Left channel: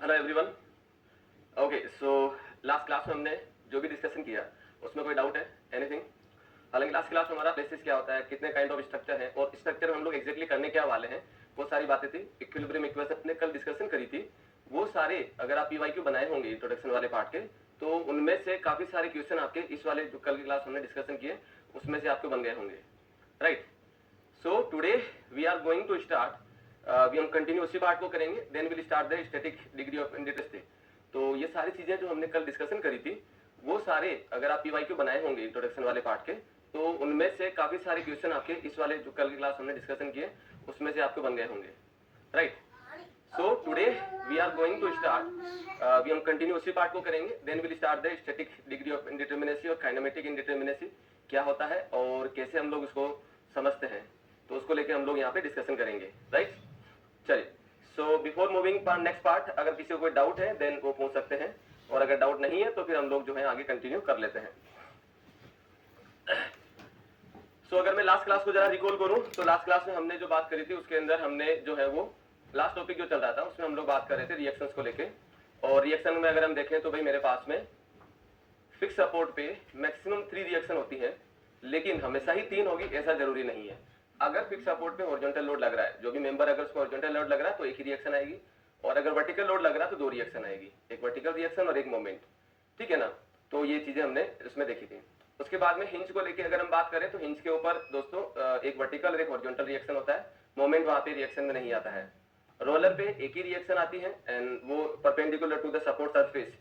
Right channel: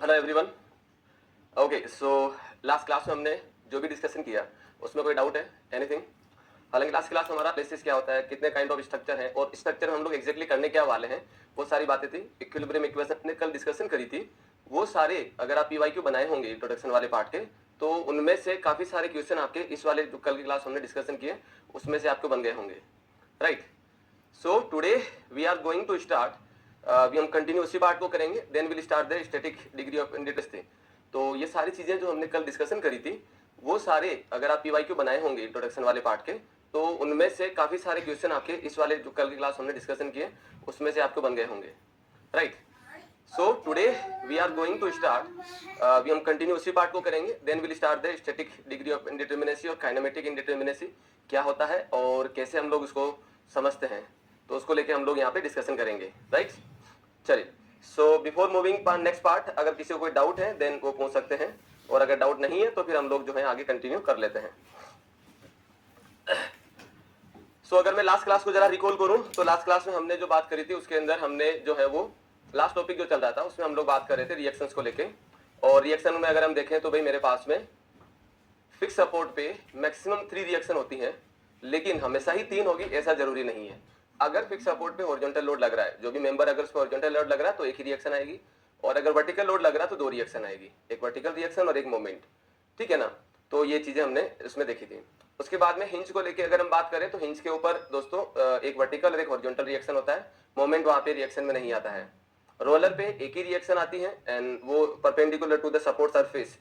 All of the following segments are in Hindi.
Hello everyone. Okay, so last class में हमने जो भी डिस्कशन किया उसमें कोई डाउट है एनीथिंग? हालांकि लास्ट क्लास में हमारा बेसिस क्या होता है, कितने काइंड ऑफ स्ट्रक्चर है और स्ट्रक्चर में हम लोग एग्जैक्टली करने क्या वाले हैं, वो सारी बातें थी। इक्विलिब्रियम इक्वेशन ने कल डिस्कशन करी थी, वो सारे अगर आप पीवाईक्यू बनाए होंगे इंट्रोडक्शन वाले पार्ट के, तो उनमें से काफी सारे क्वेश्चन आपके इस वाले जो कल की क्लास हमने डिस्कशन किए उसमें से आपको बन गए होंगे, right? So today we are going to start, अभी हम कंटिन्यू उसी पार्ट को करेंगे, then will start the static degree of independence. तो ये सारी चीजें जो हमने कल डिस्कशन करी थी वो सारे अगर आप पीवाईक्यू बनाए होंगे इंट्रोडक्शन वाले पार्ट के, तो उनमें से काफी सारे क्वेश्चन आपके इस वाले जो कल की क्लास हमने डिस्कशन किए उसमें से आपको बन गए होंगे, right? So today we are going to start, अभी हम कंटिन्यू उसी पार्ट को करेंगे, then will start the static degree of indeterminacy और काइनेमेटिक इंडिटरमिनेसी क्या होता है और कैसे हम लोग उसको समझते हैं, तो उसको लेके हम लोग यहाँ पे डिस्कशन करेंगे, राइट? चलिए, so before moving part next part, अगर किसी को कोई डाउट है देन वो पूछ सकते हैं, और अगर डाउट नहीं है तो फिर हम लोग जो है आगे कंटिन्यू कर लेते हैं। सो अगर मैं लास्ट क्लास को जरा रिकॉल करूं तो लास्ट क्लास में हमने जो बात करी थी उसके अंदर हमने जो है वो लास्ट टॉपिक जो चल रहा था उसमें हम लोग बात कर रहे थे रिएक्शंस को लेके। और रिएक्शन में अगर हम देखें तो भाई मेरे पास में फिक्स सपोर्ट पे मैक्सिमम 3 रिएक्शन होती हैं, लेकिन हमेशा ही 3 होगी ऐसा जरूरी नहीं है। अगर फिक्स सपोर्ट पे हॉरिजॉन्टल लोड लग रहा है, जो भी मेंबर अगर उस पर हॉरिजॉन्टल लोड लग रहा है तो एक ही रिएक्शन आएगी, और अगर वर्टिकल लोड लग रहा है तो 2 रिएक्शन आएगी, एक वर्टिकल रिएक्शन और एक मोमेंट, ठीक है ना? तो ये चीजें हमने इसमें देखी थी। उसके बाद में हिंज को लेके अगर हम बात करें तो हिंज के ऊपर दोस्तों एक वर्टिकल और एक हॉरिजॉन्टल रिएक्शन होता है, मोमेंट वहां पे रिएक्शन में नहीं आता है। रोलर पे एक ही रिएक्शन आती है एंड वो perpendicular to the support surface,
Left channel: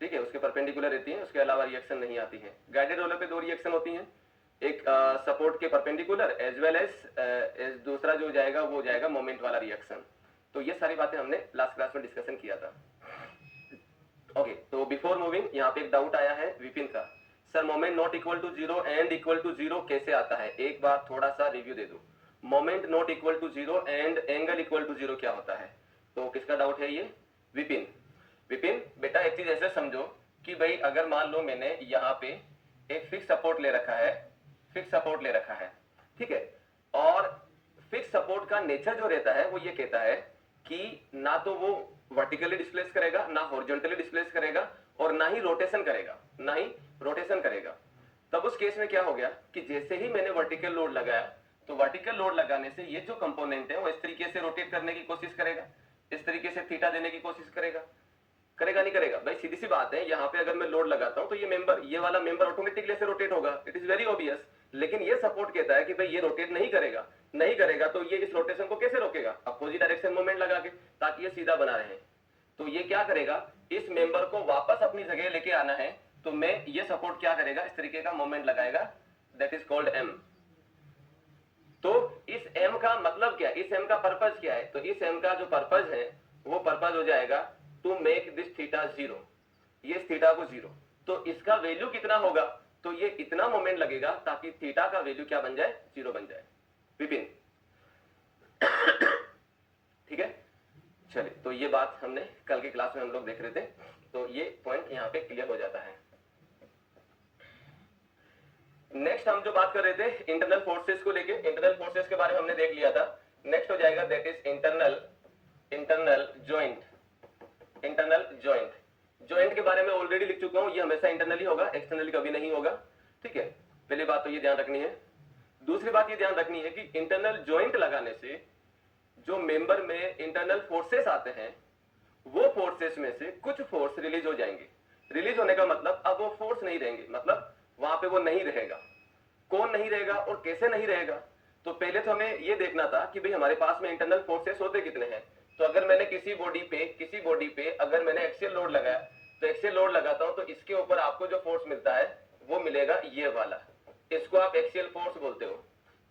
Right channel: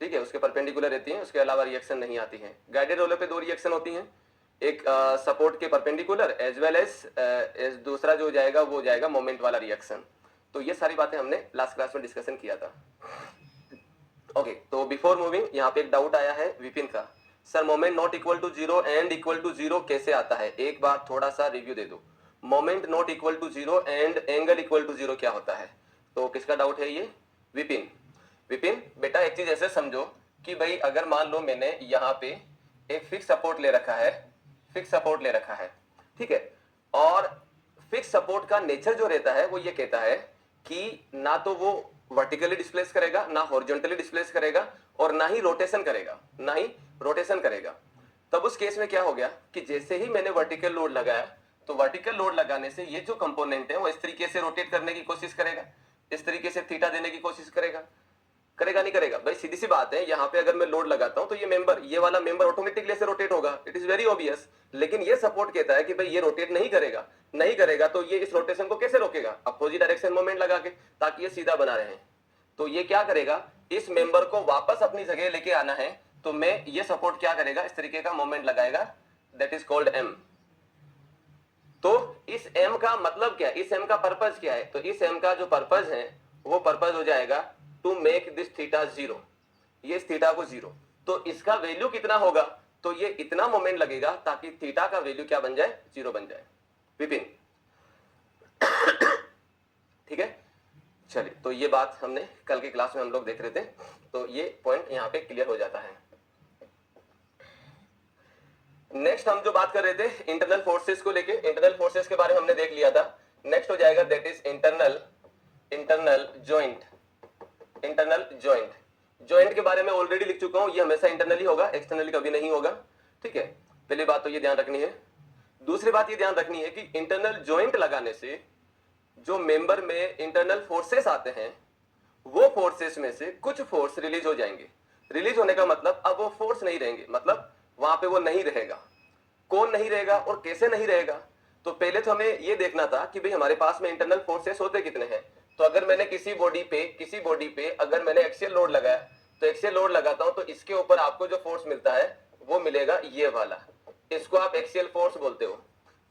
ठीक है, उसके परपेंडिकुलर रहती है, उसके अलावा रिएक्शन नहीं आती है। गाइडेड रोलर पे 2 रिएक्शन होती हैं, एक सपोर्ट के परपेंडिकुलर एज वेल एज दूसरा जो जाएगा वो जाएगा मोमेंट वाला रिएक्शन। तो ये सारी बातें हमने लास्ट क्लास में डिस्कशन किया था। ओके, तो बिफोर मूविंग यहाँ पे एक डाउट आया है विपिन का, sir moment not equal to zero and equal to zero कैसे आता है, एक बार थोड़ा सा रिव्यू दे दो। Moment not equal to zero and angle equal to zero क्या होता है? तो किसका डाउट है ये? विपिन। विपिन बेटा एक चीज ऐसे समझो कि भाई अगर मान लो मैंने यहाँ पे एक फिक्स सपोर्ट ले रखा है, फिक्स सपोर्ट ले रखा है, ठीक है, और फिक्स सपोर्ट का नेचर जो रहता है वो ये कहता है कि ना तो वो वर्टिकली डिस्प्लेस करेगा, ना हॉरिजॉन्टली डिस्प्लेस करेगा, और ना ही रोटेशन करेगा, ना ही रोटेशन करेगा। तब उस केस में क्या हो गया कि जैसे ही मैंने वर्टिकल लोड लगाया तो वर्टिकल लोड लगाने से ये जो कंपोनेंट है वो इस तरीके से रोटेट करने की कोशिश करेगा, इस तरीके से थीटा देने की कोशिश करेगा, करेगा नहीं करेगा? भाई सीधी सी बात है, यहाँ पे अगर मैं लोड लगाता हूं तो ये मेंबर, ये वाला मेंबर ऑटोमेटिकली ऐसे रोटेट होगा, इट इज वेरी ऑब्वियस। लेकिन ये सपोर्ट कहता है कि भाई ये रोटेट नहीं करेगा, नहीं करेगा, तो ये इस रोटेशन को कैसे रोकेगा? अपोजिट डायरेक्शन मोमेंट लगा के, ताकि ये सीधा बना रहे। तो ये क्या करेगा, इस मेंबर को वापस अपनी जगह लेके आना है, तो मैं ये सपोर्ट क्या करेगा, इस तरीके का मोमेंट लगाएगा, दैट इज कॉल्ड एम। तो इस एम का मतलब क्या है, इस एम का पर्पज क्या है? तो इस एम का जो पर्पज है वो पर्पज हो जाएगा to make this theta zero, ये थीटा को जीरो। तो इसका वैल्यू कितना होगा? तो ये इतना मोमेंट लगेगा ताकि थीटा का वैल्यू क्या बन जाए, जीरो बन जाए। विपिन ठीक है, चलिए, तो ये बात हमने कल की क्लास में हम लोग देख रहे थे, तो ये पॉइंट यहाँ पे क्लियर हो जाता है। नेक्स्ट हम जो बात कर रहे थे इंटरनल फोर्सेस को लेके, इंटरनल फोर्सेस के बारे में हमने देख लिया था। नेक्स्ट हो जाएगा that is internal joint. Internal joint, joint के बारे में ऑलरेडी लिख चुका हूं, ये हमेशा इंटरनली होगा, एक्सटर्नली कभी नहीं होगा, ठीक है? पहली बात तो ये ध्यान रखनी है। दूसरी बात ये ध्यान रखनी है कि इंटरनल जॉइंट लगाने से जो मेंबर में इंटरनल फोर्सेस आते हैं वो फोर्सेस में से कुछ फोर्स रिलीज हो जाएंगे। रिलीज होने का मतलब अब वो फोर्स नहीं रहेंगे, मतलब वहां पे वो नहीं रहेगा। कौन नहीं रहेगा और कैसे नहीं रहेगा? तो पहले तो हमें ये देखना था कि भाई हमारे पास में इंटरनल फोर्सेस होते कितने हैं। तो अगर मैंने किसी बॉडी पे अगर मैंने एक्सियल लोड लगाया, तो एक्सियल लोड लगाता हूं तो इसके ऊपर आपको जो फोर्स मिलता है वो मिलेगा ये वाला, इसको आप एक्सियल फोर्स बोलते हो।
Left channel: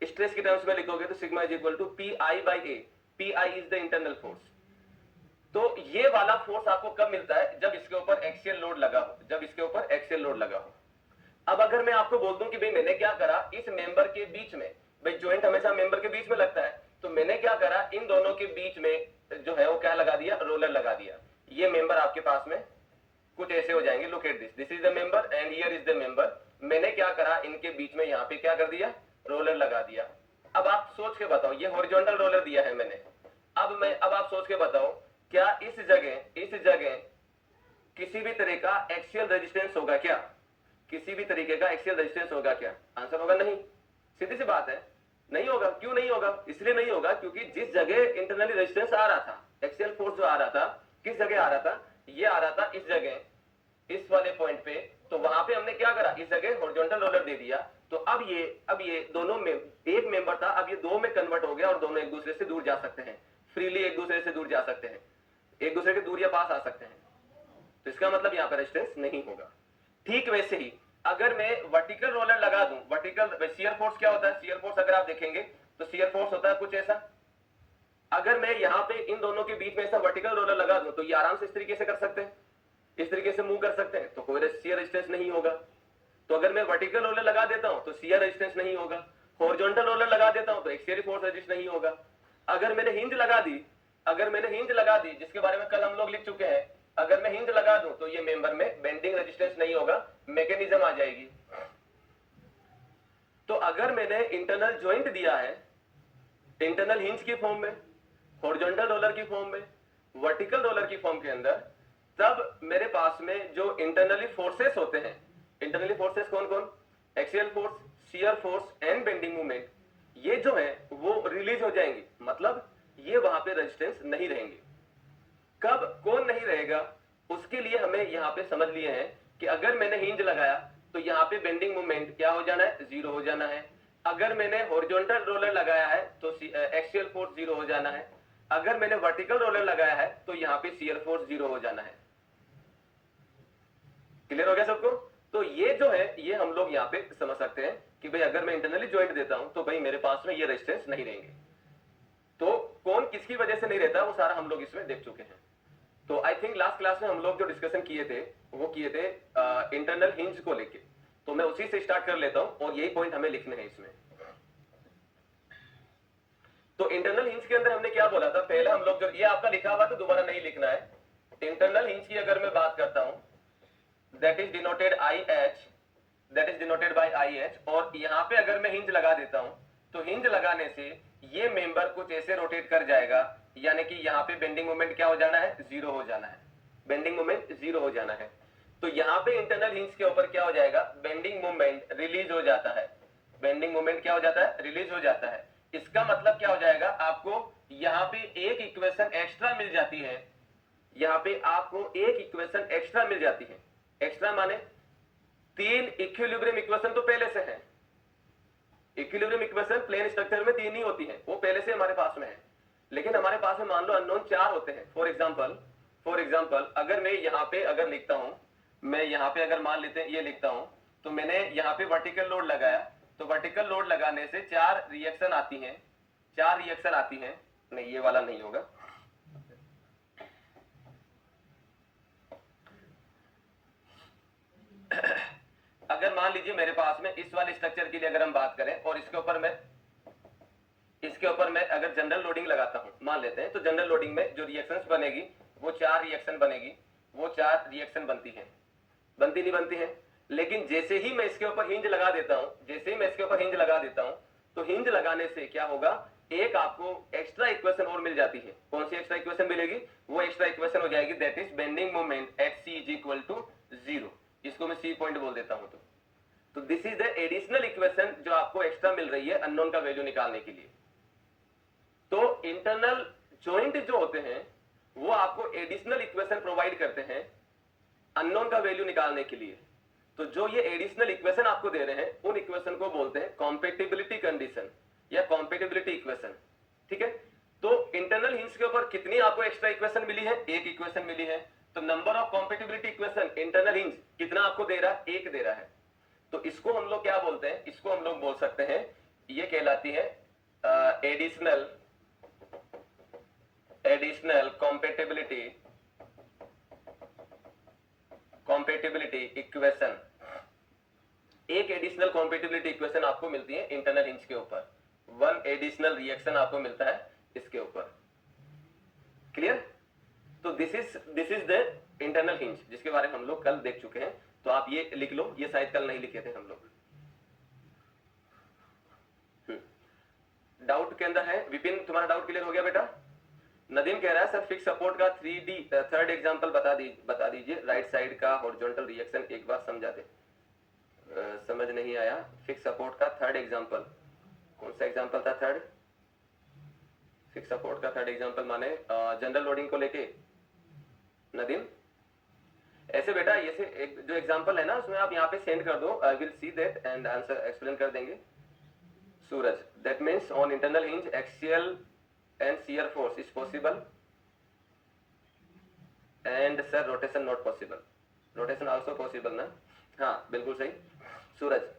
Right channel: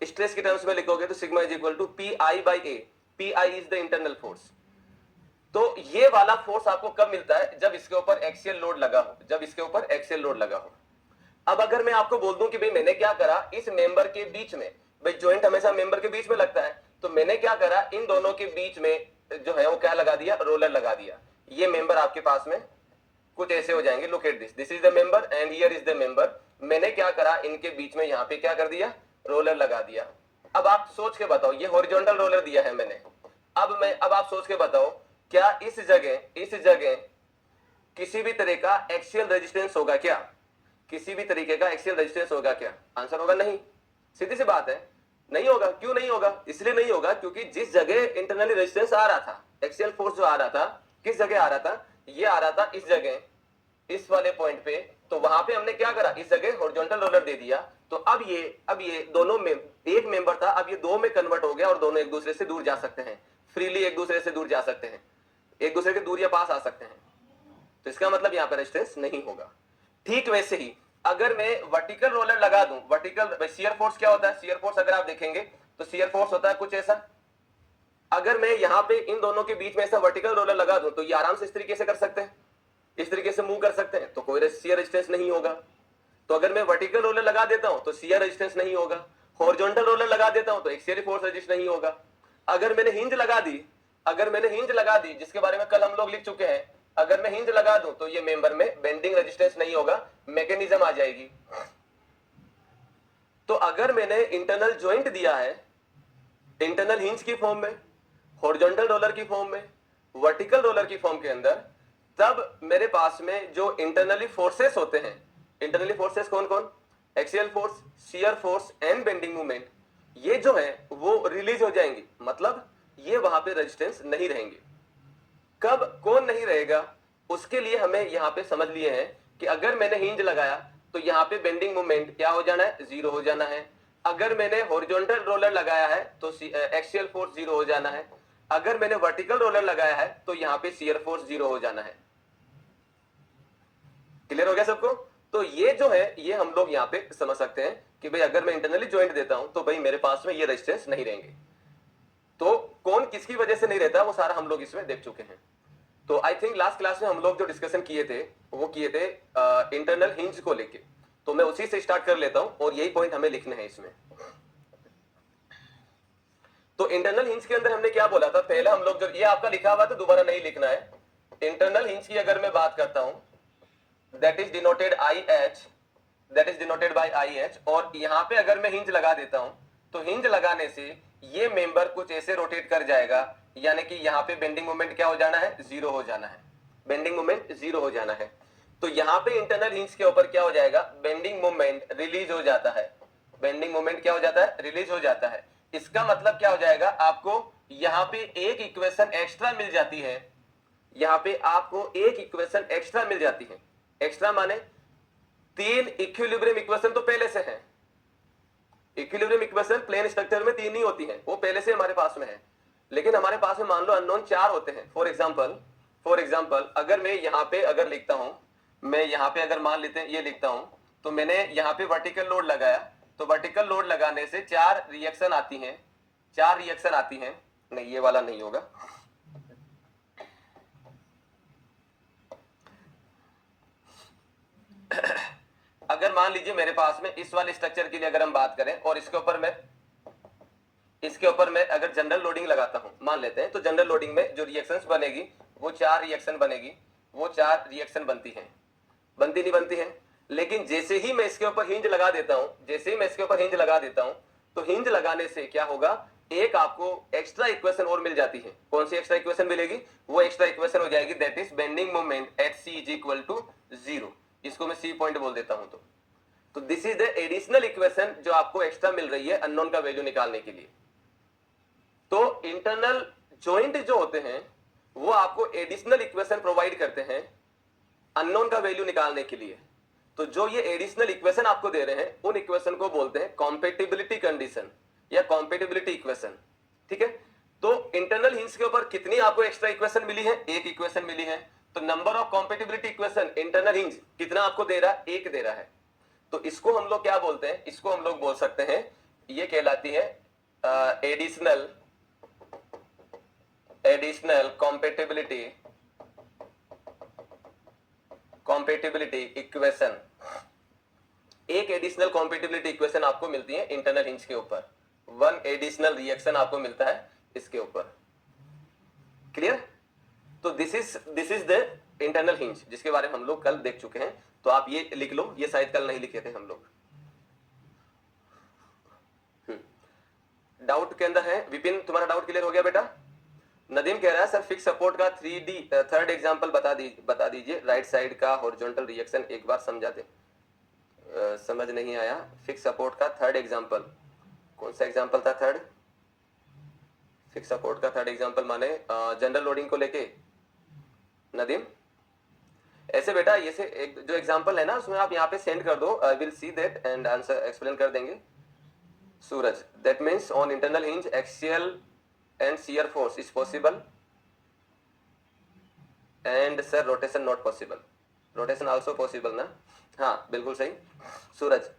स्ट्रेस की टर्म्स में लिखोगे तो sigma is equal to P I by A, P I is the internal force. तो ये वाला फोर्स आपको कब मिलता है? जब इसके ऊपर एक्सियल लोड लगा हो, जब इसके ऊपर एक्सियल लोड लगा हो। अब अगर मैं आपको बोल दूं कि भाई मैंने क्या करा, इस मेंबर के बीच में, भाई जॉइंट हमेशा मेंबर के बीच में लगता है, तो मैंने क्या करा, इन दोनों के बीच में जो है वो क्या लगा दिया, रोलर लगा दिया। ये मेंबर आपके पास में कुछ ऐसे हो जाएंगे, look at this is the member and here is the member. मैंने क्या करा, इनके बीच में यहाँ पे क्या कर दिया, रोलर लगा दिया। अब आप सोच के बताओ, ये हॉरिजॉन्टल रोलर दिया है मैंने, अब आप सोच के बताओ क्या इस जगह किसी भी तरह का एक्सियल रेजिस्टेंस होगा क्या? किसी भी तरीके का एक्सियल रेजिस्टेंस होगा क्या? आंसर होगा नहीं। सीधी सी बात है, नहीं होगा। क्यों नहीं होगा? इसलिए नहीं होगा क्योंकि जिस जगह इंटरनली रेजिस्टेंस आ रहा था, एक्सियल फोर्स जो आ रहा था, किस जगह आ रहा था? ये आ रहा था इस जगह, इस वाले पॉइंट पे। तो वहां पे हमने क्या करा? इस जगह हॉरिजॉन्टल रोलर दे दिया। तो अब ये दोनों में एक मेंबर था, अब ये दो में कन्वर्ट हो गया और दोनों एक दूसरे से दूर जा सकते हैं, फ्रीली एक दूसरे से दूर जा सकते हैं, एक दूसरे के दूर या पास आ सकते हैं। तो इसका मतलब यहां पर रेजिस्टेंस नहीं होगा। ठीक वैसे ही अगर मैं वर्टिकल रोलर लगा दूं, वर्टिकल शियर फोर्स क्या होता है? शियर फोर्स अगर आप देखेंगे तो शियर फोर्स होता है कुछ ऐसा। अगर मैं यहां पे इन दोनों के बीच में ऐसा वर्टिकल रोलर लगा दूं तो ये आराम से इस तरीके से कर सकते हैं, इस तरीके से मूव कर सकते हैं, तो कोई शियर रेजिस्टेंस नहीं होगा। तो अगर मैं वर्टिकल रोलर लगा देता हूं तो शियर रेजिस्टेंस नहीं होगा। हॉरिजॉन्टल रोलर लगा देता हूं तो एक्सियल फोर्स रेजिस्ट नहीं होगा। अगर मैंने हिंज लगा दी, जिसके बारे में कल हम लोग लिख चुके हैं, अगर मैं हिंज लगा दूं तो ये मेंबर में बेंडिंग रेजिस्टेंस नहीं होगा, मैकेनिज्म आ जाएगी। तो अगर मैंने इंटरनल ज्वाइंट दिया है, इंटरनल हिंज की फॉर्म में, हॉरिजॉन्टल रोलर की फॉर्म में, वर्टिकल रोलर की फॉर्म के अंदर, तब मेरे पास में जो इंटरनली फोर्सेस होते हैं, इंटरनली फोर्सेस कौन कौन? Axial force, shear force and bending movement, ये जो है वो रिलीज हो जाएंगे। मतलब ये वहां पे रेजिस्टेंस नहीं रहेंगे। कब कौन नहीं रहेगा? उसके लिए हमें यहां पे समझ लिए हैं कि अगर मैंने हिंज लगाया तो यहां पे बेंडिंग मोमेंट क्या हो जाना है? जीरो हो जाना है। अगर मैंने हॉरिजॉन्टल रोलर लगाया है तो एक्सियल फोर्स जीरो हो जाना है। अगर मैंने वर्टिकल रोलर लगाया है तो यहां पे शियर फोर्स जीरो हो जाना है। क्लियर हो गया सबको? तो ये जो है ये हम लोग यहाँ पे समझ सकते हैं कि भाई अगर मैं इंटरनली ज्वाइंट देता हूं तो भाई मेरे पास में ये रेजिस्टेंस नहीं रहेंगे। तो कौन किसकी वजह से नहीं रहता वो सारा हम लोग इसमें देख चुके हैं। तो आई थिंक लास्ट क्लास में हम लोग जो डिस्कशन किए थे वो किए थे इंटरनल हिंज को लेके। तो मैं उसी से स्टार्ट कर लेता हूं और यही पॉइंट हमें लिखने हैं इसमें। तो इंटरनल हिंज के अंदर हमने क्या बोला था? पहले हम लोग जो ये आपका लिखा हुआ तो दोबारा नहीं लिखना है। इंटरनल हिंज की अगर मैं बात करता हूं, that is denoted I H, that is denoted by I H. और यहां पे अगर मैं हिंज लगा देता हूं तो हिंज लगाने से ये मेंबर कुछ ऐसे रोटेट कर जाएगा, यानी कि यहां पे बेंडिंग मोमेंट क्या हो जाना है? जीरो हो जाना है। बेंडिंग मोमेंट जीरो हो जाना है। तो यहां पे इंटरनल हिंज के ऊपर क्या हो जाएगा? बेंडिंग मोमेंट रिलीज हो जाता है। बेंडिंग मोमेंट क्या हो जाता है? रिलीज हो जाता है। इसका मतलब क्या हो जाएगा? आपको यहां पे एक इक्वेशन एक्स्ट्रा मिल जाती है। यहां पे आपको एक इक्वेशन एक्स्ट्रा मिल जाती है। एक्स्ट्रा माने तीन इक्विलिब्रियम इक्वेशन तो पहले से है। इक्विलिब्रियम इक्वेशन प्लेन स्ट्रक्चर में तीन ही होती है, वो पहले से हमारे पास में है। लेकिन हमारे पास में मान लो अननोन चार होते हैं। फॉर एग्जांपल अगर मैं यहां पे अगर लिखता हूं, मैं यहां पे अगर मान लेते हैं ये लिखता हूं, तो मैंने यहां पे वर्टिकल लोड लगाया, तो वर्टिकल लोड लगाने से चार रिएक्शन आती हैं। नहीं, ये वाला नहीं होगा। अगर मान लीजिए मेरे पास में इस वाले स्ट्रक्चर के लिए अगर हम बात करें और इसके ऊपर मैं अगर जनरल लोडिंग लगाता हूं, मान लेते हैं, तो जनरल लोडिंग में जो रिएक्शंस बनेगी वो चार रिएक्शन बनेगी। वो चार रिएक्शन बनती नहीं बनती है। लेकिन जैसे ही मैं इसके ऊपर हिंज लगा देता हूं, तो हिंज लगाने से क्या होगा? एक आपको एक्स्ट्रा इक्वेशन और मिल जाती है। कौन सी एक्स्ट्रा इक्वेशन मिलेगी? वो एक्स्ट्रा इक्वेशन हो जाएगी that is bending moment at C is equal to zero. इसको मैं सी पॉइंट बोल देता हूं। तो this is the additional equation जो आपको एक्स्ट्रा मिल रही है अननोन का वैल्यू निकालने के लिए। तो इंटरनल जॉइंट जो होते हैं वो आपको एडिशनल इक्वेशन प्रोवाइड करते हैं अननोन का वैल्यू निकालने के लिए। तो जो ये एडिशनल इक्वेशन आपको दे रहे हैं उन इक्वेशन को बोलते हैं कॉम्पेटिबिलिटी कंडीशन या कॉम्पेटिबिलिटी इक्वेशन। ठीक है? तो इंटरनल हिंज के ऊपर कितनी आपको एक्स्ट्रा इक्वेशन मिली है? एक इक्वेशन मिली है। तो number of compatibility equation internal hinge कितना आपको दे रहा है? एक दे रहा है। तो इसको हम लोग क्या बोलते हैं? इसको हम लोग बोल सकते हैं, ये कहलाती है एडिशनल कॉम्पेटिबिलिटी इक्वेशन। एक एडिशनल कॉम्पेटिबिलिटी इक्वेशन आपको मिलती है इंटरनल हिंज के ऊपर। वन एडिशनल रिएक्शन आपको मिलता है इसके ऊपर। क्लियर? तो this is the internal hinge जिसके बारे में हम लोग कल देख चुके हैं। तो आप ये लिख लो, ये शायद कल नहीं लिखे थे हम लोग। डाउट के अंदर है? विपिन, तुम्हारा डाउट क्लियर हो गया बेटा? नदीम कह रहा है सर फिक्स सपोर्ट का 3D थर्ड एग्जांपल बता दीजिए, राइट साइड का हॉरिजॉन्टल रिएक्शन एक बार समझा दे। समझ नहीं आया। फिक्स सपोर्ट का थर्ड एग्जांपल कौन सा एग्जांपल था? थर्ड फिक्स सपोर्ट का थर्ड एग्जांपल माने जनरल लोडिंग को लेके नदीम। ऐसे बेटा ये से एक जो एग्जांपल है ना उसमें आप यहाँ पे सेंड कर दो, I will see that and answer explain कर देंगे। Suraj, that means on internal hinge axial and shear force is possible and sir rotation not possible. Rotation also possible ना? हाँ बिल्कुल सही सूरज।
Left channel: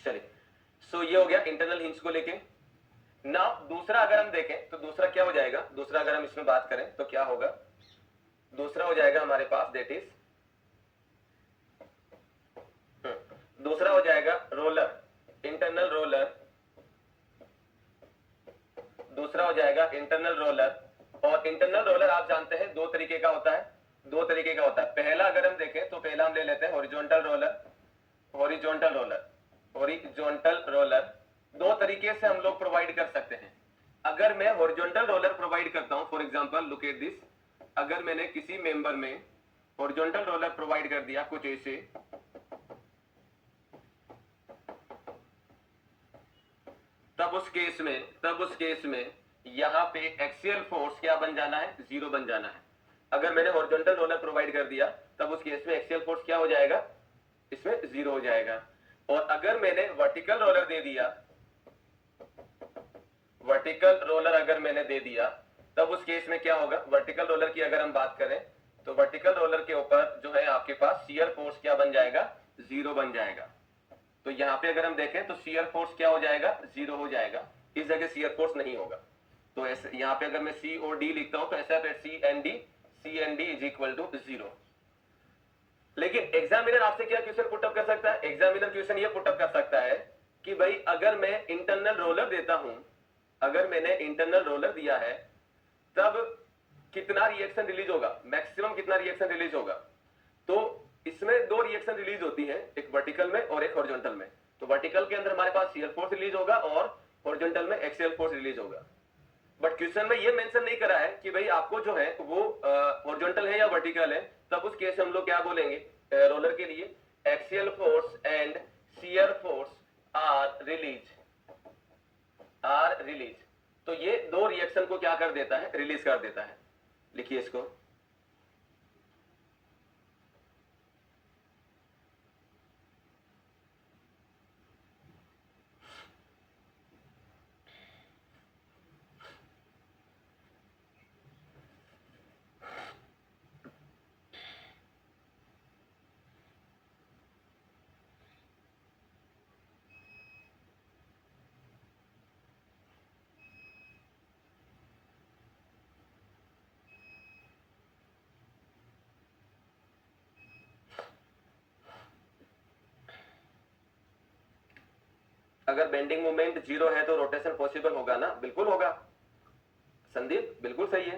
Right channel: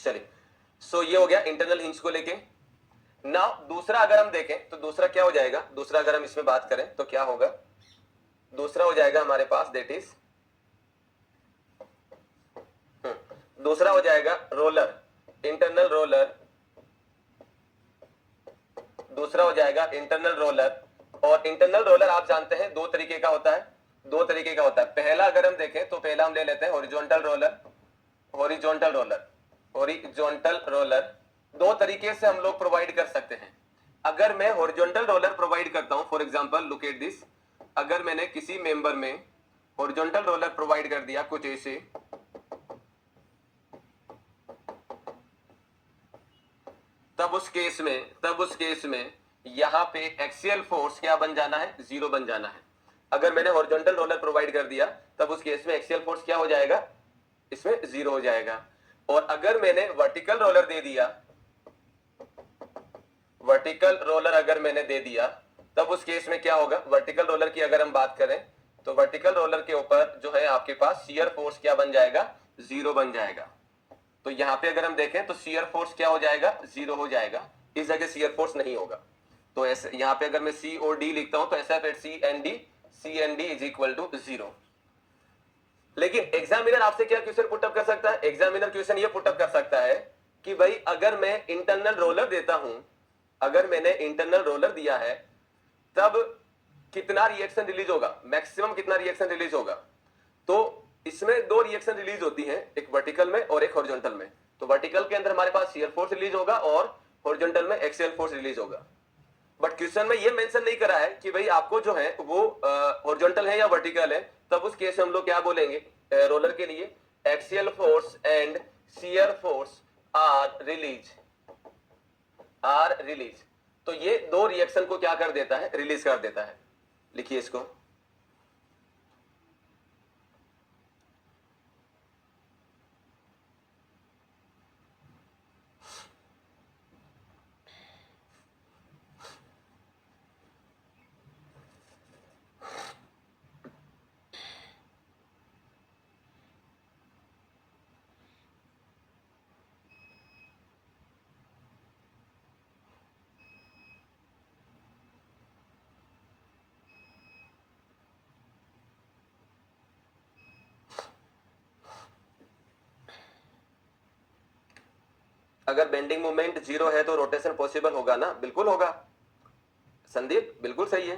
चलिए सो ये हो गया इंटरनल हिंज को लेके। नाउ दूसरा अगर हम देखें तो दूसरा क्या हो जाएगा? दूसरा अगर हम इसमें बात करें तो क्या होगा? दूसरा हो जाएगा हमारे पास दैट इज दूसरा हो जाएगा रोलर, इंटरनल रोलर। दूसरा हो जाएगा इंटरनल रोलर। और इंटरनल रोलर आप जानते हैं दो तरीके का होता है, दो तरीके का होता है। पहला अगर हम देखें तो पहला हम ले लेते हैं horizontal roller. Horizontal roller, horizontal roller दो तरीके से हम लोग प्रोवाइड कर सकते हैं। अगर मैं हॉरिजॉन्टल रोलर प्रोवाइड करता हूं, for example look at this, अगर मैंने किसी मेंबर में हॉरिजॉन्टल रोलर प्रोवाइड कर दिया कुछ ऐसे, तब उस केस में यहां पे एक्सियल फोर्स क्या बन जाना है? जीरो बन जाना है। अगर मैंने हॉरिजॉन्टल रोलर प्रोवाइड कर दिया तब उस केस में एक्सियल फोर्स क्या हो जाएगा? इसमें जीरो हो जाएगा। और अगर मैंने वर्टिकल रोलर दे दिया, वर्टिकल रोलर अगर मैंने दे दिया तब उस केस में क्या होगा? वर्टिकल रोलर की अगर हम बात करें तो वर्टिकल रोलर के ऊपर जो है आपके पास शियर फोर्स क्या बन जाएगा? जीरो बन जाएगा। तो यहां पे अगर हम देखें तो शियर फोर्स क्या हो जाएगा? जीरो हो जाएगा। इस जगह शियर फोर्स नहीं होगा। तो ऐसे यहां पे अगर मैं सी और डी लिखता हूं तो ऐसा है C N D is equal to zero. लेकिन एग्जामिनर आपसे क्या क्वेश्चन पुटअप कर सकता है? एग्जामिनर क्वेश्चन ये पुटअप कर सकता है कि भाई अगर मैं इंटरनल रोलर देता हूं, अगर मैंने इंटरनल रोलर दिया है तब कितना रिएक्शन रिलीज होगा? मैक्सिमम कितना रिएक्शन रिलीज होगा? तो इसमें दो रिएक्शन रिलीज होती है, एक वर्टिकल में और एक हॉरिजॉन्टल में। तो वर्टिकल के अंदर हमारे पास शियर फोर्स रिलीज होगा और हॉरिजॉन्टल में एक्सियल फोर्स रिलीज होगा। बट क्वेश्चन में ये मेंशन नहीं करा है कि भाई आपको जो है वो हॉरिजॉन्टल है या वर्टिकल है। तब उस केस में हम लोग क्या बोलेंगे रोलर के लिए? Axial force and shear force are release, are release. तो ये दो रिएक्शन को क्या कर देता है? रिलीज कर देता है। लिखिए इसको। अगर बेंडिंग मोमेंट जीरो है तो रोटेशन पॉसिबल होगा ना? बिल्कुल होगा संदीप, बिल्कुल सही है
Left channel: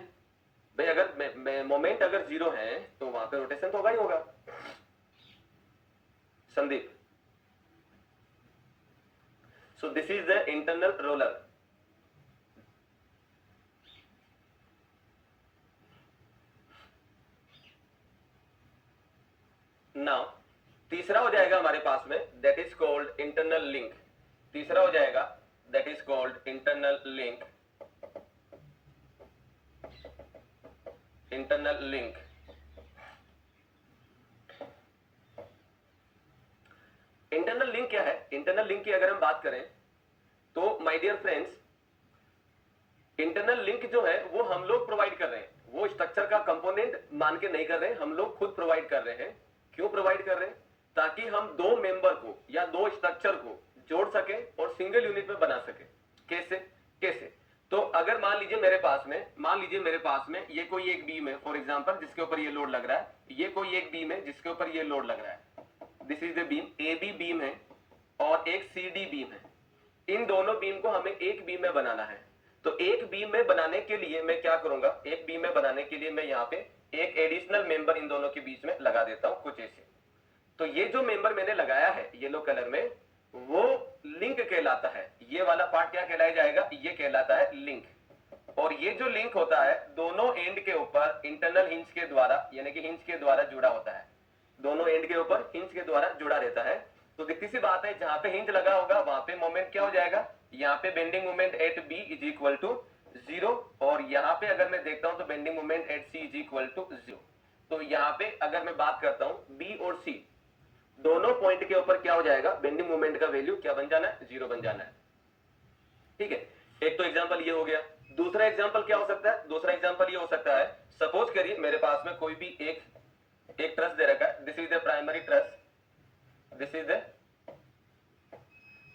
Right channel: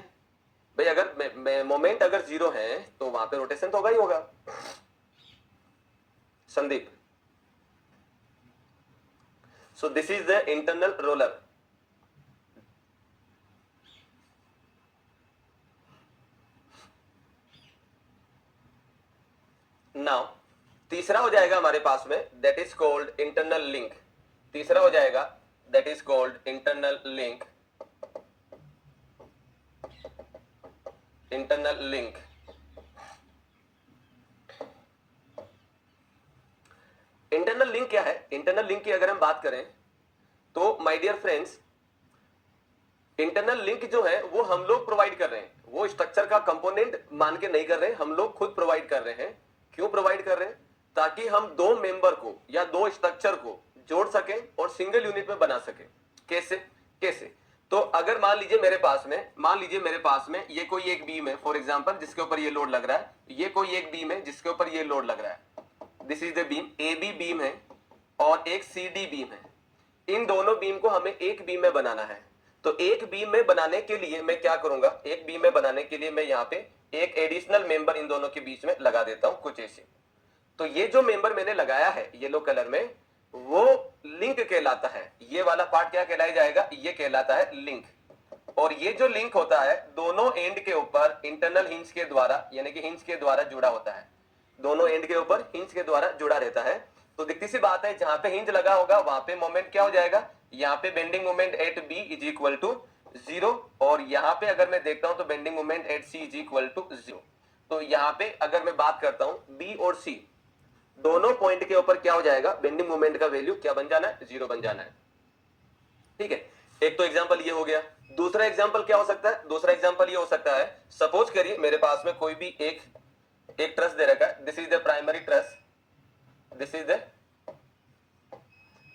भाई। अगर मोमेंट अगर जीरो है तो वहां पे रोटेशन तो होगा ही होगा Sandeep. So this is the internal roller. Now तीसरा हो जाएगा हमारे पास में that is called internal link. तीसरा हो जाएगा that is called internal link. Internal link, internal link क्या है? इंटरनल लिंक की अगर हम बात करें तो my dear friends, internal link जो है वो हम लोग प्रोवाइड कर रहे हैं, वो स्ट्रक्चर का कंपोनेंट मान के नहीं कर रहे हैं, हम लोग खुद प्रोवाइड कर रहे हैं। क्यों प्रोवाइड कर रहे हैं? ताकि हम दो मेंबर को या दो स्ट्रक्चर को जोड़ सके और सिंगल यूनिट में बना सके। कैसे? कैसे? तो अगर मान लीजिए मेरे पास में ये कोई एक बीम है फॉर एग्जांपल जिसके ऊपर ये लोड लग रहा है, ये कोई एक बीम है जिसके ऊपर ये लोड लग रहा है। This is the beam, A B beam है और एक सी डी बीम है। इन दोनों बीम को हमें एक बीम में बनाना है। तो एक बीम में बनाने के लिए मैं क्या करूंगा? एक बीम में बनाने के लिए मैं यहाँ पे एक एडिशनल मेंबर इन दोनों के बीच में लगा देता हूं कुछ ऐसे। तो ये जो मेंबर मैंने लगाया है येलो कलर में, वो लिंक कहलाता है, ये वाला पार्ट क्या कहलाया जाएगा, ये कहलाता है लिंक। और ये जो लिंक होता है दोनों एंड के ऊपर इंटरनल हिंज के द्वारा यानी कि हिंज के द्वारा जुड़ा होता है, दोनों एंड के ऊपर हिंज के द्वारा जुड़ा रहता है। तो दिखती सी बात है, जहां पे हिंज लगा होगा वहां पे मोमेंट क्या हो जाएगा, यहाँ पे bending moment at B is equal to 0, और यहाँ पे अगर मैं देखता हूं तो bending moment at C is equal to 0। तो यहाँ पे अगर मैं बात करता हूं बी और सी दोनों पॉइंट के ऊपर क्या हो जाएगा, बेंडिंग मोमेंट का वैल्यू क्या बन जाना है, 0 बन जाना है। ठीक है, एक तो एग्जांपल ये हो गया। दूसरा एग्जांपल क्या हो सकता है, दूसरा एग्जांपल ये हो सकता है, सपोज करिए मेरे पास में कोई भी एक ट्रस दे रखा है, this is the primary truss, this is the,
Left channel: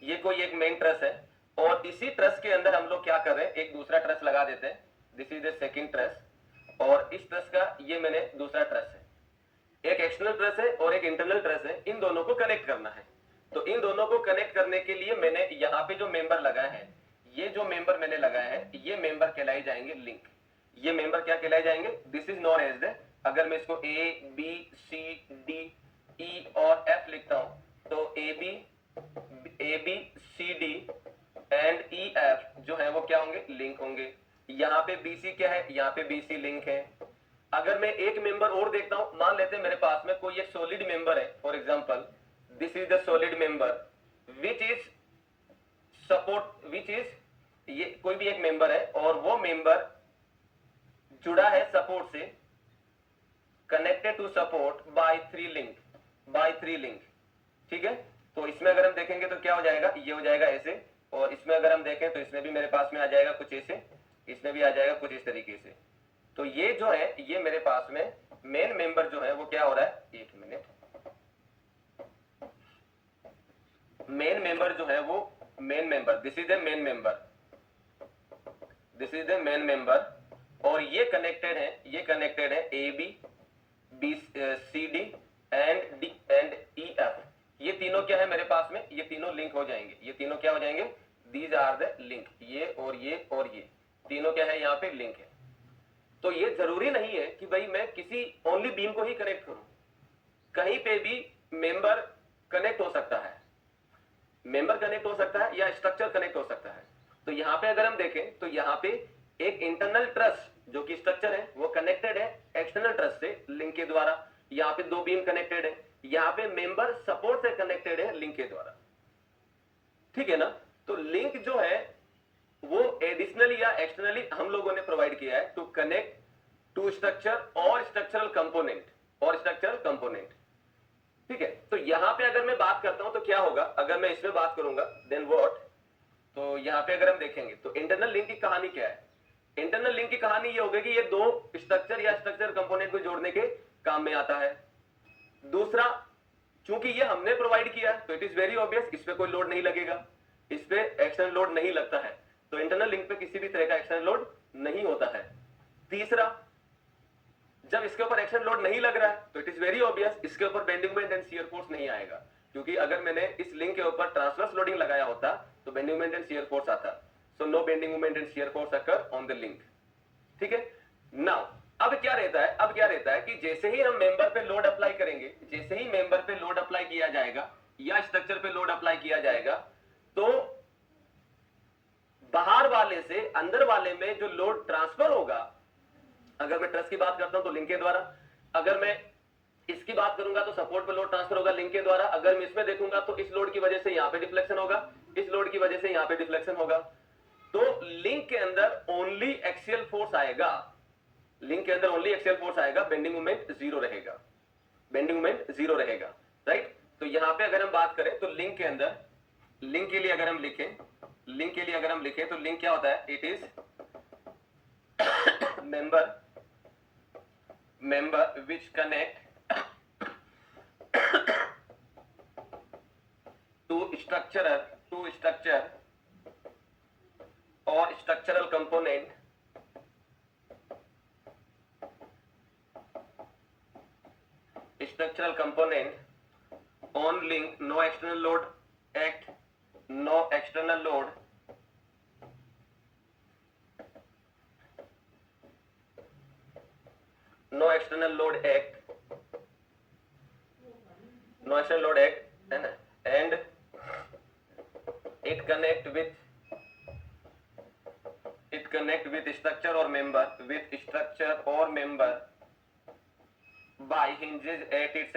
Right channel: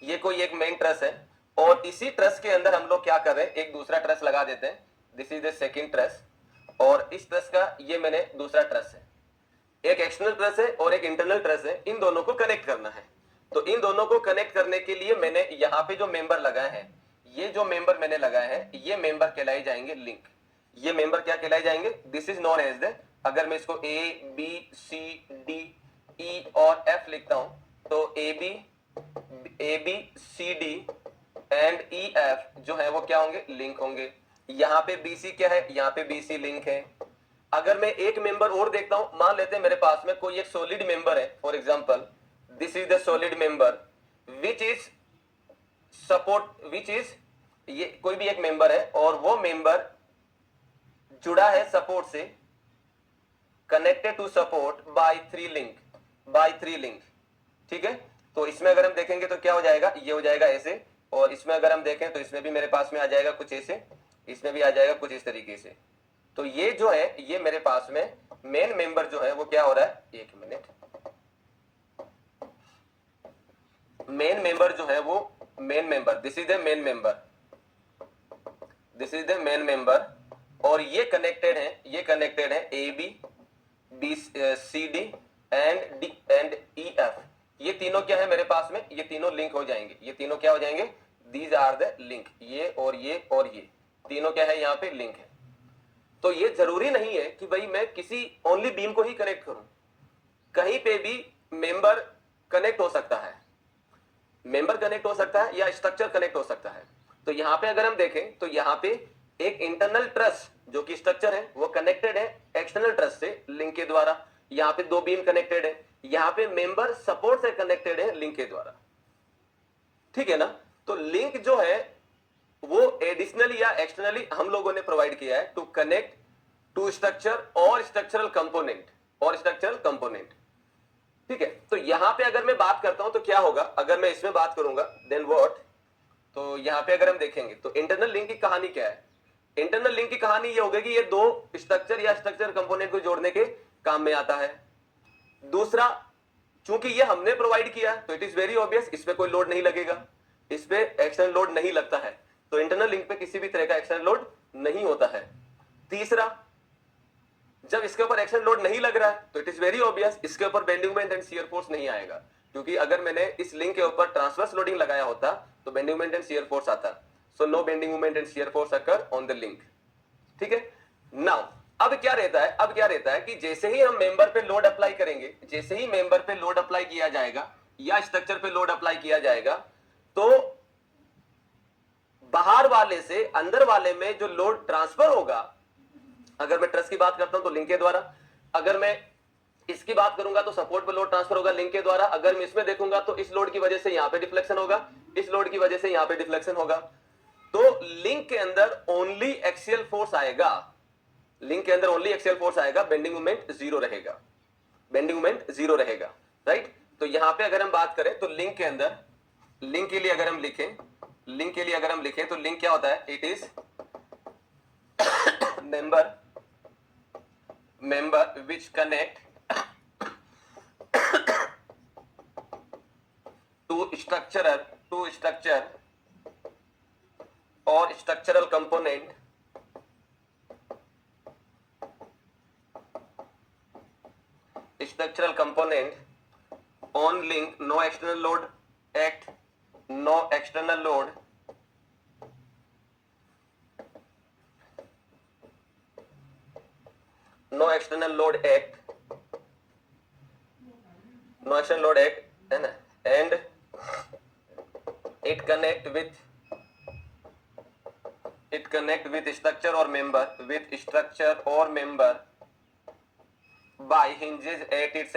ये कोई एक मेन ट्रस है, और इसी ट्रस के अंदर हम लोग क्या कर रहे हैं, एक दूसरा ट्रस लगा देते हैं, this is the second truss, और इस ट्रस का ये मैंने दूसरा ट्रस है, एक एक्सटर्नल ट्रस है और एक इंटरनल ट्रस है, इन दोनों को कनेक्ट करना है। तो इन दोनों को कनेक्ट करने के लिए मैंने यहाँ पे जो मेंबर लगाए हैं, ये जो मेंबर मैंने लगाए हैं ये मेंबर कहलाए जाएंगे लिंक। ये मेंबर क्या कहलाए जाएंगे, this is known as the, अगर मैं इसको ए बी सी डी ई और एफ लिखता हूं तो A B C D and E F जो है वो क्या होंगे, लिंक होंगे। यहाँ पे बी सी क्या है, यहाँ पे बी सी लिंक है। अगर मैं एक मेंबर और देखता हूं, मान लेते हैं मेरे पास में कोई एक सॉलिड मेंबर है, for example this is the solid member which is support, which is, ये कोई भी एक मेंबर है और वो मेंबर जुड़ा है सपोर्ट से, connected to support by 3 link, by 3 link. ठीक है, तो इसमें अगर हम देखेंगे तो क्या हो जाएगा, ये हो जाएगा ऐसे, और इसमें अगर हम देखें तो इसमें भी मेरे पास में आ जाएगा कुछ ऐसे, इसमें भी आ जाएगा कुछ इस तरीके से। तो ये जो है, ये मेरे पास में मेन मेंबर जो है वो क्या हो रहा है, एक मिनट, मेन मेंबर जो है वो main member, this is the main member, this is the main member, और ये कनेक्टेड है, ये कनेक्टेड है A B C D and D and E F. ये तीनों क्या है मेरे पास में, ये तीनों लिंक हो जाएंगे, ये तीनों क्या हो जाएंगे, दीज आर द लिंक, ये और ये और ये तीनों क्या है, यहाँ पे लिंक है। तो ये जरूरी नहीं है कि भाई मैं किसी ओनली बीम को ही कनेक्ट करूं, कहीं पे भी मेंबर कनेक्ट हो सकता है, मेंबर कनेक्ट हो सकता है या स्ट्रक्चर कनेक्ट हो सकता है। तो यहाँ पे अगर हम देखें तो यहाँ पे एक इंटरनल ट्रस जो कि स्ट्रक्चर है वो कनेक्टेड है एक्सटर्नल ट्रस से लिंक के द्वारा, यहाँ पे 2 बीम कनेक्टेड है, यहाँ पे मेंबर सपोर्ट से कनेक्टेड है लिंक के द्वारा। ठीक है ना, तो लिंक जो है वो एडिशनली या एक्सटर्नली हम लोगों ने प्रोवाइड किया है टू कनेक्ट टू स्ट्रक्चर और स्ट्रक्चरल कंपोनेंट, और स्ट्रक्चरल कंपोनेंट। ठीक है, तो यहां पे अगर मैं बात करता हूं तो क्या होगा, अगर मैं इसमें बात करूंगा देन व्हाट, तो यहां पे अगर हम देखेंगे तो इंटरनल लिंक की कहानी क्या है, इंटरनल लिंक की कहानी ये होगी कि ये 2 स्ट्रक्चर या स्ट्रक्चर कंपोनेंट को जोड़ने के काम में आता है। दूसरा, चूंकि ये हमने प्रोवाइड किया है तो इट इज वेरी ऑब्वियस, इस पे कोई लोड नहीं लगेगा, इस पे एक्सटर्नल लोड नहीं लगता है, तो इंटरनल लिंक पे किसी भी तरह का एक्सटर्नल लोड नहीं होता है। तीसरा, जब इसके ऊपर एक्शन लोड नहीं लग रहा है तो इट इज वेरी ऑब्वियस इसके ऊपर bending moment and shear force नहीं आएगा, क्योंकि अगर मैंने इस लिंक के ऊपर ट्रांसवर्स लोडिंग लगाया होता तो bending moment and shear force आता, so no bending moment and shear force occur on the link. ठीक है, नाउ अब क्या रहता है, अब क्या रहता है कि जैसे ही हम मेंबर पे लोड अप्लाई करेंगे, जैसे ही मेंबर पे लोड अप्लाई किया जाएगा या स्ट्रक्चर पे लोड अप्लाई किया जाएगा, तो बाहर वाले से अंदर वाले में जो लोड ट्रांसफर होगा, अगर मैं ट्रस की बात करता हूं तो लिंक के द्वारा, अगर मैं इसकी बात करूंगा तो सपोर्ट पे लोड ट्रांसफर होगा लिंक के द्वारा, अगर मैं इसमें देखूंगा तो इस लोड की वजह से यहां पे डिफ्लेक्शन होगा, इस लोड की वजह से यहां पे डिफ्लेक्शन होगा। तो लिंक के अंदर ओनली एक्सियल फोर्स आएगा, लिंक के अंदर ओनली एक्सियल फोर्स आएगा, बेंडिंग मोमेंट 0 रहेगा, बेंडिंग मोमेंट 0 रहेगा, राइट। तो यहां पे अगर हम बात करें तो लिंक के अंदर, लिंक के लिए अगर हम लिखें, लिंक के लिए अगर हम लिखें तो लिंक क्या होता है, it is member which connect to structure or structural component on link, no external load act, no external load act, and connect with structure or member by hinges at its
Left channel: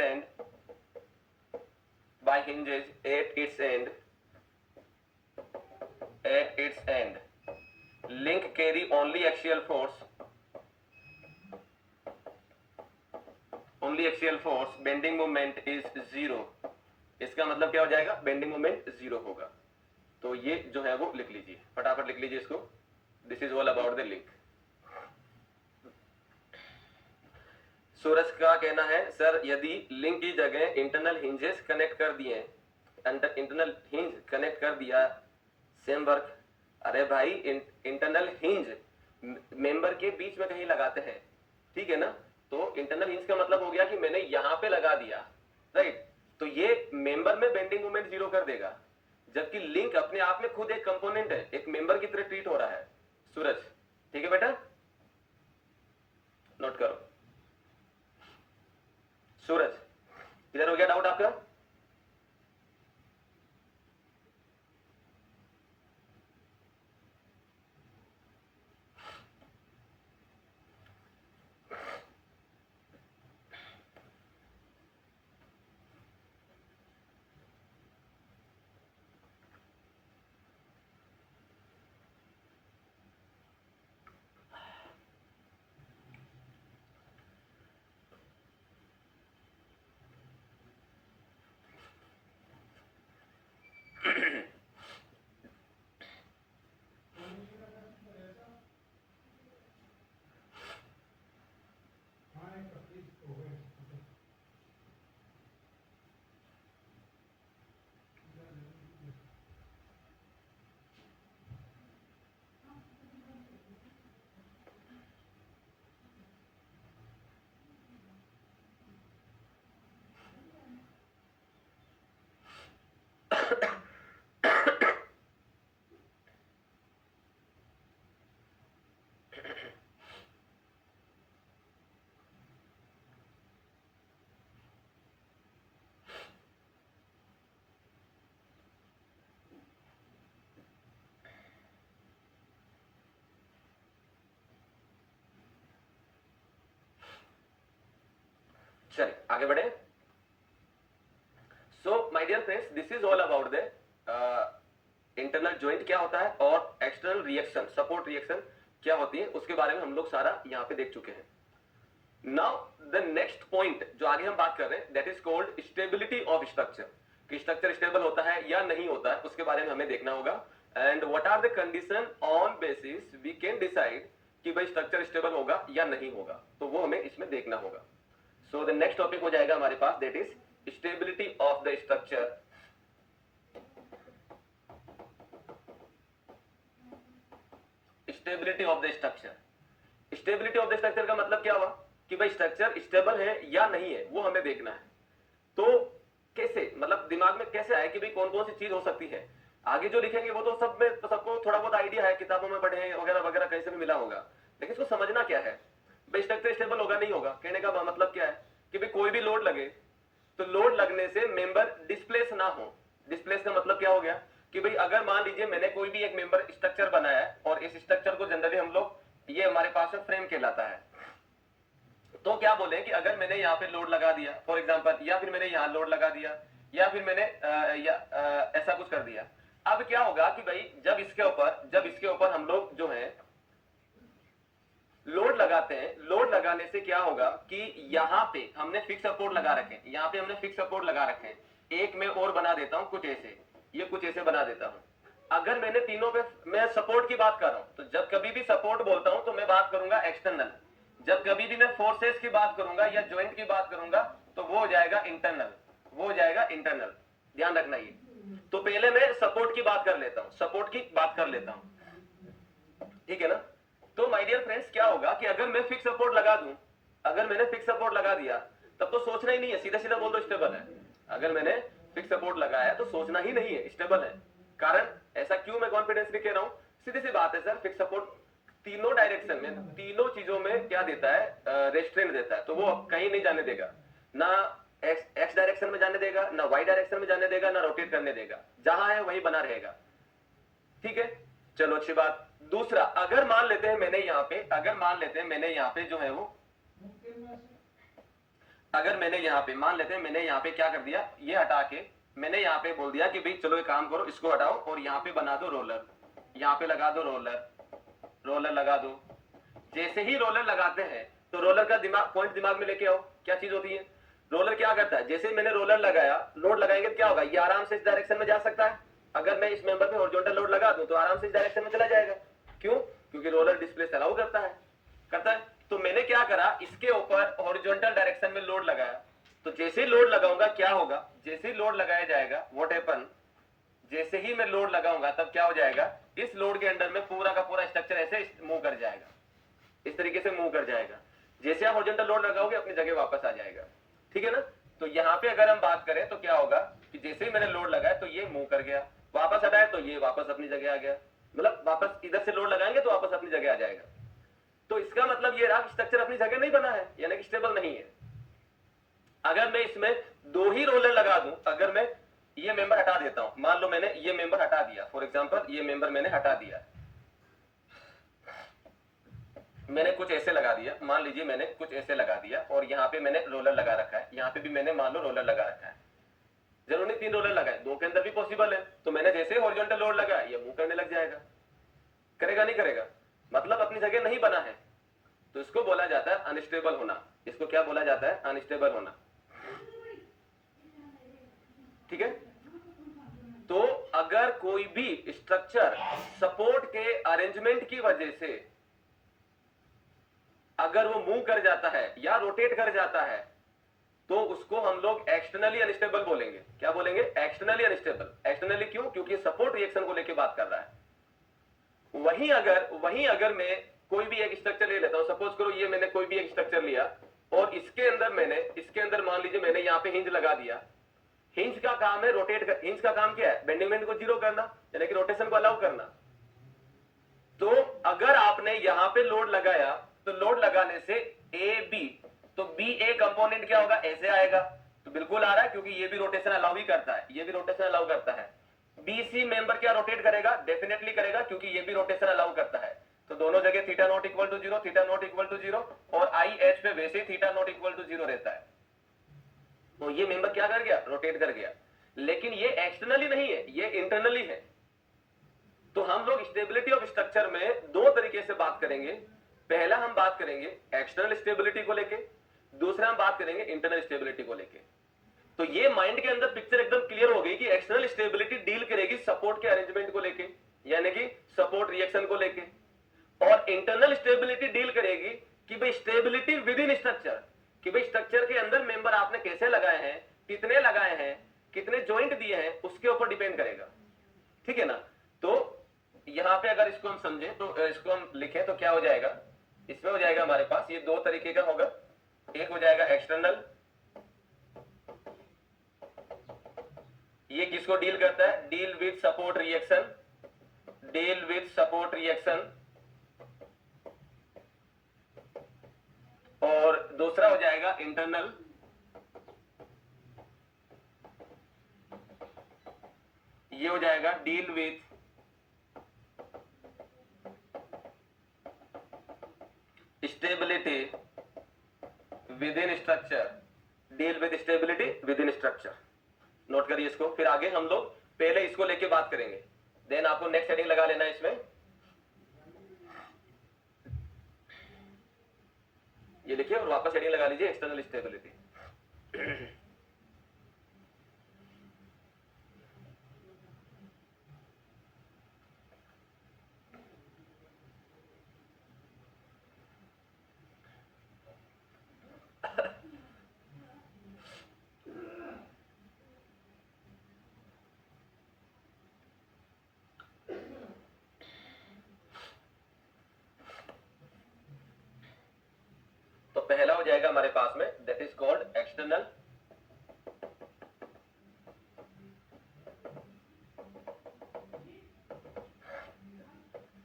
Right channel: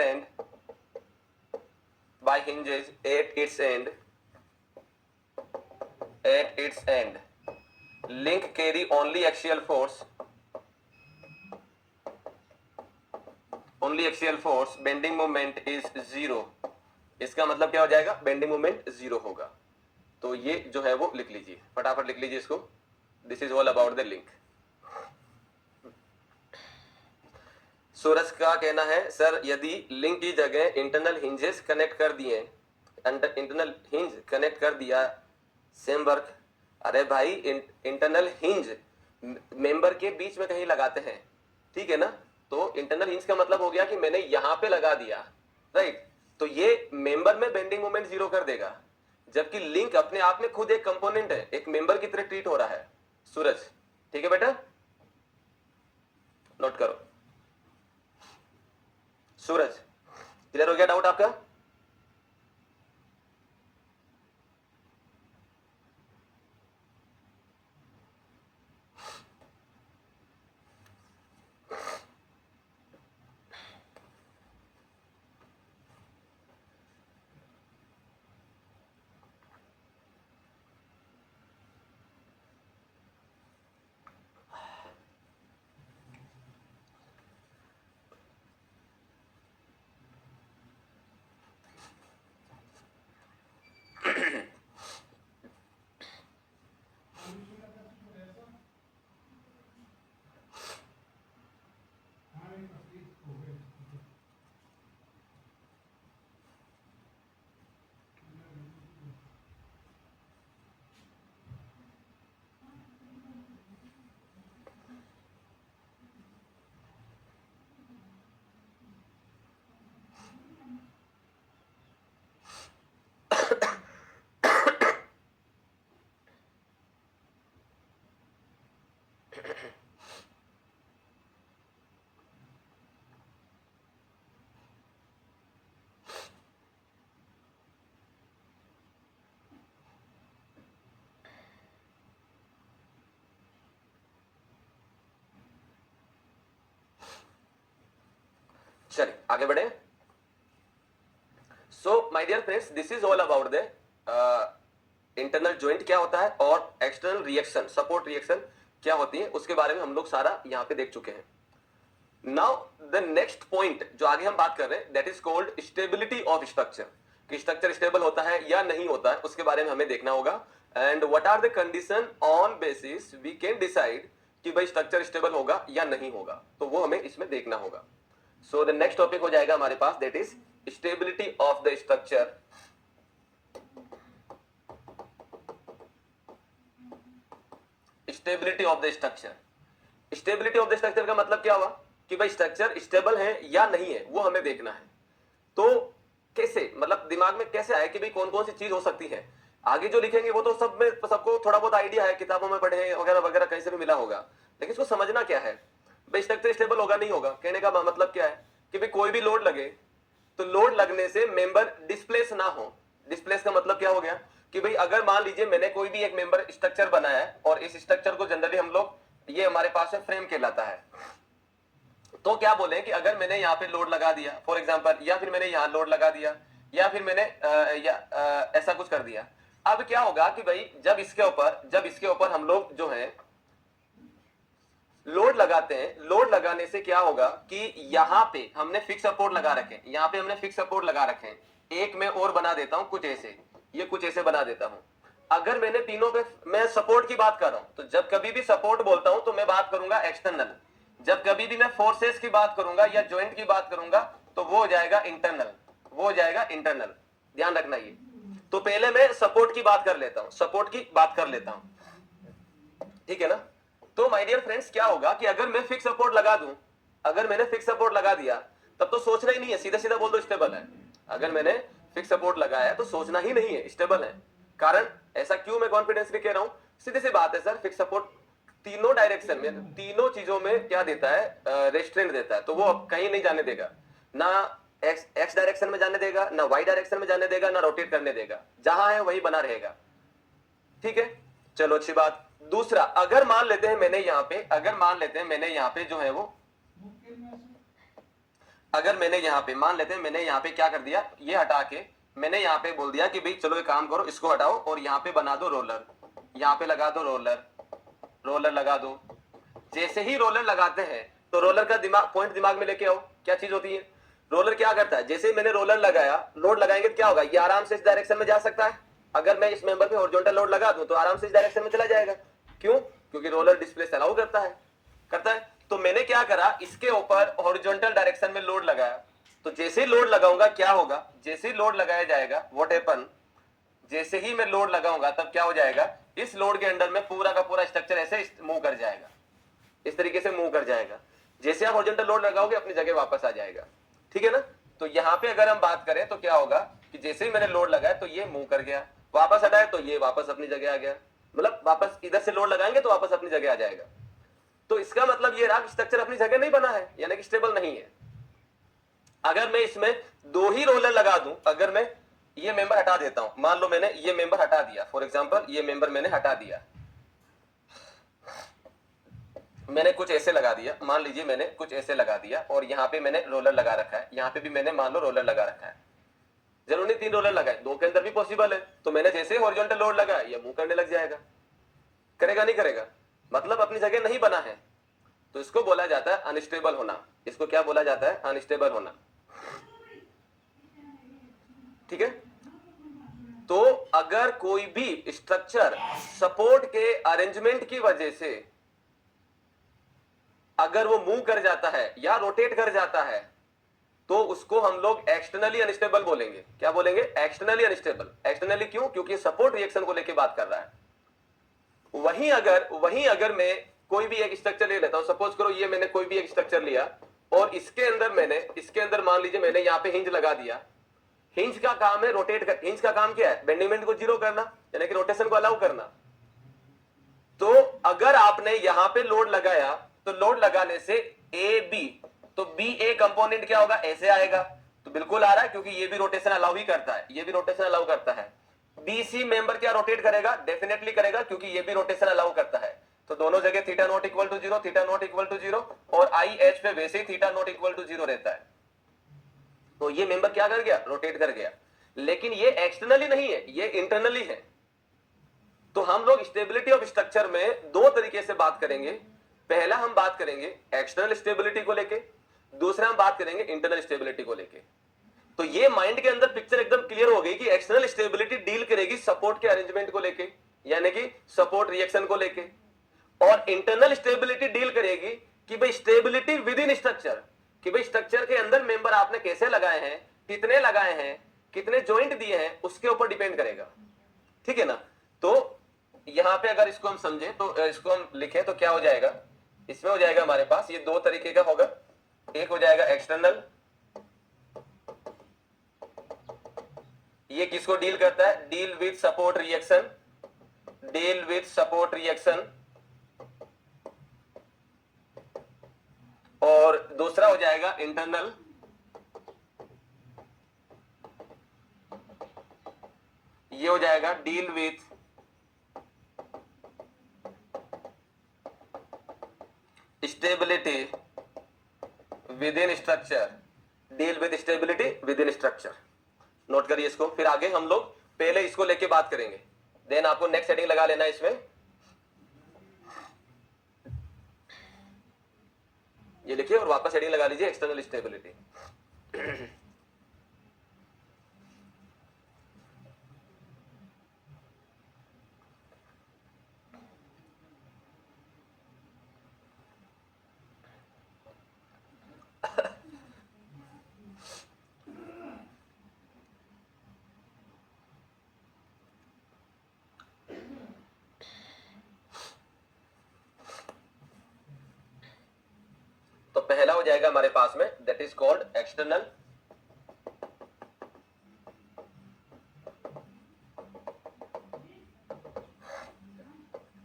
end link carry only axial force bending moment is 0। इसका मतलब क्या हो जाएगा, बेंडिंग मोमेंट 0 होगा। तो ये जो है वो लिख लीजिए, फटाफट लिख लीजिए इसको। This is all about the link. Suraj का कहना है सर यदि लिंक की जगह इंटरनल हिंजेस कनेक्ट कर दिए, इंटरनल हिंज कनेक्ट कर दिया सेम वर्क। अरे भाई इंटरनल हिंज मेंबर के बीच में कहीं लगाते हैं, ठीक है ना। तो इंटरनल हिंज का मतलब हो गया कि मैंने यहां पे लगा दिया, राइट। तो ये मेंबर में बेंडिंग मोमेंट 0 कर देगा, जबकि लिंक अपने आप में खुद एक कंपोनेंट है, एक मेंबर की तरह ट्रीट हो रहा है सूरज। ठीक है बेटा, नोट करो। सूरज क्लियर हो गया डाउट आपका? चलिए आगे बढ़े। So my dear friends, this is all about the internal joint क्या होता है और एक्सटर्नल रिएक्शन, सपोर्ट रिएक्शन क्या होती है, उसके बारे में हम लोग सारा यहाँ पे देख चुके हैं। नाउ द नेक्स्ट पॉइंट जो आगे हम बात कर रहे हैं, that is called stability of structure. कि स्ट्रक्चर स्टेबल होता है या नहीं होता है, उसके बारे में हमें देखना होगा। And what are the condition on basis we can decide कि भाई स्ट्रक्चर स्टेबल होगा या नहीं होगा, तो वो हमें इसमें देखना होगा। सो द नेक्स्ट टॉपिक हो जाएगा हमारे पास, that is stability of the structure. Stability of the structure, stability of the structure का मतलब क्या हुआ कि भाई स्ट्रक्चर स्टेबल है या नहीं है, वो हमें देखना है। तो कैसे, मतलब दिमाग में कैसे आए कि भाई कौन कौन सी चीज हो सकती है। आगे जो लिखेंगे वो तो सब में सबको थोड़ा बहुत आइडिया है, किताबों में पढ़े वगैरह वगैरह कहीं से भी मिला होगा, लेकिन इसको समझना क्या है। भाई स्ट्रक्चर स्टेबल होगा नहीं होगा, कहने का मतलब क्या है कि भाई कोई भी लोड लगे तो लोड लगने से मेंबर डिस्प्लेस ना हो। डिस्प्लेस का मतलब क्या हो गया कि भाई अगर मान लीजिए मैंने कोई भी एक मेंबर स्ट्रक्चर बनाया है और इस स्ट्रक्चर को जनरली हम लोग, ये हमारे पास में फ्रेम कहलाता है, तो क्या बोले कि अगर मैंने यहाँ पे लोड लगा दिया फॉर एग्जांपल, या फिर मैंने यहाँ लोड लगा दिया, या फिर मैंने ऐसा कुछ कर दिया। अब क्या होगा कि भाई जब इसके ऊपर हम लोग जो है लोड लगाते हैं, लोड लगाने से क्या होगा कि यहाँ पे हमने फिक्स सपोर्ट लगा रखे, यहाँ पे हमने फिक्स सपोर्ट लगा रखे हैं। एक मैं और बना देता हूं कुछ ऐसे, ये कुछ ऐसे बना देता हूं। अगर मैंने तीनों पे मैं सपोर्ट की बात कर रहा हूं, तो जब कभी भी सपोर्ट बोलता हूं तो मैं बात करूंगा एक्सटर्नल। जब कभी भी मैं फोर्सेस की बात करूंगा या ज्वाइंट की बात करूंगा तो वो हो जाएगा इंटरनल, वो हो जाएगा इंटरनल। ध्यान रखना ये। तो पहले मैं सपोर्ट की बात कर लेता हूं, सपोर्ट की बात कर लेता हूं, ठीक है ना। तो माय डियर फ्रेंड्स क्या होगा कि अगर मैं फिक्स सपोर्ट लगा दूं, अगर मैंने फिक्स सपोर्ट लगा दिया तब तो सोचना ही नहीं है, सीधा सीधा बोल दो स्टेबल है। अगर मैंने फिक्स सपोर्ट लगाया तो सोचना ही नहीं है, स्टेबल है। कारण ऐसा क्यों मैं कॉन्फिडेंस कह रहा हूं, सीधी सी बात है सर, फिक्स सपोर्ट तीनों डायरेक्शन में, तीनों चीजों में क्या देता है, रेस्ट्रेंट देता है। तो वो कहीं नहीं जाने देगा, ना एक्स डायरेक्शन में जाने देगा, ना वाई डायरेक्शन में जाने देगा, ना रोटेट करने देगा, जहां है वही बना रहेगा। ठीक है, चलो अच्छी बात। दूसरा, अगर मान लेते हैं मैंने यहाँ पे जो है वो, अगर मैंने यहाँ पे मान लेते हैं मैंने यहाँ पे क्या कर दिया, ये हटा के मैंने यहाँ पे बोल दिया कि भाई चलो एक काम करो, इसको हटाओ और यहाँ पे बना दो रोलर, यहाँ पे लगा दो रोलर लगा दो। जैसे ही रोलर लगाते हैं तो रोलर का पॉइंट दिमाग में लेके आओ, क्या चीज होती है। रोलर क्या करता है, जैसे ही मैंने रोलर लगाया, लोड लगाएंगे तो क्या होगा, ये आराम से इस डायरेक्शन में जा सकता है। अगर मैं इस मेंबर पे हॉरिजॉन्टल लोड लगा दूं तो आराम से इस डायरेक्शन में चला जाएगा। क्यों? क्योंकि रोलर डिस्प्लेस अलाउ करता है। तो मैंने क्या करा, इसके ऊपर हॉरिजॉन्टल डायरेक्शन में लोड लगाया। तो जैसे ही लोड लगाऊंगा क्या होगा, जैसे ही लोड लगाया जाएगा, व्हाट हैपन, जैसे ही मैं लोड लगाऊंगा तब क्या हो जाएगा, इस लोड के अंडर में पूरा का पूरा स्ट्रक्चर ऐसे मूव कर जाएगा, इस तरीके से मूव कर जाएगा। जैसे आप हॉरिजॉन्टल लोड लगाओगे अपनी जगह वापस आ जाएगा, ठीक है ना। तो यहाँ पे अगर हम बात करें तो क्या होगा कि जैसे ही मैंने लोड लगाया तो ये मूव कर गया, वापस हटाया तो ये वापस अपनी जगह आ गया, मतलब वापस इधर से लोड लगाएंगे तो वापस अपनी जगह आ जाएगा। तो इसका मतलब ये रहा स्ट्रक्चर अपनी जगह नहीं बना है, यानी कि स्टेबल नहीं है। अगर मैं इसमें दो ही रोलर लगा दूं, अगर मैं ये मेंबर हटा देता हूं, मान लो मैंने ये मेंबर हटा दिया, फॉर एग्जांपल ये मेंबर मैंने हटा दिया, मैंने कुछ ऐसे लगा दिया, मान लीजिए मैंने कुछ ऐसे लगा दिया और यहाँ पे मैंने रोलर लगा रखा है, यहाँ पे भी मैंने मान लो रोलर लगा रखा है। जरूर नहीं 3 रोलर लगाए, 2 के अंदर भी पॉसिबल है। तो मैंने जैसे हॉरिजॉन्टल लोड लगाया ये मूव करने लग जाएगा, करेगा नहीं करेगा, मतलब अपनी जगह नहीं बना है। तो इसको बोला जाता है अनस्टेबल होना। इसको क्या बोला जाता है, अनस्टेबल होना, ठीक है। तो अगर कोई भी स्ट्रक्चर सपोर्ट के अरेंजमेंट की वजह से अगर वो मूव कर जाता है या रोटेट कर जाता है तो उसको हम लोग एक्सटर्नली अनस्टेबल बोलेंगे। क्या बोलेंगे, एक्सटर्नली अनस्टेबल। एक्सटर्नली क्यों, क्योंकि सपोर्ट रिएक्शन को लेकर बात कर रहा है। वहीं अगर मैं कोई भी एक स्ट्रक्चर ले लेता हूं, सपोज करो ये मैंने कोई भी एक स्ट्रक्चर लिया और इसके अंदर मान लीजिए मैंने यहाँ पे हिंज लगा दिया। हिंज का काम है रोटेट कर, हिंज का काम क्या है, बेंडिंग मोमेंट को जीरो करना, यानी कि रोटेशन को अलाउ करना। तो अगर आपने यहां पे लोड लगाया तो लोड लगाने से ए बी, तो बी ए कंपोनेंट क्या होगा, ऐसे आएगा। तो बिल्कुल आ रहा है क्योंकि ये भी रोटेशन अलाउ ही करता है, ये भी रोटेशन अलाउ करता है। बी सी मेंबर क्या रोटेट करेगा, डेफिनेटली करेगा क्योंकि ये भी रोटेशन अलाउ करता है। तो दोनों जगह theta not equal to zero, theta not equal to zero, और आई एच पे वैसे ही theta not equal to zero रहता है। तो ये मेंबर क्या कर गया, रोटेट कर गया। लेकिन ये एक्सटर्नली नहीं है, ये इंटरनली है। तो हम लोग स्टेबिलिटी ऑफ स्ट्रक्चर में दो तरीके से बात करेंगे। पहला हम बात करेंगे एक्सटर्नल स्टेबिलिटी को लेके, दूसरा हम बात करेंगे इंटरनल स्टेबिलिटी को लेके। तो ये माइंड के अंदर पिक्चर एकदम क्लियर हो गई कि एक्सटर्नल स्टेबिलिटी डील करेगी सपोर्ट के अरेंजमेंट को लेके, यानी कि सपोर्ट रिएक्शन को लेके, और इंटरनल स्टेबिलिटी डील करेगी कि भाई स्टेबिलिटी विद इन स्ट्रक्चर, कि भाई स्ट्रक्चर के अंदर मेंबर आपने कैसे लगाए हैं, कितने लगाए हैं, कितने जॉइंट दिए हैं, उसके ऊपर डिपेंड करेगा, ठीक है ना। तो यहां पे अगर इसको हम समझें तो इसको हम लिखें तो क्या हो जाएगा, इसमें हो जाएगा हमारे पास ये दो तरीके का होगा। एक हो जाएगा एक्सटर्नल, ये किसको डील करता है, deal with support reaction, deal with support reaction. और दूसरा हो जाएगा इंटरनल, ये हो जाएगा deal with stability with in structure, deal with stability with in structure. Note करिए इसको, फिर आगे हम लोग पहले इसको लेके बात करेंगे, देन आपको नेक्स्ट हेडिंग लगा लेना इसमें, ये लिखिए और वापस हेडिंग लगा लीजिए एक्सटर्नल स्टेबिलिटी। तो पहला हो जाएगा हमारे पास में, that is called external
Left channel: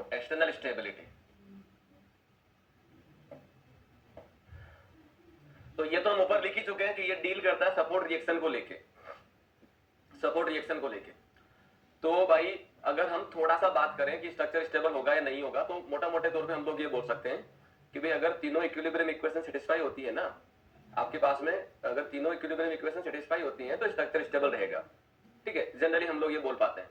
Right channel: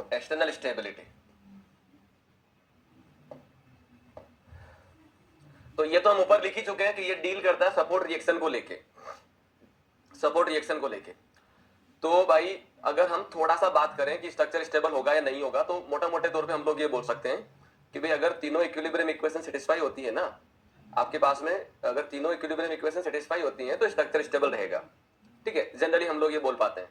external stability. तो ये तो हम ऊपर लिख ही चुके हैं कि ये डील करता है सपोर्ट रिएक्शन को लेके, सपोर्ट रिएक्शन को लेके। तो भाई अगर हम थोड़ा सा बात करें कि स्ट्रक्चर स्टेबल होगा या नहीं होगा, तो मोटा मोटे तौर पे हम लोग ये बोल सकते हैं कि भाई अगर तीनों इक्विलिब्रियम इक्वेशन सेटिस्फाई होती है ना आपके पास में, अगर तीनों इक्विलिब्रियम इक्वेशन सेटिस्फाई होती हैं तो स्ट्रक्चर स्टेबल रहेगा। ठीक है, जनरली हम लोग ये बोल पाते हैं।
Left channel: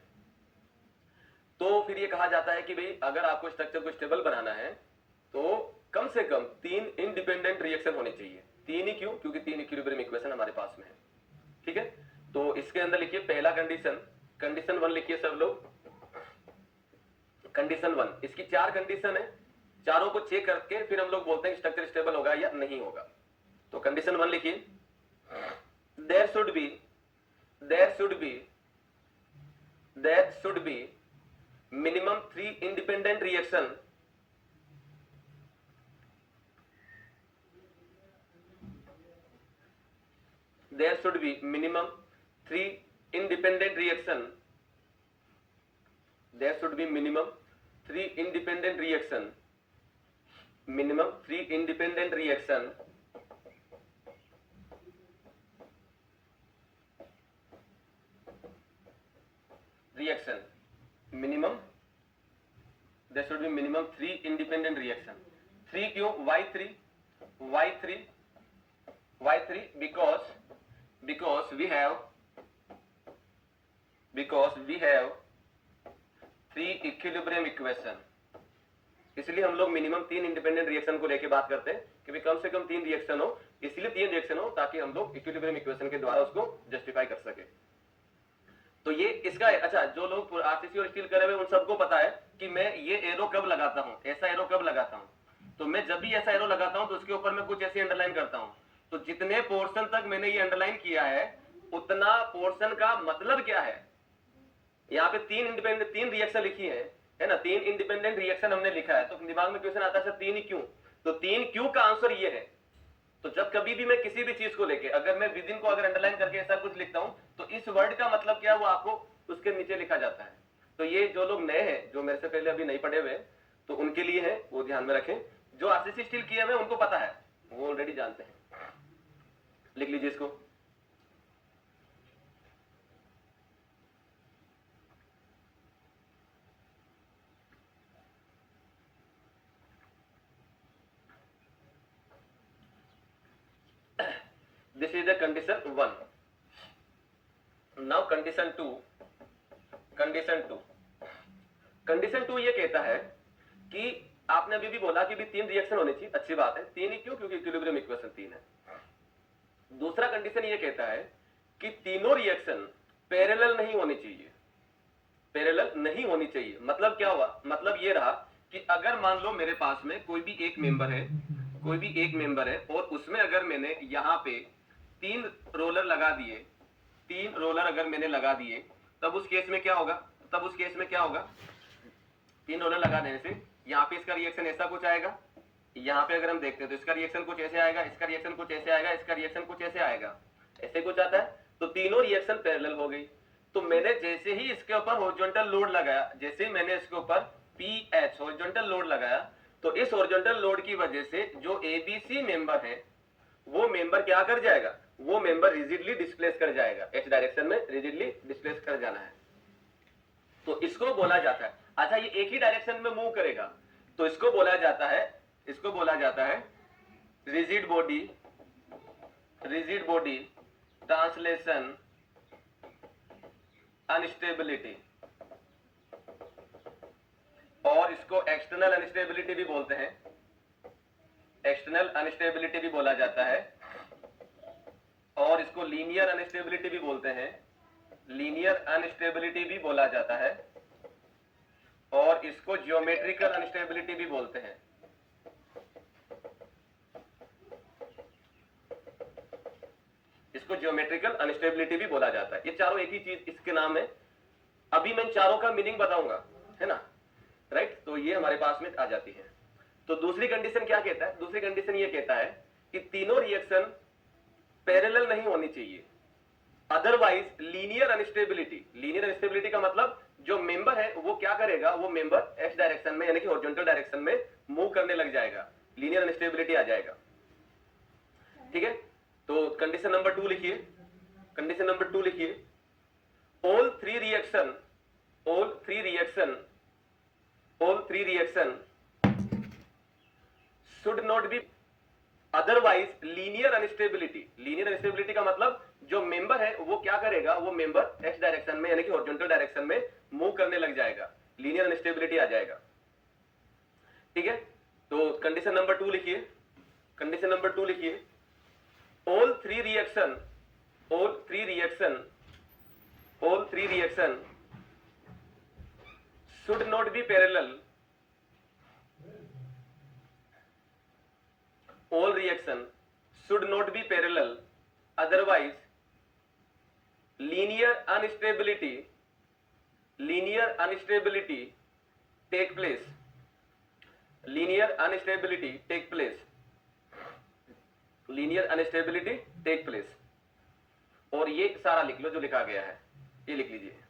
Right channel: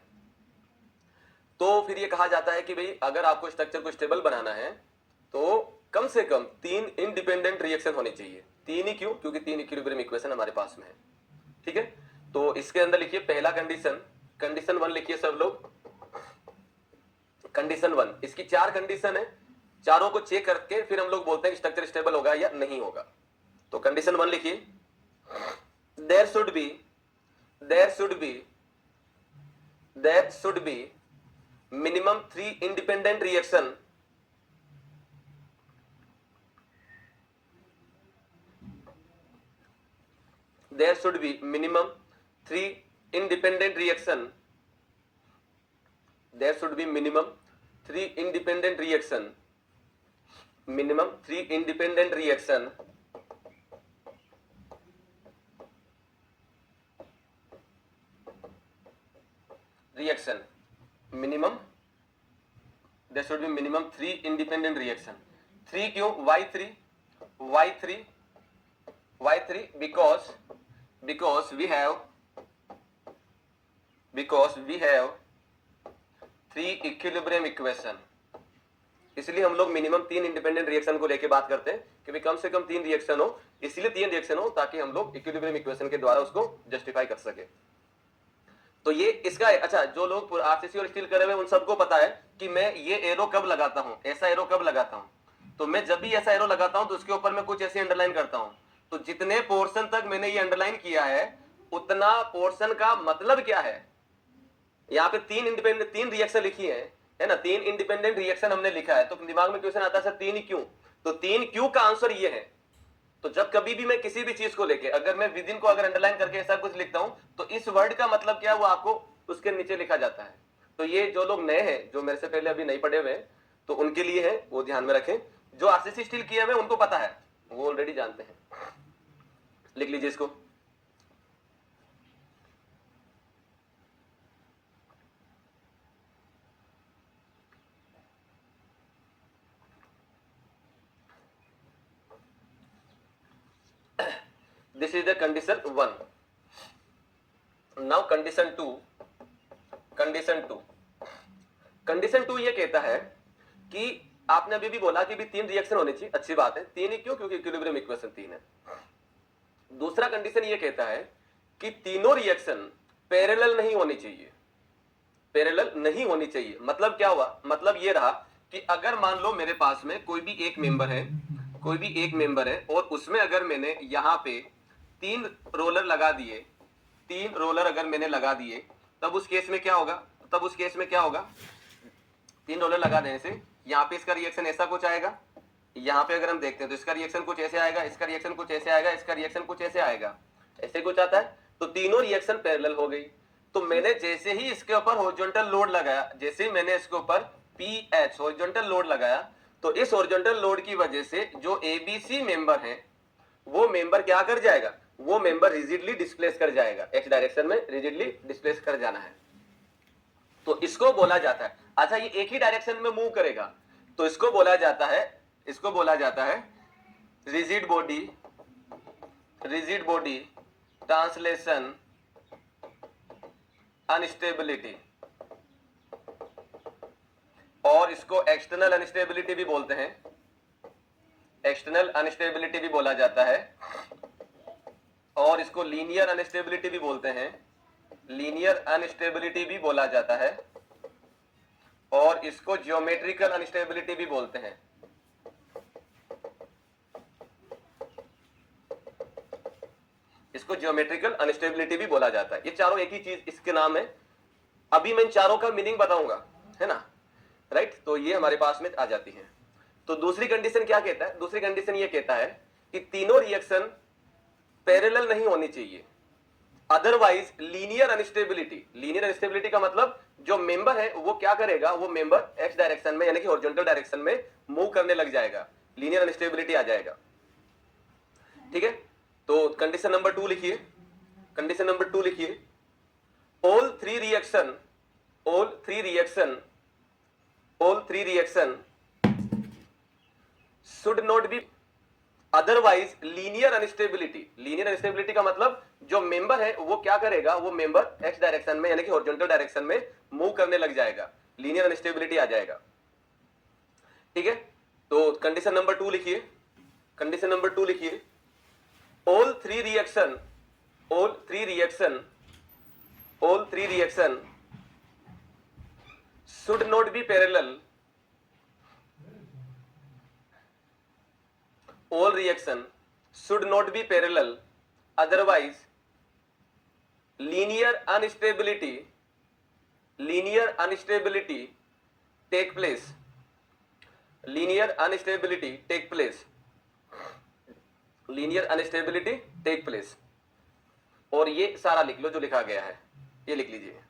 तो फिर ये कहा जाता है कि भाई अगर आपको स्ट्रक्चर को स्टेबल बनाना है तो कम से कम 3 इंडिपेंडेंट रिएक्शन होने चाहिए। 3 ही क्यों? क्योंकि 3 इक्विलिब्रियम इक्वेशन हमारे पास में है। ठीक है, तो इसके अंदर लिखिए पहला कंडीशन, कंडीशन 1 लिखिए सब लोग। कंडीशन 1, इसकी 4 कंडीशन है, चारों को चेक करके फिर हम लोग बोलते हैं स्ट्रक्चर स्टेबल होगा या नहीं होगा। तो कंडीशन 1 लिखिए, there should be minimum 3 independent reaction there should be minimum 3 independent reaction there should be minimum 3 independent reaction minimum 3 independent reaction minimum there should be minimum 3 independent reaction। 3 क्यों? why 3 because we have 3 equilibrium equation, इसलिए हम लोग मिनिमम 3 इंडिपेंडेंट रिएक्शन को लेके बात करते हैं कि भाई कम से कम 3 रिएक्शन हो, इसलिए 3 रिएक्शन हो ताकि हम लोग इक्विलिब्रियम इक्वेशन के द्वारा उसको जस्टिफाई कर सके। तो ये इसका है। अच्छा, जो लोग आरसीसी और स्टील करे हुए उन सबको पता है कि मैं ये एरो कब लगाता हूं, ऐसा एरो कब लगाता हूं। तो मैं जब भी ऐसा एरो लगाता हूं तो उसके ऊपर मैं कुछ ऐसे अंडरलाइन करता हूं। तो जितने पोर्शन तक मैंने ये अंडरलाइन किया है उतना पोर्शन का मतलब क्या है, यहाँ पे 3 रिएक्शन लिखी है ना, 3 इंडिपेंडेंट रिएक्शन हमने लिखा है। तो दिमाग में क्वेश्चन आता है सर 3 क्यों? तो 3 क्यों का आंसर ये है। तो जब कभी भी मैं किसी भी चीज को लेके अगर मैं विदिन को अगर अंडरलाइन करके ऐसा कुछ लिखता हूं तो इस वर्ड का मतलब क्या है वो आपको उसके नीचे लिखा जाता है। तो ये जो लोग नए हैं, जो मेरे से पहले अभी नहीं पढ़े हुए, तो उनके लिए है, वो ध्यान में रखें। जो आरसीसी स्टील किए हुए उनको पता है, वो ऑलरेडी जानते हैं। लिख लीजिए इसको। This is the condition 1. Now condition 2 ये कहता है कि आपने अभी भी बोला कि भी 3 रिएक्शन होने चाहिए, अच्छी बात है। 3 ही क्यों? क्योंकि इक्विलिब्रियम इक्वेशन 3 है। दूसरा कंडीशन ये कहता है कि तीनों रिएक्शन पैरेलल नहीं होनी चाहिए। पैरेलल नहीं होनी चाहिए मतलब क्या हुआ? मतलब ये रहा कि अगर मान लो मेरे पास में कोई भी एक मेंबर है और उसमें अगर मैंने यहाँ पे 3 रोलर लगा दिए, 3 रोलर अगर मैंने लगा दिए, तब उस केस में क्या होगा? 3 रोलर लगा देने से यहाँ पे इसका रिएक्शन ऐसा कुछ आएगा। यहाँ पे अगर हम देखते हैं तो इसका रिएक्शन कुछ ऐसे आएगा, इसका रिएक्शन कुछ ऐसे आएगा, इसका रिएक्शन कुछ ऐसे आएगा, ऐसे कुछ आता है। तो तीनों रिएक्शन पैरेलल हो गई। तो मैंने जैसे ही इसके ऊपर हॉरिजॉन्टल लोड लगाया, जैसे ही मैंने इसके ऊपर पीएच हॉरिजॉन्टल लोड लगाया, तो इस हॉरिजॉन्टल लोड की वजह से जो एबीसी मेंबर है वो मेंबर क्या कर जाएगा? वो मेंबर रिजिडली डिस्प्लेस कर जाएगा, एक्स डायरेक्शन में रिजिडली डिस्प्लेस कर जाना है। तो इसको बोला जाता है, अच्छा ये एक ही डायरेक्शन में मूव करेगा तो इसको बोला जाता है रिजिड बॉडी ट्रांसलेशन अनस्टेबिलिटी, और इसको एक्सटर्नल अनस्टेबिलिटी भी बोलते हैं, एक्सटर्नल अनस्टेबिलिटी भी बोला जाता है, और इसको लीनियर अनस्टेबिलिटी भी बोलते हैं, लीनियर अनस्टेबिलिटी भी बोला जाता है, और इसको ज्योमेट्रिकल अनस्टेबिलिटी भी बोलते हैं। इसको ज्योमेट्रिकल अनस्टेबिलिटी भी बोला जाता है। ये चारों एक ही चीज, इसके नाम है। अभी मैं इन चारों का मीनिंग बताऊंगा, है ना, राइट। तो ये हमारे पास में आ जाती है। तो दूसरी कंडीशन क्या कहता है? दूसरी कंडीशन ये कहता है कि तीनों रिएक्शन पैरेलल नहीं होनी चाहिए, अदरवाइज लीनियर अनस्टेबिलिटी का मतलब जो मेंबर है वो क्या करेगा? वो मेंबर एक्स डायरेक्शन में यानी कि हॉरिजॉन्टल डायरेक्शन में मूव करने लग जाएगा, लीनियर अनस्टेबिलिटी आ जाएगा। ठीक है, तो कंडीशन नंबर 2 लिखिए। All three all three reaction should not be otherwise linear instability का मतलब जो मेंबर है वो क्या करेगा, वो मेंबर एक्स डायरेक्शन में यानी कि हॉरिजॉन्टल डायरेक्शन में मूव करने लग जाएगा, लीनियर अनस्टेबिलिटी आ जाएगा। ठीक है, तो कंडीशन नंबर 2 लिखिए, all three reaction should not be parallel, all reaction should not be parallel, otherwise linear instability take place, linear instability take place। और ये सारा लिख लो जो लिखा गया है, ये लिख लीजिए।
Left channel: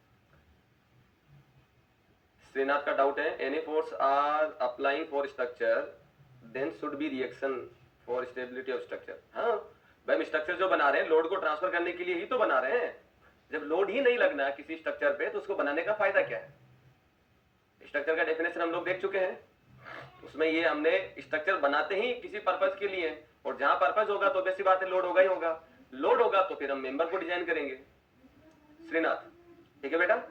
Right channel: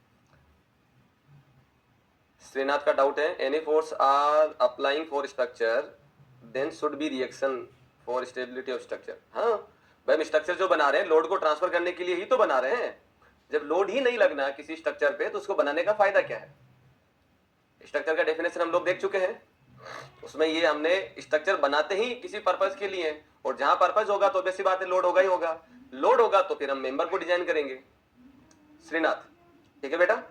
श्रीनाथ का डाउट है, any force are applying for structure then should be reaction for stability of structure. हाँ भाई, हम स्ट्रक्चर जो बना रहे हैं लोड को ट्रांसफर करने के लिए ही तो बना रहे हैं। जब लोड ही नहीं लगना किसी स्ट्रक्चर पे तो उसको बनाने का फायदा क्या है? स्ट्रक्चर का डेफिनेशन हम लोग देख चुके हैं, उसमें ये हमने स्ट्रक्चर बनाते ही किसी पर्पस के लिए, और जहां पर्पस होगा तो वैसी बात है लोड होगा ही होगा, लोड होगा तो फिर हम मेंबर को डिजाइन करेंगे। श्रीनाथ ठीक है बेटा?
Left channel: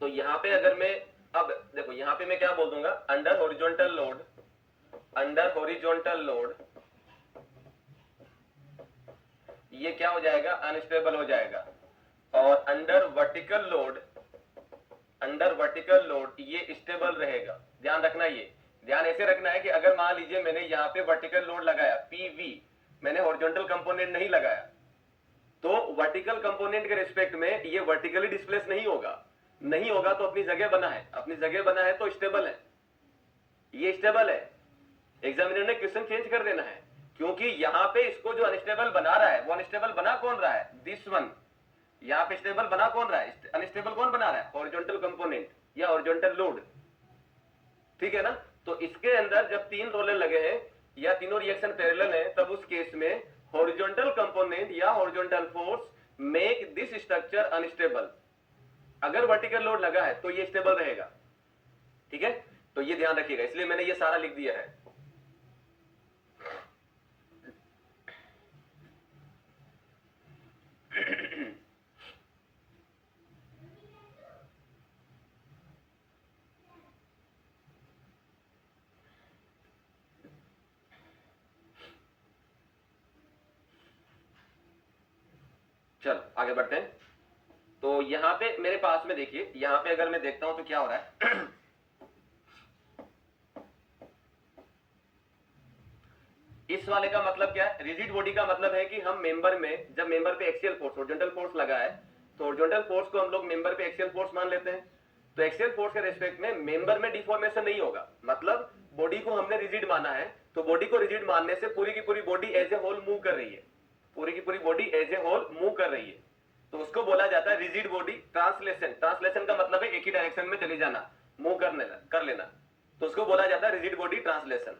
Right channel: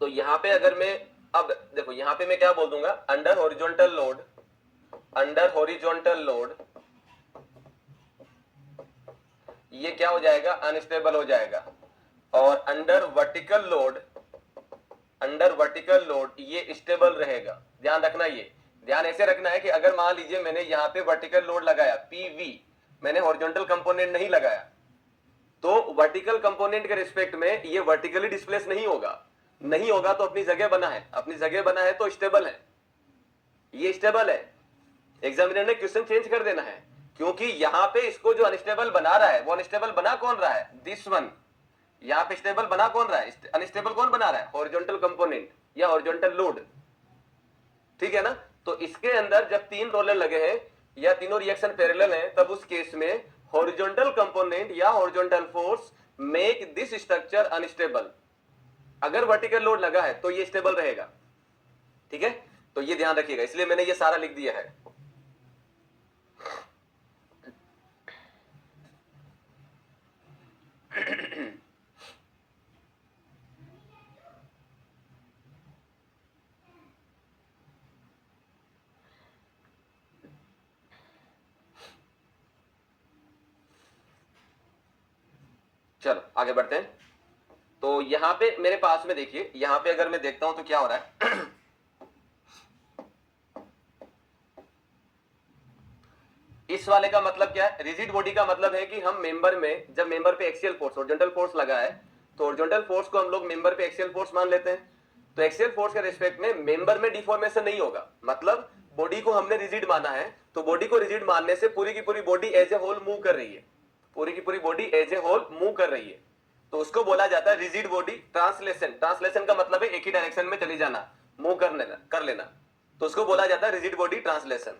तो यहां पे अगर मैं अब देखो, यहां पे मैं क्या बोल दूंगा, अंडर हॉरिजॉन्टल लोड ये क्या हो जाएगा, अनस्टेबल हो जाएगा, और अंडर वर्टिकल लोड ये स्टेबल रहेगा। ध्यान रखना, ये ध्यान ऐसे रखना है कि अगर मान लीजिए मैंने यहाँ पे वर्टिकल लोड लगाया पीवी, मैंने हॉरिजॉन्टल कंपोनेंट नहीं लगाया, तो वर्टिकल कंपोनेंट के रिस्पेक्ट में ये वर्टिकली डिस्प्लेस नहीं होगा तो अपनी जगह बना है तो स्टेबल है, ये स्टेबल है। एग्जामिनर ने क्वेश्चन चेंज कर देना है, क्योंकि यहां पे इसको जो अनस्टेबल बना रहा है वो अनस्टेबल बना कौन रहा है, दिस वन। यहां पे स्टेबल बना कौन रहा है, अनस्टेबल कौन बना रहा है, हॉरिजॉन्टल कंपोनेंट या हॉरिजॉन्टल लोड। ठीक है ना? तो इसके अंदर जब 3 रोलर लगे हैं या तीनों रिएक्शन पैरेलल हैं, तब उस केस में हॉरिजॉन्टल कंपोनेंट या horizontal force make this structure unstable. अगर वर्टिकल लोड लगा है तो ये स्टेबल रहेगा। ठीक है, तो ये ध्यान रखिएगा, इसलिए मैंने ये सारा लिख दिया है। चलो आगे बढ़ते हैं। तो यहां पे मेरे पास में देखिए, यहां पे अगर मैं देखता हूं तो क्या हो रहा है इस वाले का मतलब क्या है, रिजिड बॉडी का मतलब है कि हम मेंबर में, जब मेंबर पे एक्सियल फोर्स हॉरिजॉन्टल फोर्स लगा है तो हॉरिजॉन्टल फोर्स को हम लोग मेंबर पे एक्सियल फोर्स मान लेते हैं। तो एक्सियल फोर्स के रिस्पेक्ट में मेंबर में डिफॉर्मेशन नहीं होगा, मतलब बॉडी को हमने रिजिड माना है, तो बॉडी को रिजिड मानने से पूरी की पूरी body as a whole move कर रही है, पूरी की पूरी body as a whole move कर रही है, तो उसको बोला जाता है रिजिड बॉडी ट्रांसलेशन। ट्रांसलेशन का मतलब है एक ही डायरेक्शन में चली जाना, मूव कर लेना, तो उसको बोला जाता है rigid body translation.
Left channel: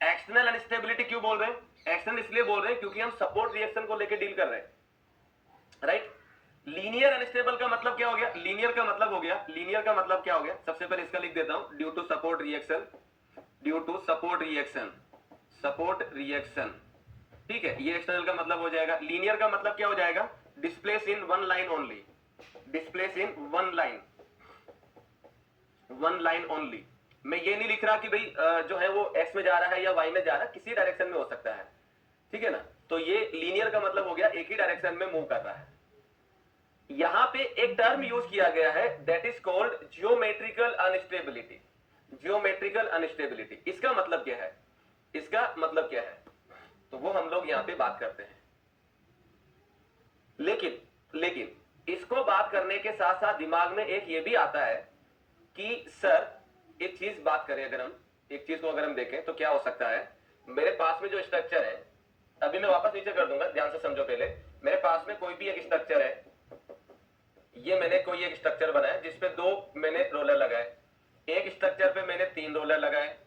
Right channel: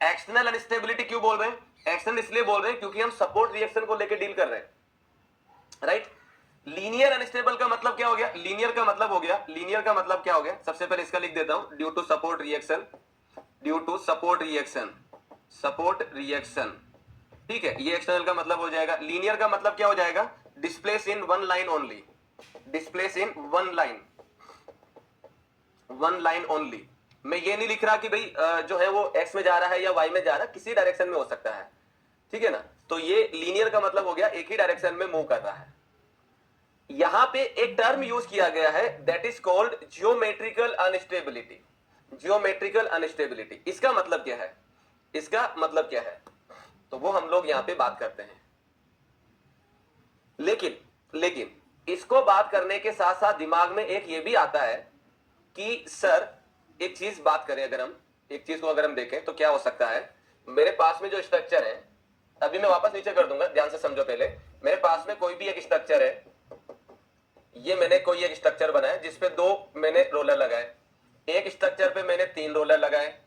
External instability क्यों बोल रहे हैं, एक्सटर्नल इसलिए बोल रहे हैं क्योंकि हम सपोर्ट रिएक्शन को लेकर डील कर रहे हैं, राइट। लीनियर अनस्टेबल का मतलब क्या हो गया, लीनियर का मतलब क्या हो गया, सबसे पहले इसका लिख देता हूं, ड्यू टू सपोर्ट रिएक्शन, ठीक है, ये एक्सटर्नल का मतलब हो जाएगा। लीनियर का मतलब क्या हो जाएगा, displace in one line only, one line only. मैं ये नहीं लिख रहा कि भाई जो है वो एक्स में जा रहा है या वाई में जा रहा है, किसी डायरेक्शन में हो सकता है, ठीक है ना। तो ये लीनियर का मतलब हो गया एक ही डायरेक्शन में मूव कर रहा है। यहां पे एक टर्म यूज किया गया है that is called geometrical instability. इसका मतलब क्या है, तो वो हम लोग यहां पे बात करते हैं। लेकिन इसको बात करने के साथ साथ दिमाग में एक ये भी आता है कि सर एक चीज बात करें, अगर हम एक चीज को अगर हम देखें तो क्या हो सकता है, मेरे पास में जो स्ट्रक्चर है, अभी मैं वापस नीचे कर दूंगा, ध्यान से समझो। पहले मेरे पास में कोई भी एक स्ट्रक्चर है, ये मैंने कोई एक स्ट्रक्चर बनाया जिसपे 2 मैंने रोलर लगाए, एक स्ट्रक्चर पे मैंने 3 रोलर लगाए,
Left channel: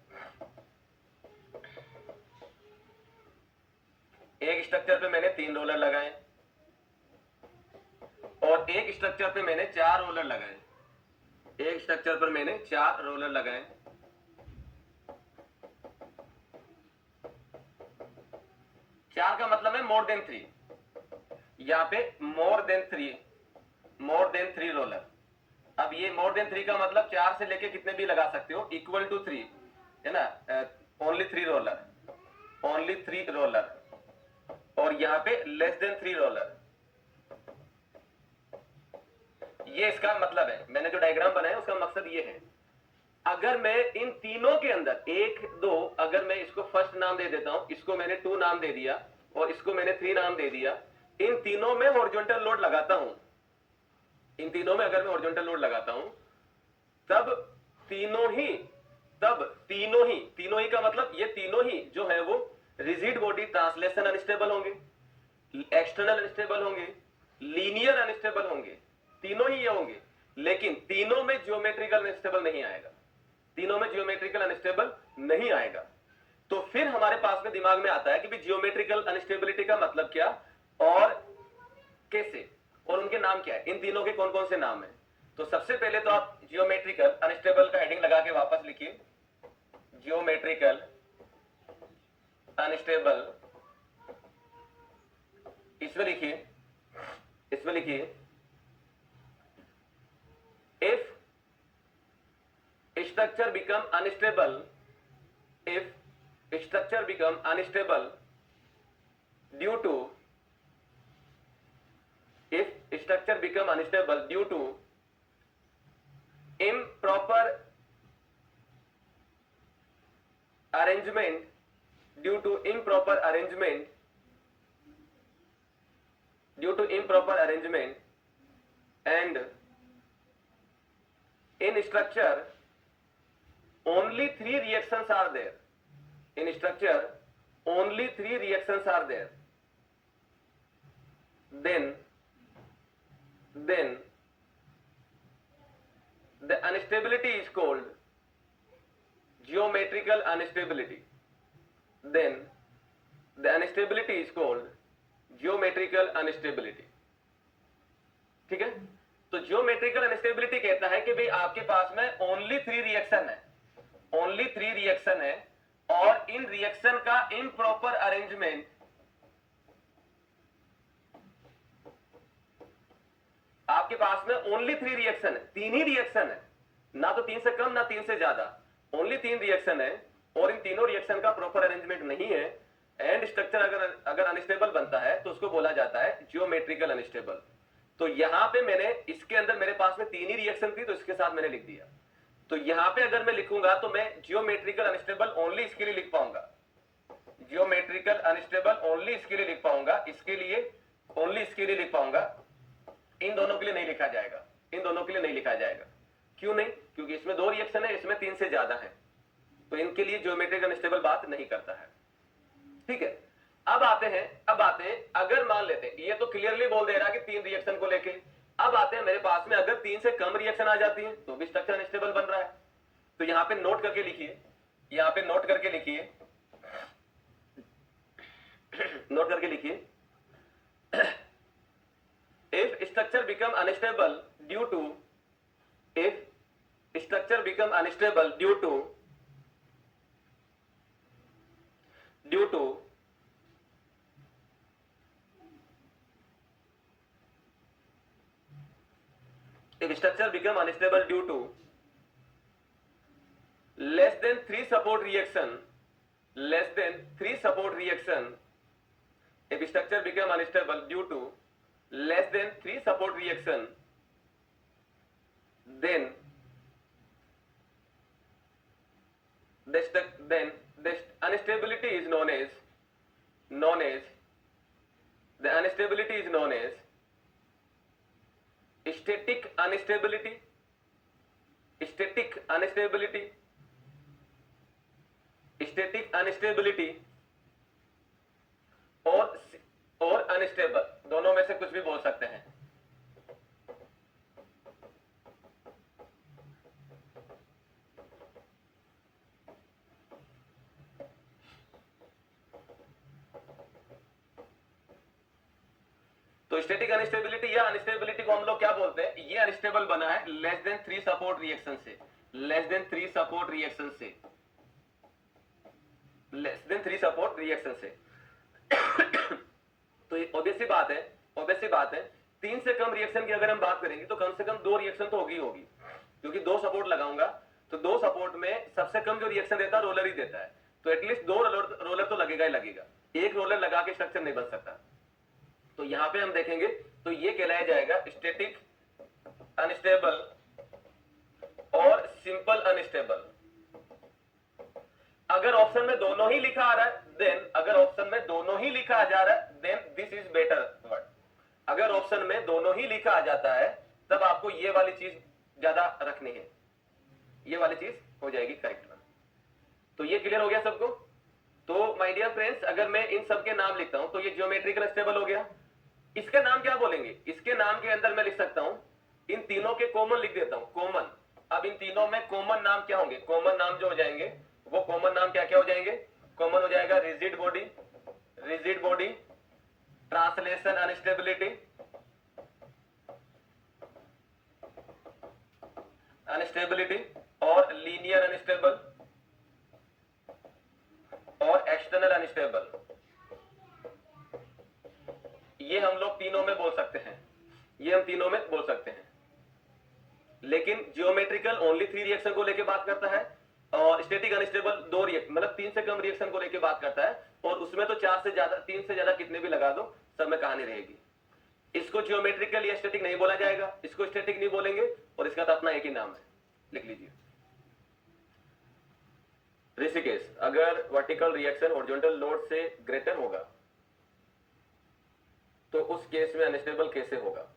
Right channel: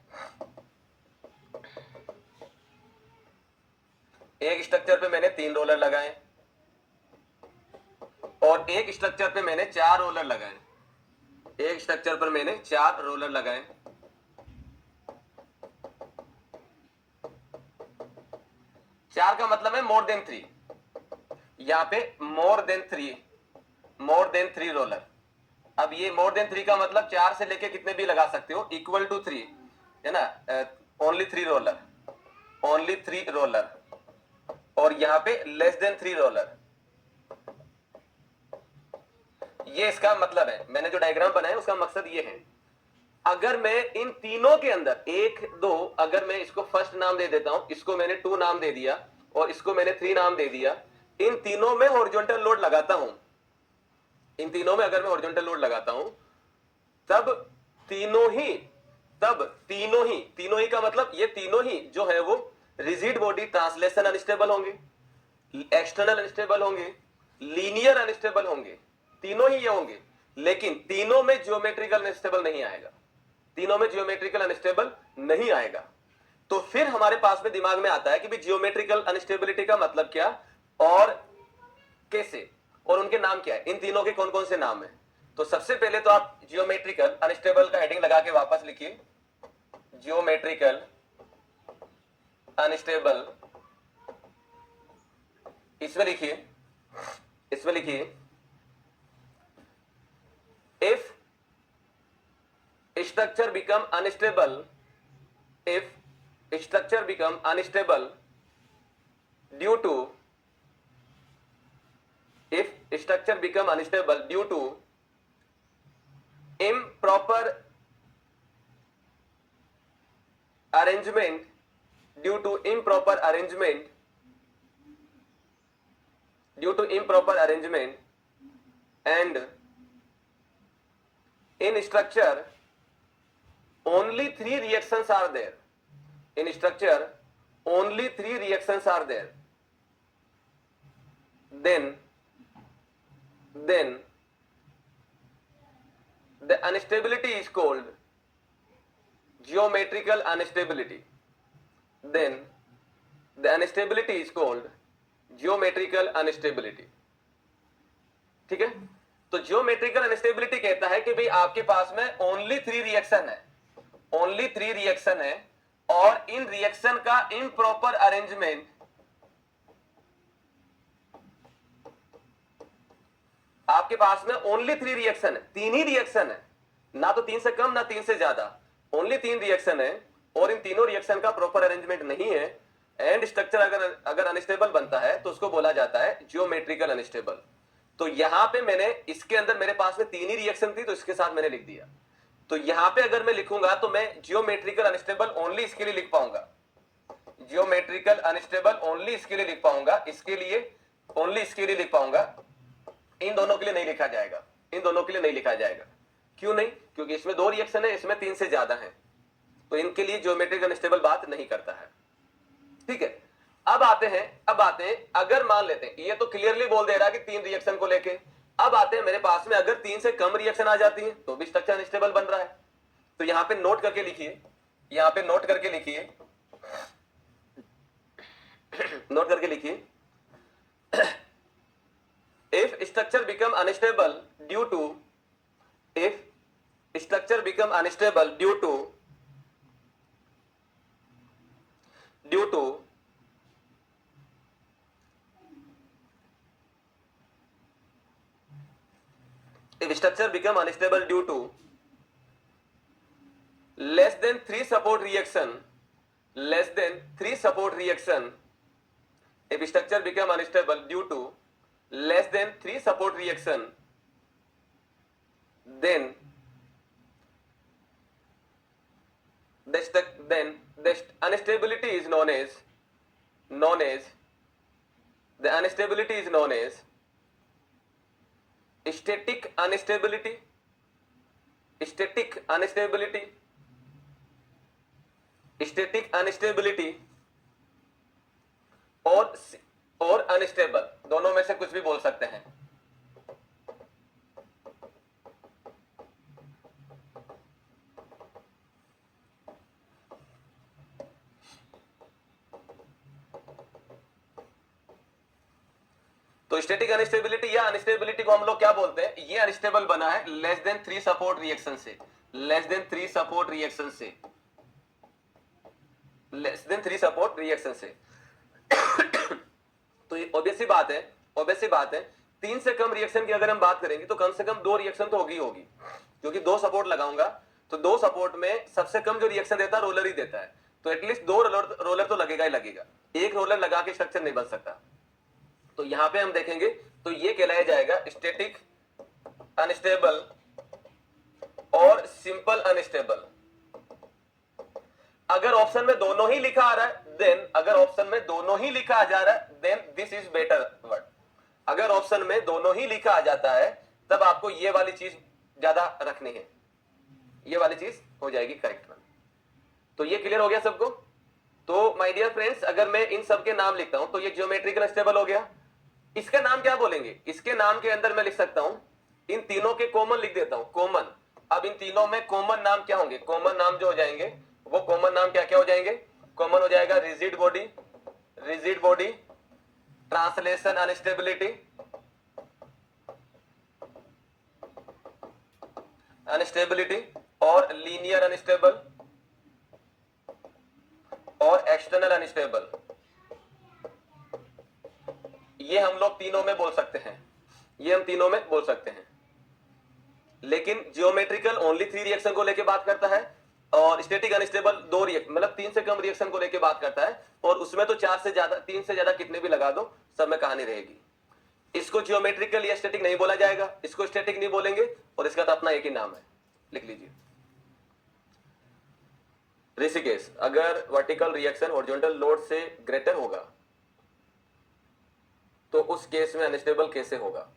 एक स्ट्रक्चर पे मैंने 3 रोलर लगाए, और एक स्ट्रक्चर पे मैंने 4 रोलर लगाए, एक स्ट्रक्चर पर मैंने 4 रोलर लगाए। 4 का मतलब है मोर देन 3, यहाँ पे मोर देन 3 रोलर। अब ये मोर देन 3 का मतलब 4 से लेके कितने भी लगा सकते हो, इक्वल टू 3 है ना, ओनली 3 रोलर, और यहाँ पे लेस देन 3 रोलर। ये इसका मतलब है, मैंने जो डायग्राम बनाया उसका मकसद ये है। अगर मैं इन तीनों के अंदर 1 2, अगर मैं इसको फर्स्ट नाम दे देता हूं, इसको मैंने 2 नाम दे दिया और इसको मैंने 3 नाम दे दिया, इन तीनों में हॉरिजॉन्टल लोड लगाता हूं, इन तीनों में अगर मैं हॉरिजॉन्टल लोड लगाता हूं, तब तीनों ही का मतलब ये तीनों ही जो है वो रिजिड बॉडी ट्रांसलेशन अनस्टेबल होंगे, एक्सटर्नल अनस्टेबल होंगे, लीनियर अनस्टेबल होंगे, तीनों ही ये होंगे। लेकिन तीनों में जियोमेट्रिकल अनस्टेबल नहीं आएगा, तीनों में जियोमेट्रिकल अनस्टेबल नहीं आएगा। तो फिर हमारे पास में दिमाग में आता है कि भी जियोमेट्रिकल अनस्टेबिलिटी का मतलब क्या और कैसे, और उनके नाम क्या है, इन तीनों के कौन कौन से नाम है। तो सबसे पहले तो आप जियोमेट्रिकल अनस्टेबल का हेडिंग लगा के वापस लिखिए, जियोमेट्रिकल अनस्टेबल, इसमें लिखिए, if structure become unstable, due to improper arrangement, and in structure only 3 reactions are there, then the instability is called geometrical instability. ठीक है। तो जियोमेट्रिकल अनस्टेबिलिटी कहता है कि भाई आपके पास में ओनली 3 रिएक्शन है, और इन रिएक्शन का इम्प्रॉपर अरेंजमेंट, आपके पास में ओनली 3 रिएक्शन है, 3 ही रिएक्शन है, ना तो 3 से कम ना 3 से ज्यादा, ओनली 3 रिएक्शन है, और इन तीनों रिएक्शन का प्रॉपर अरेंजमेंट नहीं है, एंड स्ट्रक्चर अगर अनस्टेबल बनता है तो उसको बोला जाता है जियोमेट्रिकल अनस्टेबल। तो यहां पे मैंने इसके अंदर मेरे पास में 3 ही रिएक्शन थी तो इसके साथ मैंने लिख दिया। तो यहां पे अगर मैं लिखूंगा तो मैं जियोमेट्रिकल अनस्टेबल ओनली इसके लिए लिख पाऊंगा, जियोमेट्रिकल अनस्टेबल ओनली इसके लिए लिख पाऊंगा, इसके लिए ओनली इसके लिए लिख पाऊंगा, इन दोनों के लिए नहीं लिखा जाएगा, क्यों नहीं, क्योंकि इसमें 2 रिएक्शन है, इसमें 3 से ज्यादा है, तो इनके लिए जियोमेट्रिकल अनस्टेबल बात नहीं करता है। ठीक है। अब आते हैं अगर मान लेते हैं, ये तो क्लियरली बोल दे रहा है कि 3 रिएक्शन को लेके। अब आते हैं मेरे पास में अगर 3 से कम रिएक्शन आ जाती है तो भी स्ट्रक्चर अनस्टेबल बन रहा है। तो यहां पे नोट करके लिखिए, if structure become unstable due to if structure become unstable due to less than 3 support reaction, if structure become unstable due to less than 3 support reaction, then the instability is known as static instability, static instability और अनस्टेबल, दोनों में से कुछ भी बोल सकते हैं। तो स्टैटिक अनस्टेबिलिटी या अनस्टेबिलिटी को हम लोग क्या बोलते हैं, ये अनस्टेबल बना है लेस देन 3 सपोर्ट रिएक्शन से, लेस देन 3 सपोर्ट रिएक्शन से, लेस देन 3 सपोर्ट रिएक्शन से। तो ये ऑब्वियस सी बात है, ऑब्वियस सी बात है, 3 से कम रिएक्शन की अगर हम बात करेंगे तो कम से कम 2 रिएक्शन तो होगी होगी, क्योंकि 2 सपोर्ट लगाऊंगा तो 2 सपोर्ट में सबसे कम जो रिएक्शन देता है रोलर ही देता है, तो एटलीस्ट 2 रोलर तो लगेगा ही लगेगा, एक रोलर लगा के स्ट्रक्चर नहीं बन सकता। तो यहां पे हम देखेंगे तो ये कहलाया जाएगा स्टैटिक अनस्टेबल और सिंपल अनस्टेबल। अगर ऑप्शन में दोनों ही लिखा आ रहा है देन, अगर ऑप्शन में दोनों ही लिखा आ जा रहा है then this is better word. अगर ऑप्शन में दोनों ही लिखा आ जाता है तब आपको ये वाली चीज ज्यादा रखनी है, ये वाली चीज हो जाएगी करेक्ट वन। तो ये क्लियर हो गया सबको। तो माय डियर फ्रेंड्स, अगर मैं इन सब के नाम लिखता हूं तो ये ज्योमेट्रिकल अनस्टेबल हो गया। इसका नाम क्या बोलेंगे, इसके नाम के अंदर मैं लिख सकता हूं, इन तीनों के कॉमन लिख देता हूं, कॉमन। अब इन तीनों में कॉमन नाम क्या होंगे, कॉमन नाम जो हो जाएंगे वो कॉमन नाम क्या क्या हो जाएंगे, कॉमन हो जाएगा rigid body, rigid body, translation instability, instability और लीनियर अनस्टेबल और एक्सटर्नल अनस्टेबल। ये हम लोग तीनों में बोल सकते हैं, ये हम तीनों में बोल सकते हैं। लेकिन जियोमेट्रिकल ओनली 3 रिएक्शन को लेके बात करता है और स्टैटिक अनस्टेबल 2 रिएक्शन, मतलब 3 से कम रिएक्शन को लेके बात करता है, और उसमें तो 4 से ज्यादा, 3 से ज्यादा कितने भी लगा दो सब में कहानी रहेगी। इसको जियोमेट्रिकल या स्टैटिक नहीं बोला जाएगा, इसको स्टैटिक नहीं बोलेंगे, और इसका तो अपना एक ही नाम है, लिख लीजिए ऋषिकेश। अगर वर्टिकल रिएक्शन हॉरिजॉन्टल लोड से ग्रेटर होगा तो उस केस में अनस्टेबल कैसे होगा।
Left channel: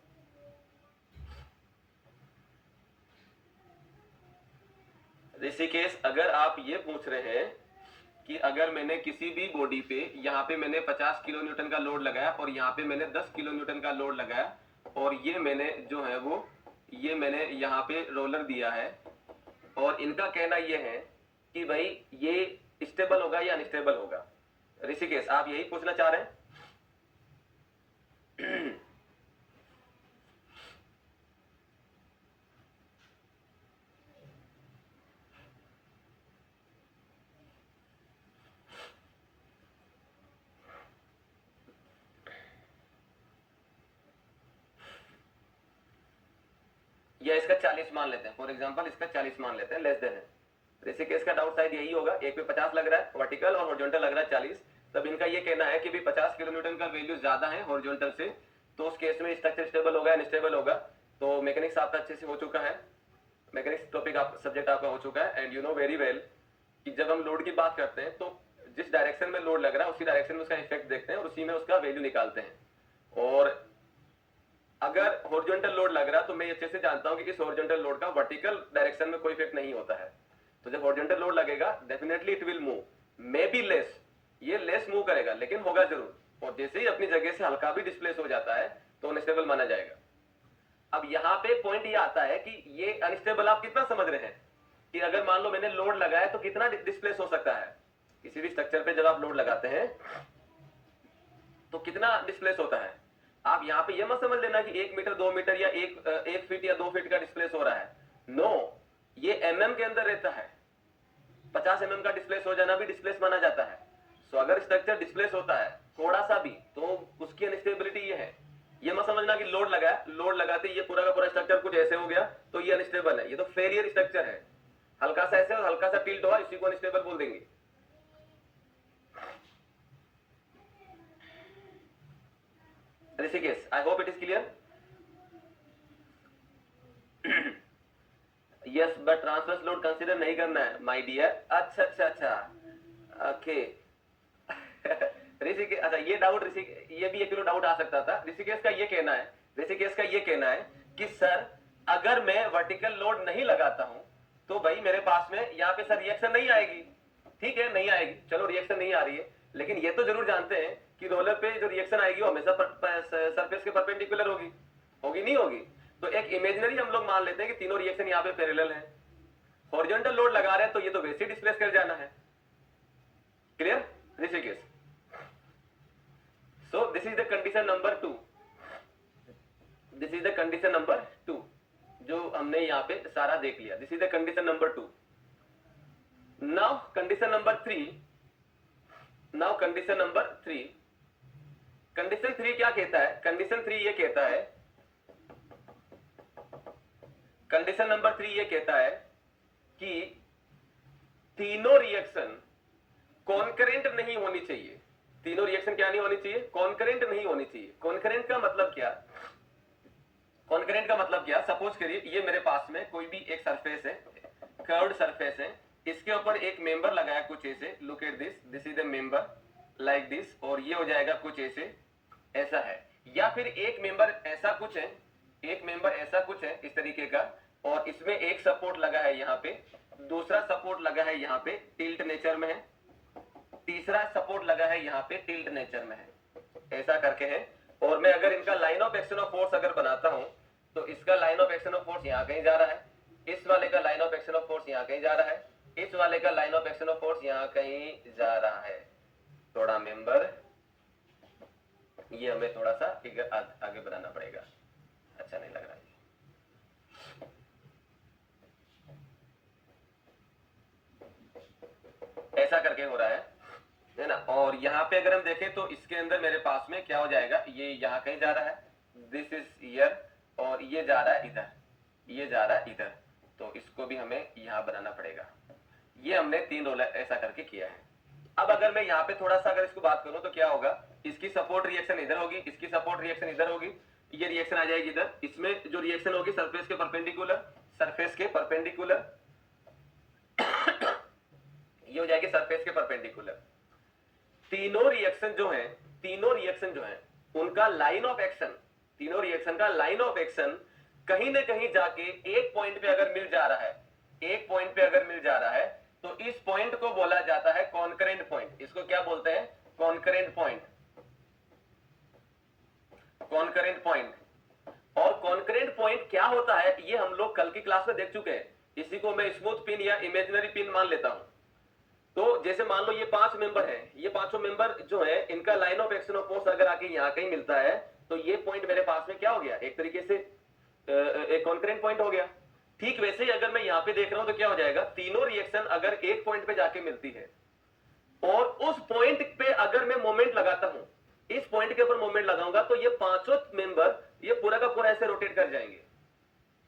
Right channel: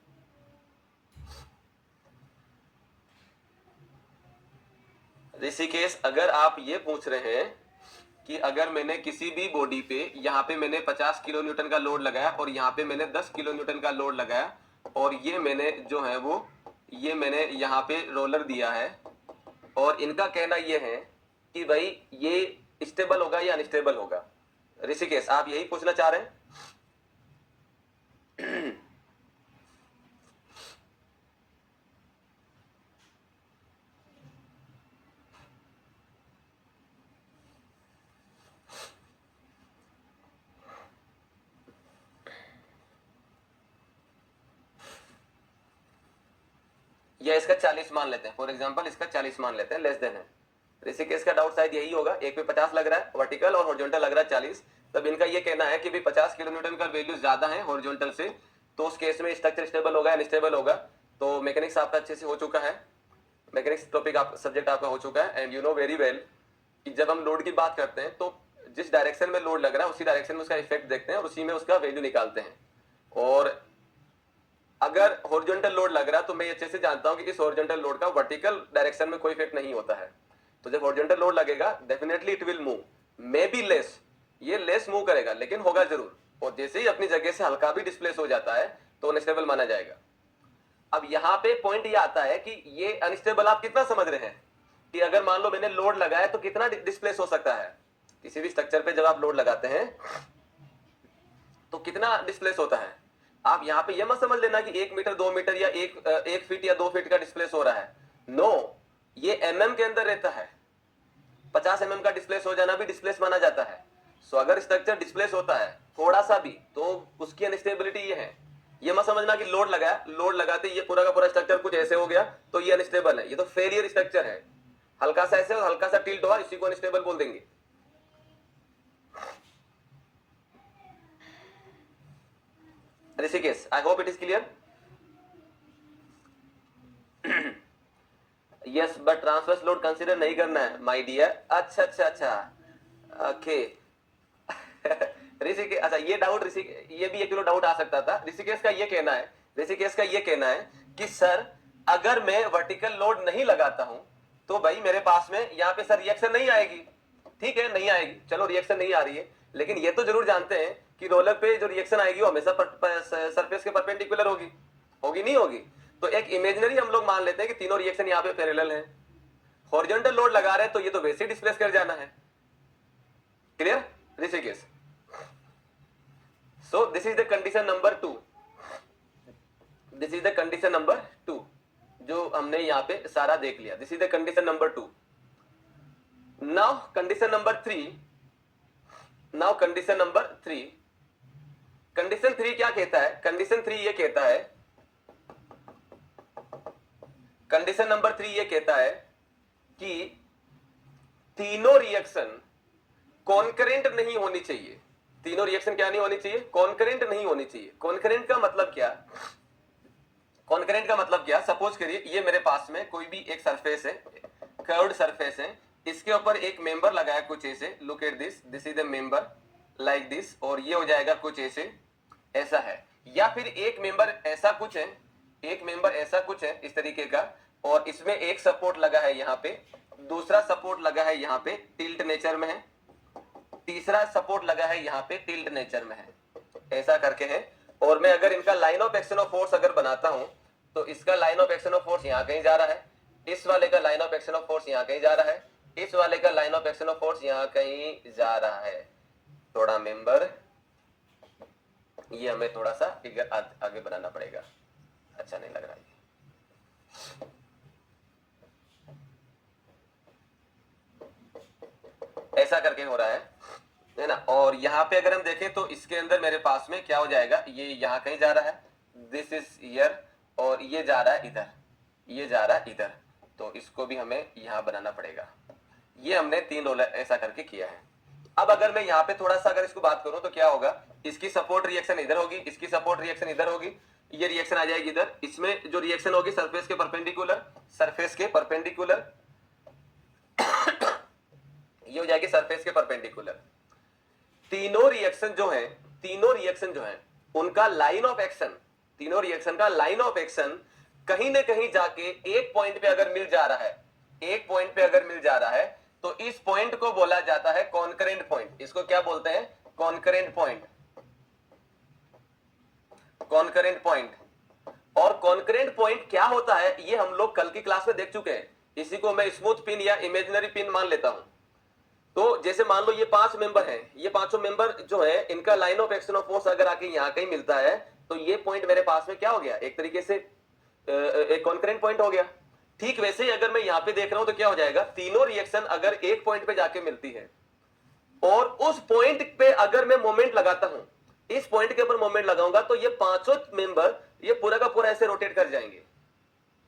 ऋषिकेश, अगर आप ये पूछ रहे हैं कि अगर मैंने किसी भी बॉडी पे, यहाँ पे मैंने 50 किलो न्यूटन का लोड लगाया और यहाँ पे मैंने 10 किलो न्यूटन का लोड लगाया, और ये मैंने जो है वो ये मैंने यहाँ पे रोलर दिया है, और इनका कहना ये है कि भाई ये स्टेबल होगा या अनस्टेबल होगा। ऋषिकेश, आप यही पूछना चाह रहे हैं? या इसका 40 मान लेते हैं, फॉर एग्जांपल इसका 40 मान लेते हैं, लेस देन है। ऋषिकेश का डाउट शायद यही होगा, एक पे 50 लग रहा है वर्टिकल और हॉरिजॉन्टल लग रहा है 40, तब इनका ये कहना है कि भी 50 किलो न्यूटन का वैल्यू ज्यादा है हॉरिजॉन्टल से, तो उस केस में स्ट्रक्चर स्टेबल होगा, अनस्टेबल होगा। तो मैकेनिक्स आपका अच्छे से हो चुका है, मैकेनिक्स टॉपिक आप सब्जेक्ट आपका हो चुका है, and you know very well कि जब हम लोड की बात करते हैं तो जिस डायरेक्शन में लोड लग रहा है उसी डायरेक्शन में उसका इफेक्ट देखते हैं और उसी में उसका वैल्यू निकालते हैं। और अगर हॉरिजॉन्टल लोड लग रहा है तो मैं अच्छे से जानता हूं कि इस हॉरिजॉन्टल लोड का वर्टिकल डायरेक्शन में कोई इफेक्ट नहीं होता है। तो जब हॉरिजॉन्टल लोड लगेगा definitely it will move, may be less, ये लेस मूव करेगा लेकिन होगा जरूर, और जैसे ही अपनी जगह से हल्का भी डिस्प्लेस हो जाता है तो अनस्टेबल माना जाएगा। अब यहाँ पे पॉइंट ये आता है कि ये अनस्टेबल आप कितना समझ रहे हैं कि अगर मान लो मैंने लोड लगाया तो कितना डिस्प्लेस हो सकता है। किसी भी स्ट्रक्चर पे जब आप लोड लगाते हैं तो कितना डिस्प्लेस होता है। आप यहाँ पे ये मत समझ लेना कि 1 मीटर 2 मीटर या 1 फीट या 2 फीट का डिस्प्लेस हो रहा है, नो, ये एमएम के अंदर रहता है। 50 एमएम का डिस्प्लेस हो जाना भी डिस्प्लेस माना जाता है। सो अगर स्ट्रक्चर डिस्प्लेस होता है थोड़ा सा भी तो उसकी अनस्टेबिलिटी ये है। ये मत समझना कि लोड लगाया, लोड लगाते ये पूरा का पूरा स्ट्रक्चर कुछ ऐसे हो गया तो ये अनस्टेबल है, ये तो फेलियर स्ट्रक्चर है। हल्का सा ऐसे और हल्का सा टिल्ट हुआ, इसी को अनस्टेबल बोल देंगे। Rishikesh, I hope it is clear. Yes, but transverse load consider नहीं करना है माय डियर। अच्छा अच्छा अच्छा, ओके। ऋषिकेश, अच्छा ये डाउट ये भी 1 किलो डाउट आ सकता था। ऋषिकेश का ये कहना है, ऋषिकेश का ये कहना है कि सर अगर मैं वर्टिकल लोड नहीं लगाता हूं तो भाई मेरे पास में यहाँ पे सर रिएक्शन नहीं आएगी, ठीक है नहीं आएगी, चलो रिएक्शन नहीं आ रही है, लेकिन ये तो जरूर जानते हैं कि रोलर पे जो रिएक्शन आएगी वो हमेशा सरफेस के परपेंडिकुलर होगी, होगी नहीं होगी? तो एक इमेजिनरी हम लोग मान लेते हैं कि तीनों रिएक्शन यहाँ पे पैरेलल है, हॉरिजॉन्टल लोड लगा रहे हैं तो ये तो वैसे ही डिस्प्लेस कर जाना है। Clear Rishikesh? So this is the condition number 2, this is the condition number 2 जो हमने यहाँ पे सारा देख लिया। This is the condition number 2। Now condition number 3, now condition number 3, condition 3 क्या कहता है? कंडीशन 3 ये कहता है, कंडीशन नंबर 3 ये कहता है कि तीनों रिएक्शन कॉन्करेंट नहीं होनी चाहिए। तीनों रिएक्शन क्या नहीं होनी चाहिए? कॉन्करेंट नहीं होनी चाहिए। कॉन्करेंट का मतलब क्या? कॉन्करेंट का मतलब क्या? सपोज करिए ये मेरे पास में कोई भी एक सरफेस है, कर्व्ड सरफेस है, इसके ऊपर एक मेंबर लगाया कुछ ऐसे, look at this, this is the member like this, और ये हो जाएगा कुछ ऐसे, ऐसा है। या फिर एक मेंबर ऐसा कुछ है, एक मेंबर ऐसा कुछ है इस तरीके का, और इसमें एक सपोर्ट लगा है यहाँ पे, दूसरा सपोर्ट लगा है यहाँ पे टिल्ट नेचर में है, तीसरा सपोर्ट लगा है यहाँ पे टिल्ट नेचर में है, ऐसा करके है। और मैं अगर इनका line of action of force अगर बनाता हूं तो इसका line of action of force यहाँ कहीं जा रहा है, इस वाले का line of action of force यहाँ कहीं जा रहा है, इस वाले का line of action of force यहाँ कहीं जा रहा है। थोड़ा मेंबर ये हमें थोड़ा सा आगे बनाना पड़ेगा, अच्छा नहीं लग रहा है, ऐसा करके हो रहा है ना। और यहाँ पे अगर हम देखें तो इसके अंदर मेरे पास में क्या हो जाएगा, ये यहाँ कहीं जा रहा है, दिस इज हियर, और ये जा रहा है इधर, ये जा रहा है इधर, तो इसको भी हमें यहाँ बनाना पड़ेगा। ये हमने 3 रोलर ऐसा करके किया है। अब अगर मैं यहाँ पे थोड़ा सा अगर इसको बात करूं तो क्या होगा, इसकी सपोर्ट रिएक्शन इधर होगी, इसकी सपोर्ट रिएक्शन इधर होगी, ये रिएक्शन आ जाएगी इधर, इसमें जो रिएक्शन होगी सरफेस के परपेंडिकुलर, सरफेस के परपेंडिकुलर ये हो जाएगी सरफेस के परपेंडिकुलर। तीनों रिएक्शन जो है, तीनों रिएक्शन जो है उनका लाइन ऑफ एक्शन, तीनों रिएक्शन का लाइन ऑफ एक्शन कहीं ना कहीं जाके एक पॉइंट पे अगर मिल जा रहा है, एक पॉइंट पे अगर मिल जा रहा है, तो इस पॉइंट को बोला जाता है कॉन्करेंट पॉइंट। इसको क्या बोलते हैं? Concurrent point, concurrent point. और कॉन्करेंट पॉइंट क्या होता है ये हम लोग कल की क्लास में देख चुके हैं। इसी को मैं स्मूथ पिन या इमेजिनरी पिन मान लेता हूं। तो जैसे मान लो ये 5 मेंबर हैं, ये पांचों मेंबर जो है इनका line of action of force अगर आके यहाँ कहीं मिलता है तो ये पॉइंट मेरे पास में क्या हो गया, एक तरीके से एक कॉन्करेंट पॉइंट हो गया। ठीक वैसे ही अगर मैं यहाँ पे देख रहा हूं तो क्या हो जाएगा, तीनों रिएक्शन अगर एक पॉइंट पे जाके मिलती है और उस पॉइंट पे अगर मैं मोमेंट लगाता हूं, इस पॉइंट के ऊपर मोमेंट लगाऊंगा तो ये पांचों मेंबर ये पूरा का पूरा ऐसे रोटेट कर जाएंगे,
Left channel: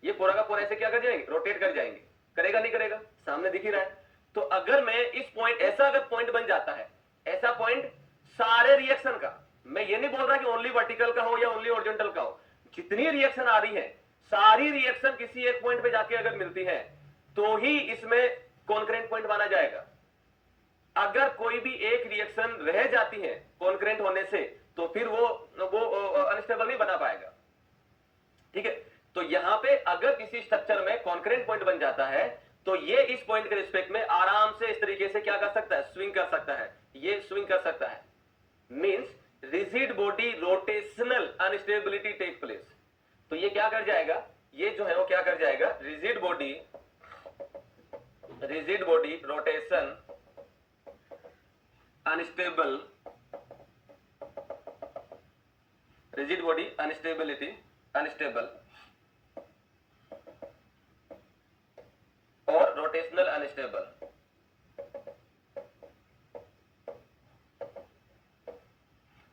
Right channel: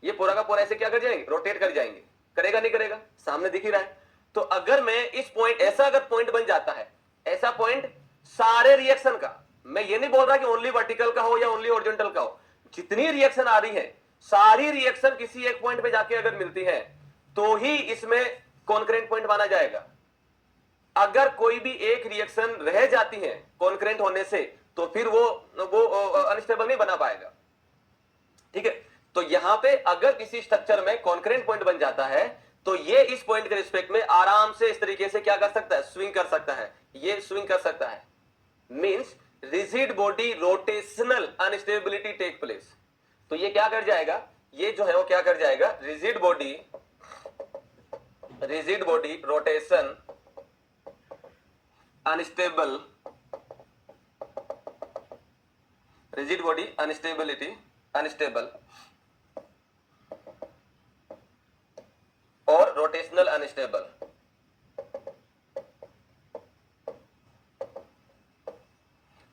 ये पूरा का पूरा ऐसे क्या कर जाएंगे, रोटेट कर जाएंगे। करेगा नहीं करेगा, सामने दिख ही रहा है। तो अगर मैं इस पॉइंट, ऐसा अगर पॉइंट बन जाता है, ऐसा पॉइंट सारे रिएक्शन का, मैं ये नहीं बोल रहा कि ओनली वर्टिकल का हो या ओनली हॉरिजॉन्टल का हो, जितनी रिएक्शन आ रही है सारी रिएक्शन किसी एक पॉइंट पे जाके अगर मिलती है तो ही इसमें कॉन्करेंट पॉइंट माना जाएगा। अगर कोई भी एक रिएक्शन रह जाती है कॉन्करेंट होने से तो फिर वो अनस्टेबल नहीं बना पाएगा। ठीक है, तो यहां पे अगर किसी स्ट्रक्चर में कॉन्करेंट पॉइंट बन जाता है तो ये इस पॉइंट के रिस्पेक्ट में आराम से इस तरीके से क्या कर सकता है, स्विंग कर सकता है, ये स्विंग कर सकता है। Means rigid body rotational instability take place. तो ये क्या कर जाएगा, ये जो है वो क्या कर जाएगा, rigid body rotation unstable, rigid body unstability, unstable और rotational unstable.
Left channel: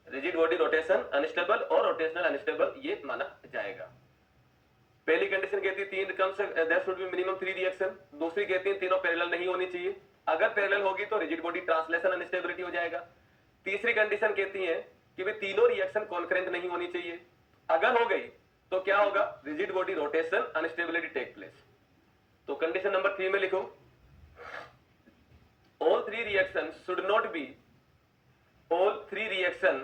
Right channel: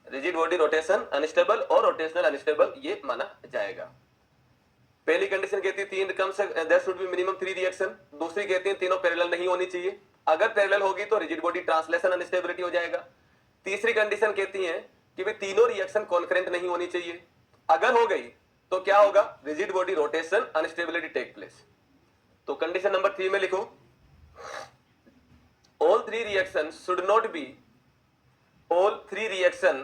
Rigid body rotation unstable और रोटेशनल अनस्टेबल ये माना जाएगा। पहली कंडीशन कहती है तीन कम से there should be minimum 3 reaction. दूसरी कहती है तीनों पैरेलल नहीं होनी चाहिए, अगर पैरेलल होगी तो रिजिड बॉडी ट्रांसलेशन अनस्टेबिलिटी हो जाएगा। तीसरी कंडीशन कहती है कि भाई तीनों रिएक्शन कॉन्करेंट नहीं होनी चाहिए, अगर हो गई तो क्या होगा, rigid body rotation instability take place. तो कंडीशन नंबर 3 में लिखो, all 3 reactions should not be, all 3 reaction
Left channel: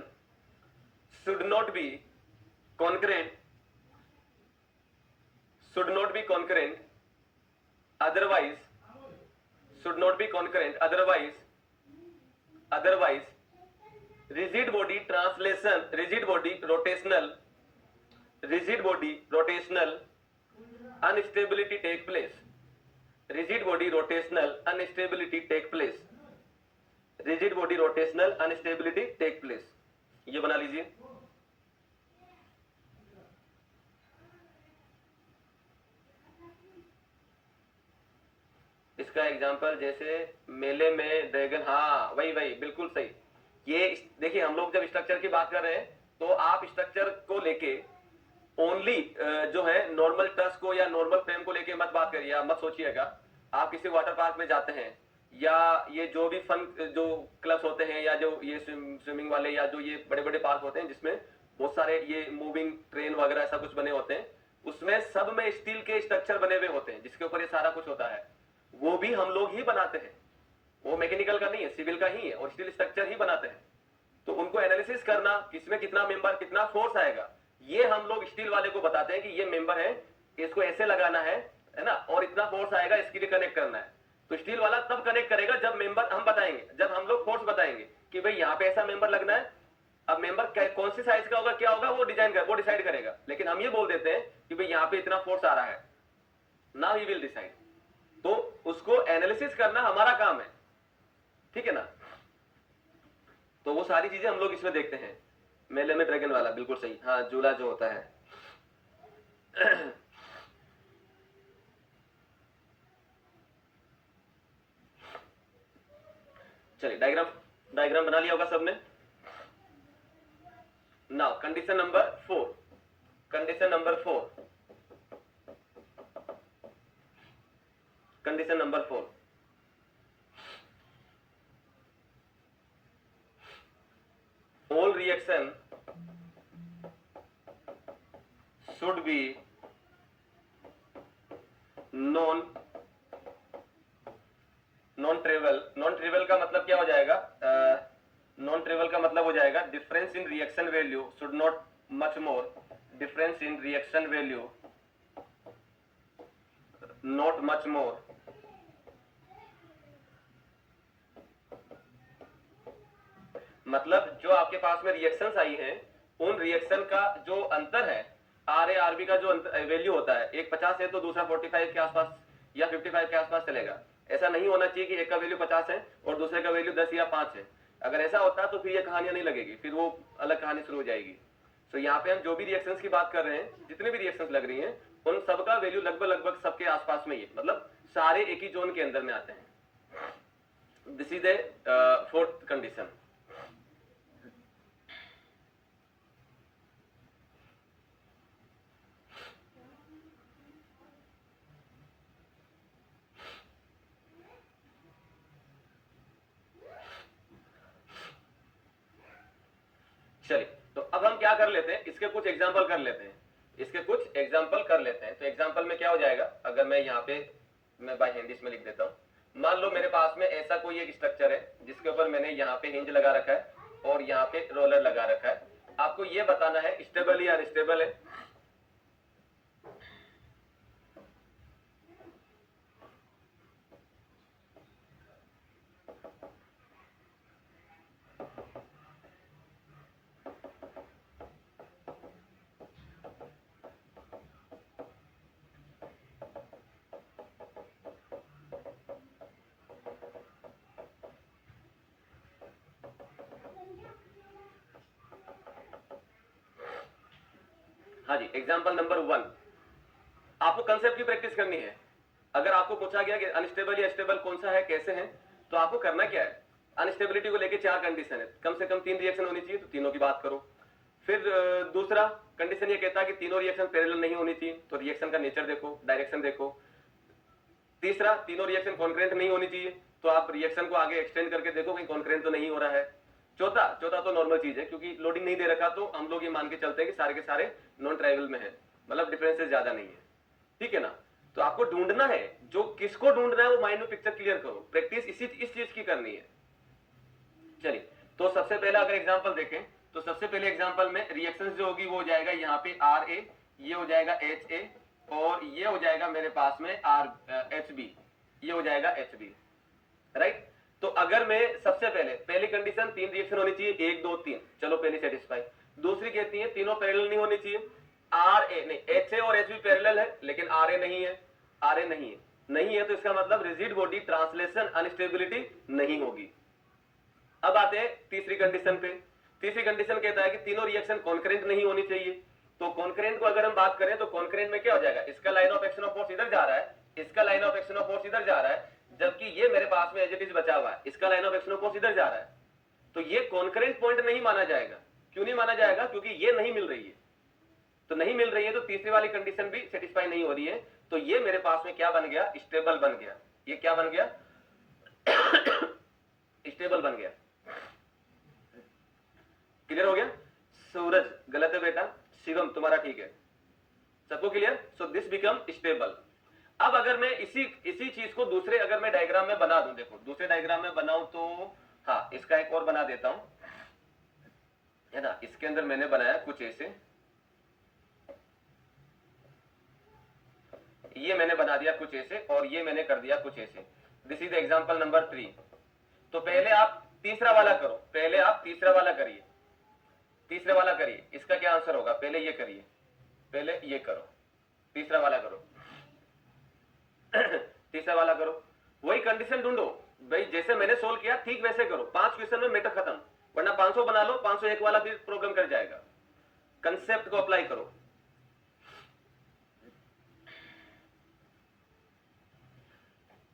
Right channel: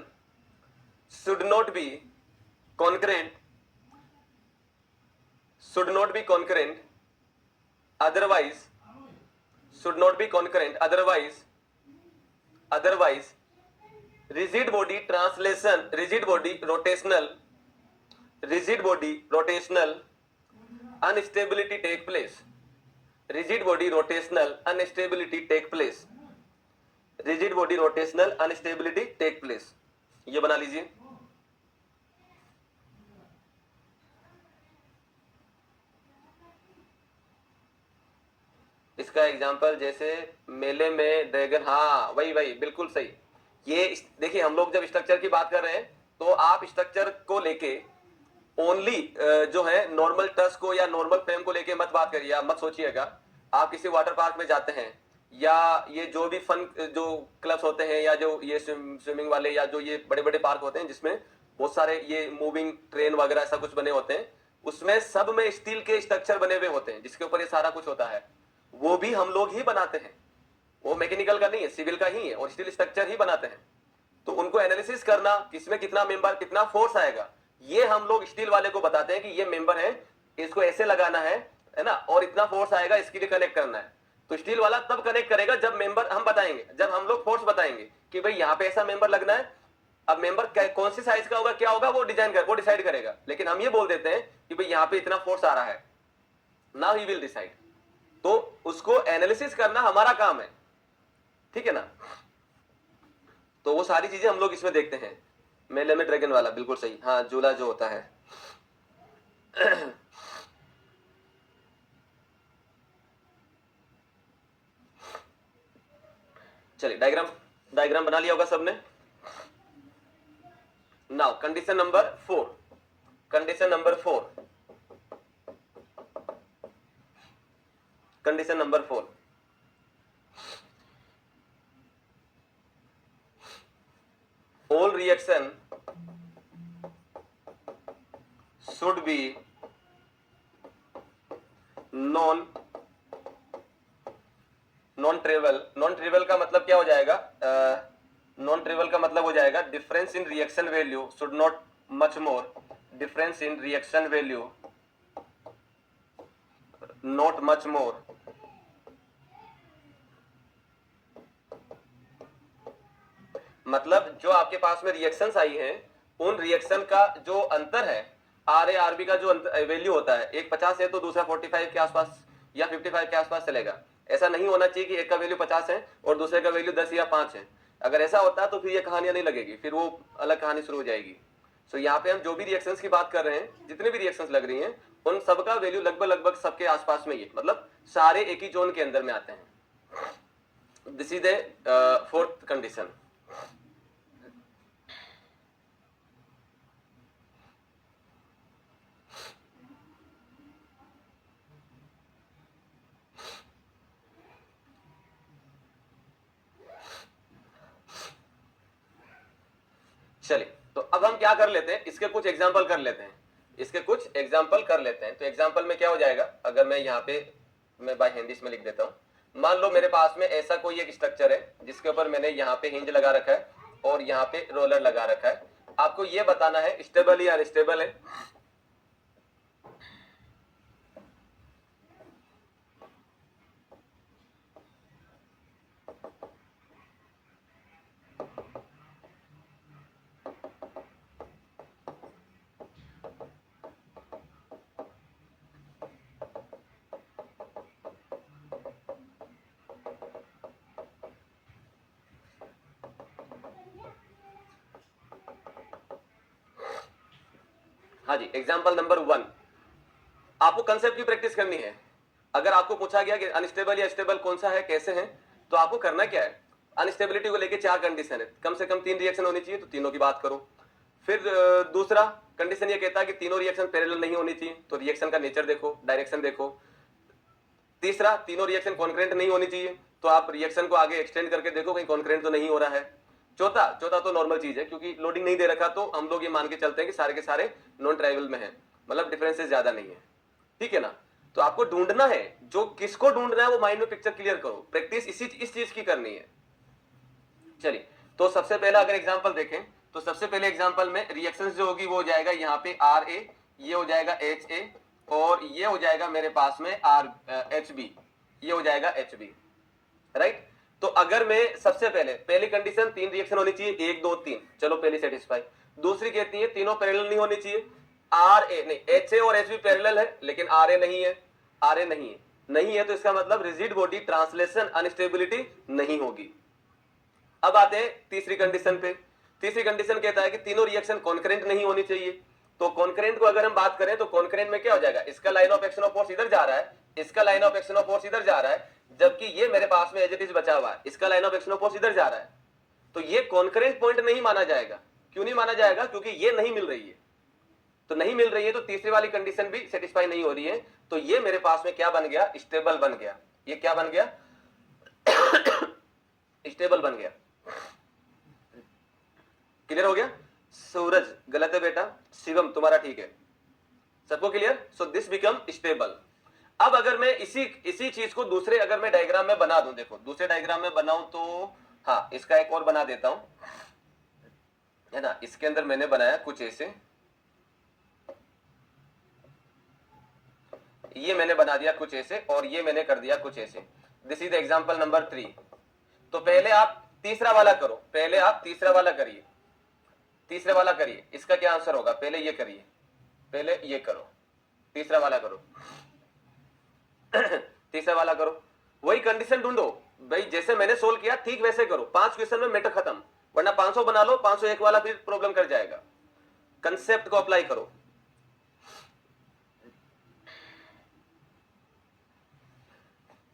should not be concurrent, should not be concurrent, otherwise should not be concurrent, otherwise otherwise rigid body translation, rigid body rotational instability take place, rigid body rotational instability take place, rigid body rotational instability take place, ये बना लीजिए। इसका एग्जांपल जैसे मेले में ड्रैगन, हाँ वही वही बिल्कुल सही। ये देखिए हम लोग जब स्ट्रक्चर की बात कर रहे हैं तो आप स्ट्रक्चर को लेके ओनली जो है नॉर्मल टच को या नॉर्मल फ्रेम को लेके मत बात करिए, मत सोचिएगा। आप किसी वाटर पार्क में जाते हैं या ये जो भी फन जो क्लब्स होते हैं या जो ये स्विमिंग वाले या जो ये बड़े बड़े पार्क होते हैं जिसमें बहुत सारे ये मूविंग ट्रेन वगैरह ऐसा कुछ बने होते हैं, उसमें सब में स्टील के स्ट्रक्चर बने हुए होते हैं जिसके ऊपर ये सारा कुछ होता है। वो भी हम लोग ही बनाते हैं, वो मैकेनिकल का नहीं है, सिविल का ही है और स्टील स्ट्रक्चर ही बनाते हैं। तो उनको एनालिसिस करना, किसमें कितना मेंबर कितना फोर्स आएगा, ये हम लोग स्टील वाले को बताते हैं कि ये मेंबर है, इसको ऐसे लगाना है ना, और इतना फोर्स आएगा, इसके लिए कनेक्ट करना है। तो स्टील वाला तब कनेक्ट करेगा जब मेंबर हम बताएंगे, जब हम लोग फोर्स बताएंगे कि भाई यहाँ पे ऐसा मेंबर लगना है। अब मेंबर कौन सी साइज का होगा, क्या होगा, वो डिसाइड करेगा। लेकिन हम ये बोल देते हैं कि भाई यहाँ पे इतना फोर्स आ रहा है, नाउ ही विल डिसाइड। तो उसको एनालिसिस करना हमारा काम है, ठीक है ना। तो वो सारी चीजें हम लोग इसमें देखते हैं। मेले में ड्रैगन वाला बिल्कुल सही, हाँ झूला जो होता है। चलिए डायग्राम बना लिया होगा सबने। Now condition number 4, condition number 4, condition number 4, all reaction should be non trivial का मतलब क्या हो जाएगा, नॉन ट्रिवियल का मतलब हो जाएगा difference in reaction value should not much more, difference in reaction value not much more, मतलब जो आपके पास में रिएक्शंस आई हैं उन रिएक्शन का जो अंतर है, आर ए आर बी का जो वैल्यू होता है, एक 50 है तो दूसरा 45 के आसपास या 55 के आसपास चलेगा। ऐसा नहीं होना चाहिए कि एक का वैल्यू 50 है और दूसरे का वैल्यू 10 या 5 है। अगर ऐसा होता है तो फिर ये कहानियां नहीं लगेगी, फिर वो अलग कहानी शुरू हो जाएगी। तो यहाँ पे हम जो भी रिएक्शंस की बात कर रहे हैं, जितने भी रिएक्शंस लग रही हैं, उन सबका वैल्यू लगभग सबके आसपास में ही, मतलब सारे एक ही जोन के अंदर में आते हैं। This is the fourth condition. चलिए तो अब हम क्या कर लेते हैं, इसके कुछ एग्जाम्पल कर लेते हैं, इसके कुछ एग्जाम्पल कर लेते हैं। तो एग्जाम्पल में क्या हो जाएगा, अगर मैं यहाँ पे मैं बाय हिंदी में लिख देता हूँ। मान लो मेरे पास में ऐसा कोई एक स्ट्रक्चर है जिसके ऊपर मैंने यहाँ पे हिंज लगा रखा है और यहाँ पे रोलर लगा रखा है। आपको ये बताना है स्टेबल या अनस्टेबल है। हाँ जी, एग्जाम्पल नंबर 1, आपको कंसेप्ट की प्रैक्टिस करनी है। अगर आपको पूछा गया कि अनस्टेबल या स्टेबल कौन सा है, कैसे है, तो आपको करना क्या है, अनस्टेबिलिटी को लेके 4 कंडीशन है, कम से कम 3 रिएक्शन होनी चाहिए, तो तीनों की बात करो। फिर दूसरा कंडीशन ये कहता है कि तीनों रिएक्शन पैरेलल नहीं होनी चाहिए, तो रिएक्शन का नेचर देखो, डायरेक्शन देखो। तीसरा, तीनों रिएक्शन कॉन्करेंट नहीं होनी चाहिए, तो आप रिएक्शन को आगे एक्सटेंड करके देखो कहीं कॉन्करेंट तो नहीं हो रहा है। चौथा तो नॉर्मल चीज है, क्योंकि लोडिंग नहीं दे रखा तो हम लोग ये मान के चलते हैं कि सारे के सारे नॉन ट्राइवल में है, मतलब डिफरेंसेस ज्यादा नहीं है, ठीक है ना। तो आपको ढूंढना है, जो किसको ढूंढना है वो माइंड में पिक्चर क्लियर करो, प्रैक्टिस इस चीज की करनी है। चलिए तो सबसे पहले अगर एग्जांपल देखें तो सबसे पहले एग्जांपल में रिएक्शंस जो होगी वो हो जाएगा यहाँ पे आर ए, ये हो जाएगा एच ए, और ये हो जाएगा मेरे पास में आर एच बी, ये हो जाएगा एच बी, राइट। तो अगर मैं सबसे पहली कंडीशन 3 रिएक्शन होनी चाहिए, 1 2 3, चलो पहली सेटिस्फाई। दूसरी कहती है तीनों पैरेलल नहीं होनी चाहिए, आर ए नहीं, एच ए और एच बी पैरेलल है लेकिन आर ए नहीं है, आर ए नहीं है तो इसका मतलब रिजिड बॉडी ट्रांसलेशन अनस्टेबिलिटी नहीं होगी। अब आते हैं तीसरी कंडीशन पे। तीसरी कंडीशन कहता है कि तीनों रिएक्शन कॉन्करेंट नहीं होनी चाहिए। तो कॉन्करेंट को अगर हम बात करें तो कॉन्करेंट में क्या हो जाएगा, इसका line of action of force इधर जा रहा है, इसका line of action of force इधर जा रहा है, जबकि ये मेरे पास में एज इट इज बचा हुआ है, इसका line of action of force इधर जा रहा है। तो ये कॉन्करेंट पॉइंट नहीं माना जाएगा। क्यों नहीं माना जाएगा? क्योंकि ये नहीं मिल रही है। तो नहीं मिल रही है तो तीसरी वाली कंडीशन भी सेटिस्फाई नहीं हो रही है। तो ये मेरे पास में क्या बन गया, स्टेबल बन गया। ये क्या बन गया स्टेबल बन गया। क्लियर हो गया? सूरज गलत है बेटा, शिवम तुम्हारा ठीक है, सबको clear? So this become stable. अब अगर मैं इसी चीज को दूसरे अगर मैं डायग्राम में बना दूं, देखो दूसरे डायग्राम में बनाऊं तो हाँ, इसका एक और बना देता हूं, है ना। इसके अंदर मैंने बनाया कुछ ऐसे, ये मैंने बना दिया कुछ ऐसे और ये मैंने कर दिया कुछ ऐसे। This is example number 3। तो पहले आप तीसरा वाला करो, पहले आप तीसरा वाला करिए, तीसरा वाला करिए। इसका क्या आंसर होगा? पहले ये करिए, पहले ये करो, तीसरा वाला करो तीसरा वाला करो। वही कंडीशन ढूंढो भाई, जैसे मैंने सोल्व किया ठीक वैसे करो। 5 क्वेश्चन में मैटर खत्म, वरना 500 बना लो, 501 वाला फिर प्रॉब्लम कर जाएगा। कंसेप्ट को अप्लाई करो।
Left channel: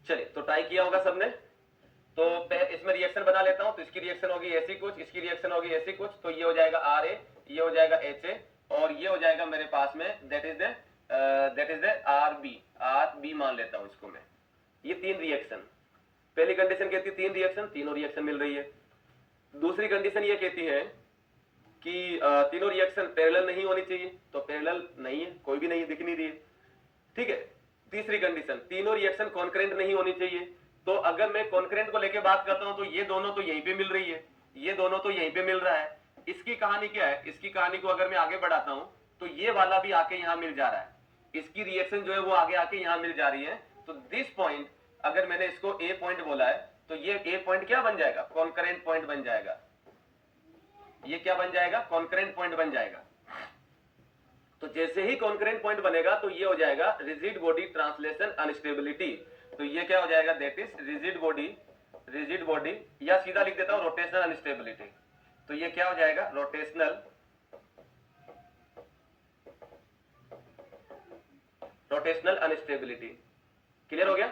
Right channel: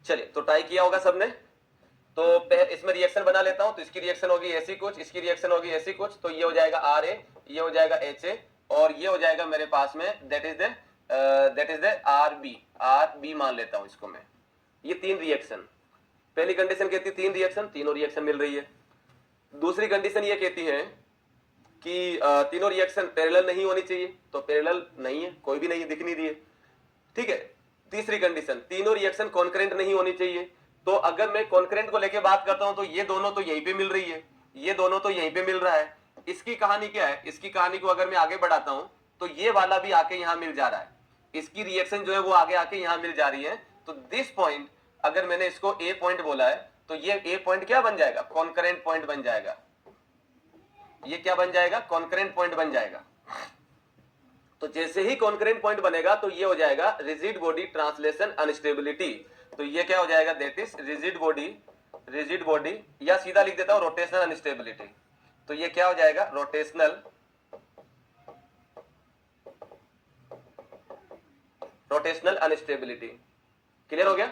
चलिए, तो ट्राई किया होगा सबने। तो इसमें रिएक्शन बना लेता हूं। तो इसकी रिएक्शन होगी ऐसी कुछ, इसकी रिएक्शन होगी ऐसी कुछ। तो ये हो जाएगा आर ए, ये हो जाएगा एच ए, और ये हो जाएगा मेरे पास में that is the R B मान लेता हूं इसको मैं। ये 3 रिएक्शन। पहली कंडीशन कहती है 3 रिएक्शन, तीनों रिएक्शन मिल रही है। दूसरी कंडीशन ये कहती है कि तीनों रिएक्शन पैरेलल नहीं होनी चाहिए, तो पैरेलल नहीं है, कोई भी नहीं दिख नहीं रही है, ठीक है। तीसरी कंडीशन तीनों रिएक्शन कॉन्करेंट नहीं होनी चाहिए। तो अगर मैं कॉन्करेंट को लेके बात करता हूं तो ये दोनों तो यहीं पे मिल रही है, ये दोनों तो यहीं पे मिल रहा है। इसकी कहानी क्या है? इसकी कहानी को अगर मैं आगे बढ़ाता हूं तो ये वाला भी आके यहां मिल जा रहा है, इसकी रिएक्शन जो है वो आगे आके यहां मिल जा रही है। तो दिस पॉइंट, अगर मैंने इसको ए पॉइंट बोला है तो ये ए पॉइंट क्या बन जाएगा? कॉन्करेंट पॉइंट बन जाएगा। ये क्या बन जाएगा? कॉन्करेंट पॉइंट बन जाएगा। तो जैसे ही कॉन्करेंट पॉइंट बनेगा तो ये हो जाएगा रिजिड बॉडी ट्रांसलेशन अनस्टेबिलिटी। तो ये क्या हो जाएगा? दैट इज रिजिड बॉडी, या सीधा लिख देता हूं रोटेशनल अनस्टेबिलिटी। तो ये क्या हो जाएगा? Rotational instability. क्लियर हो गया?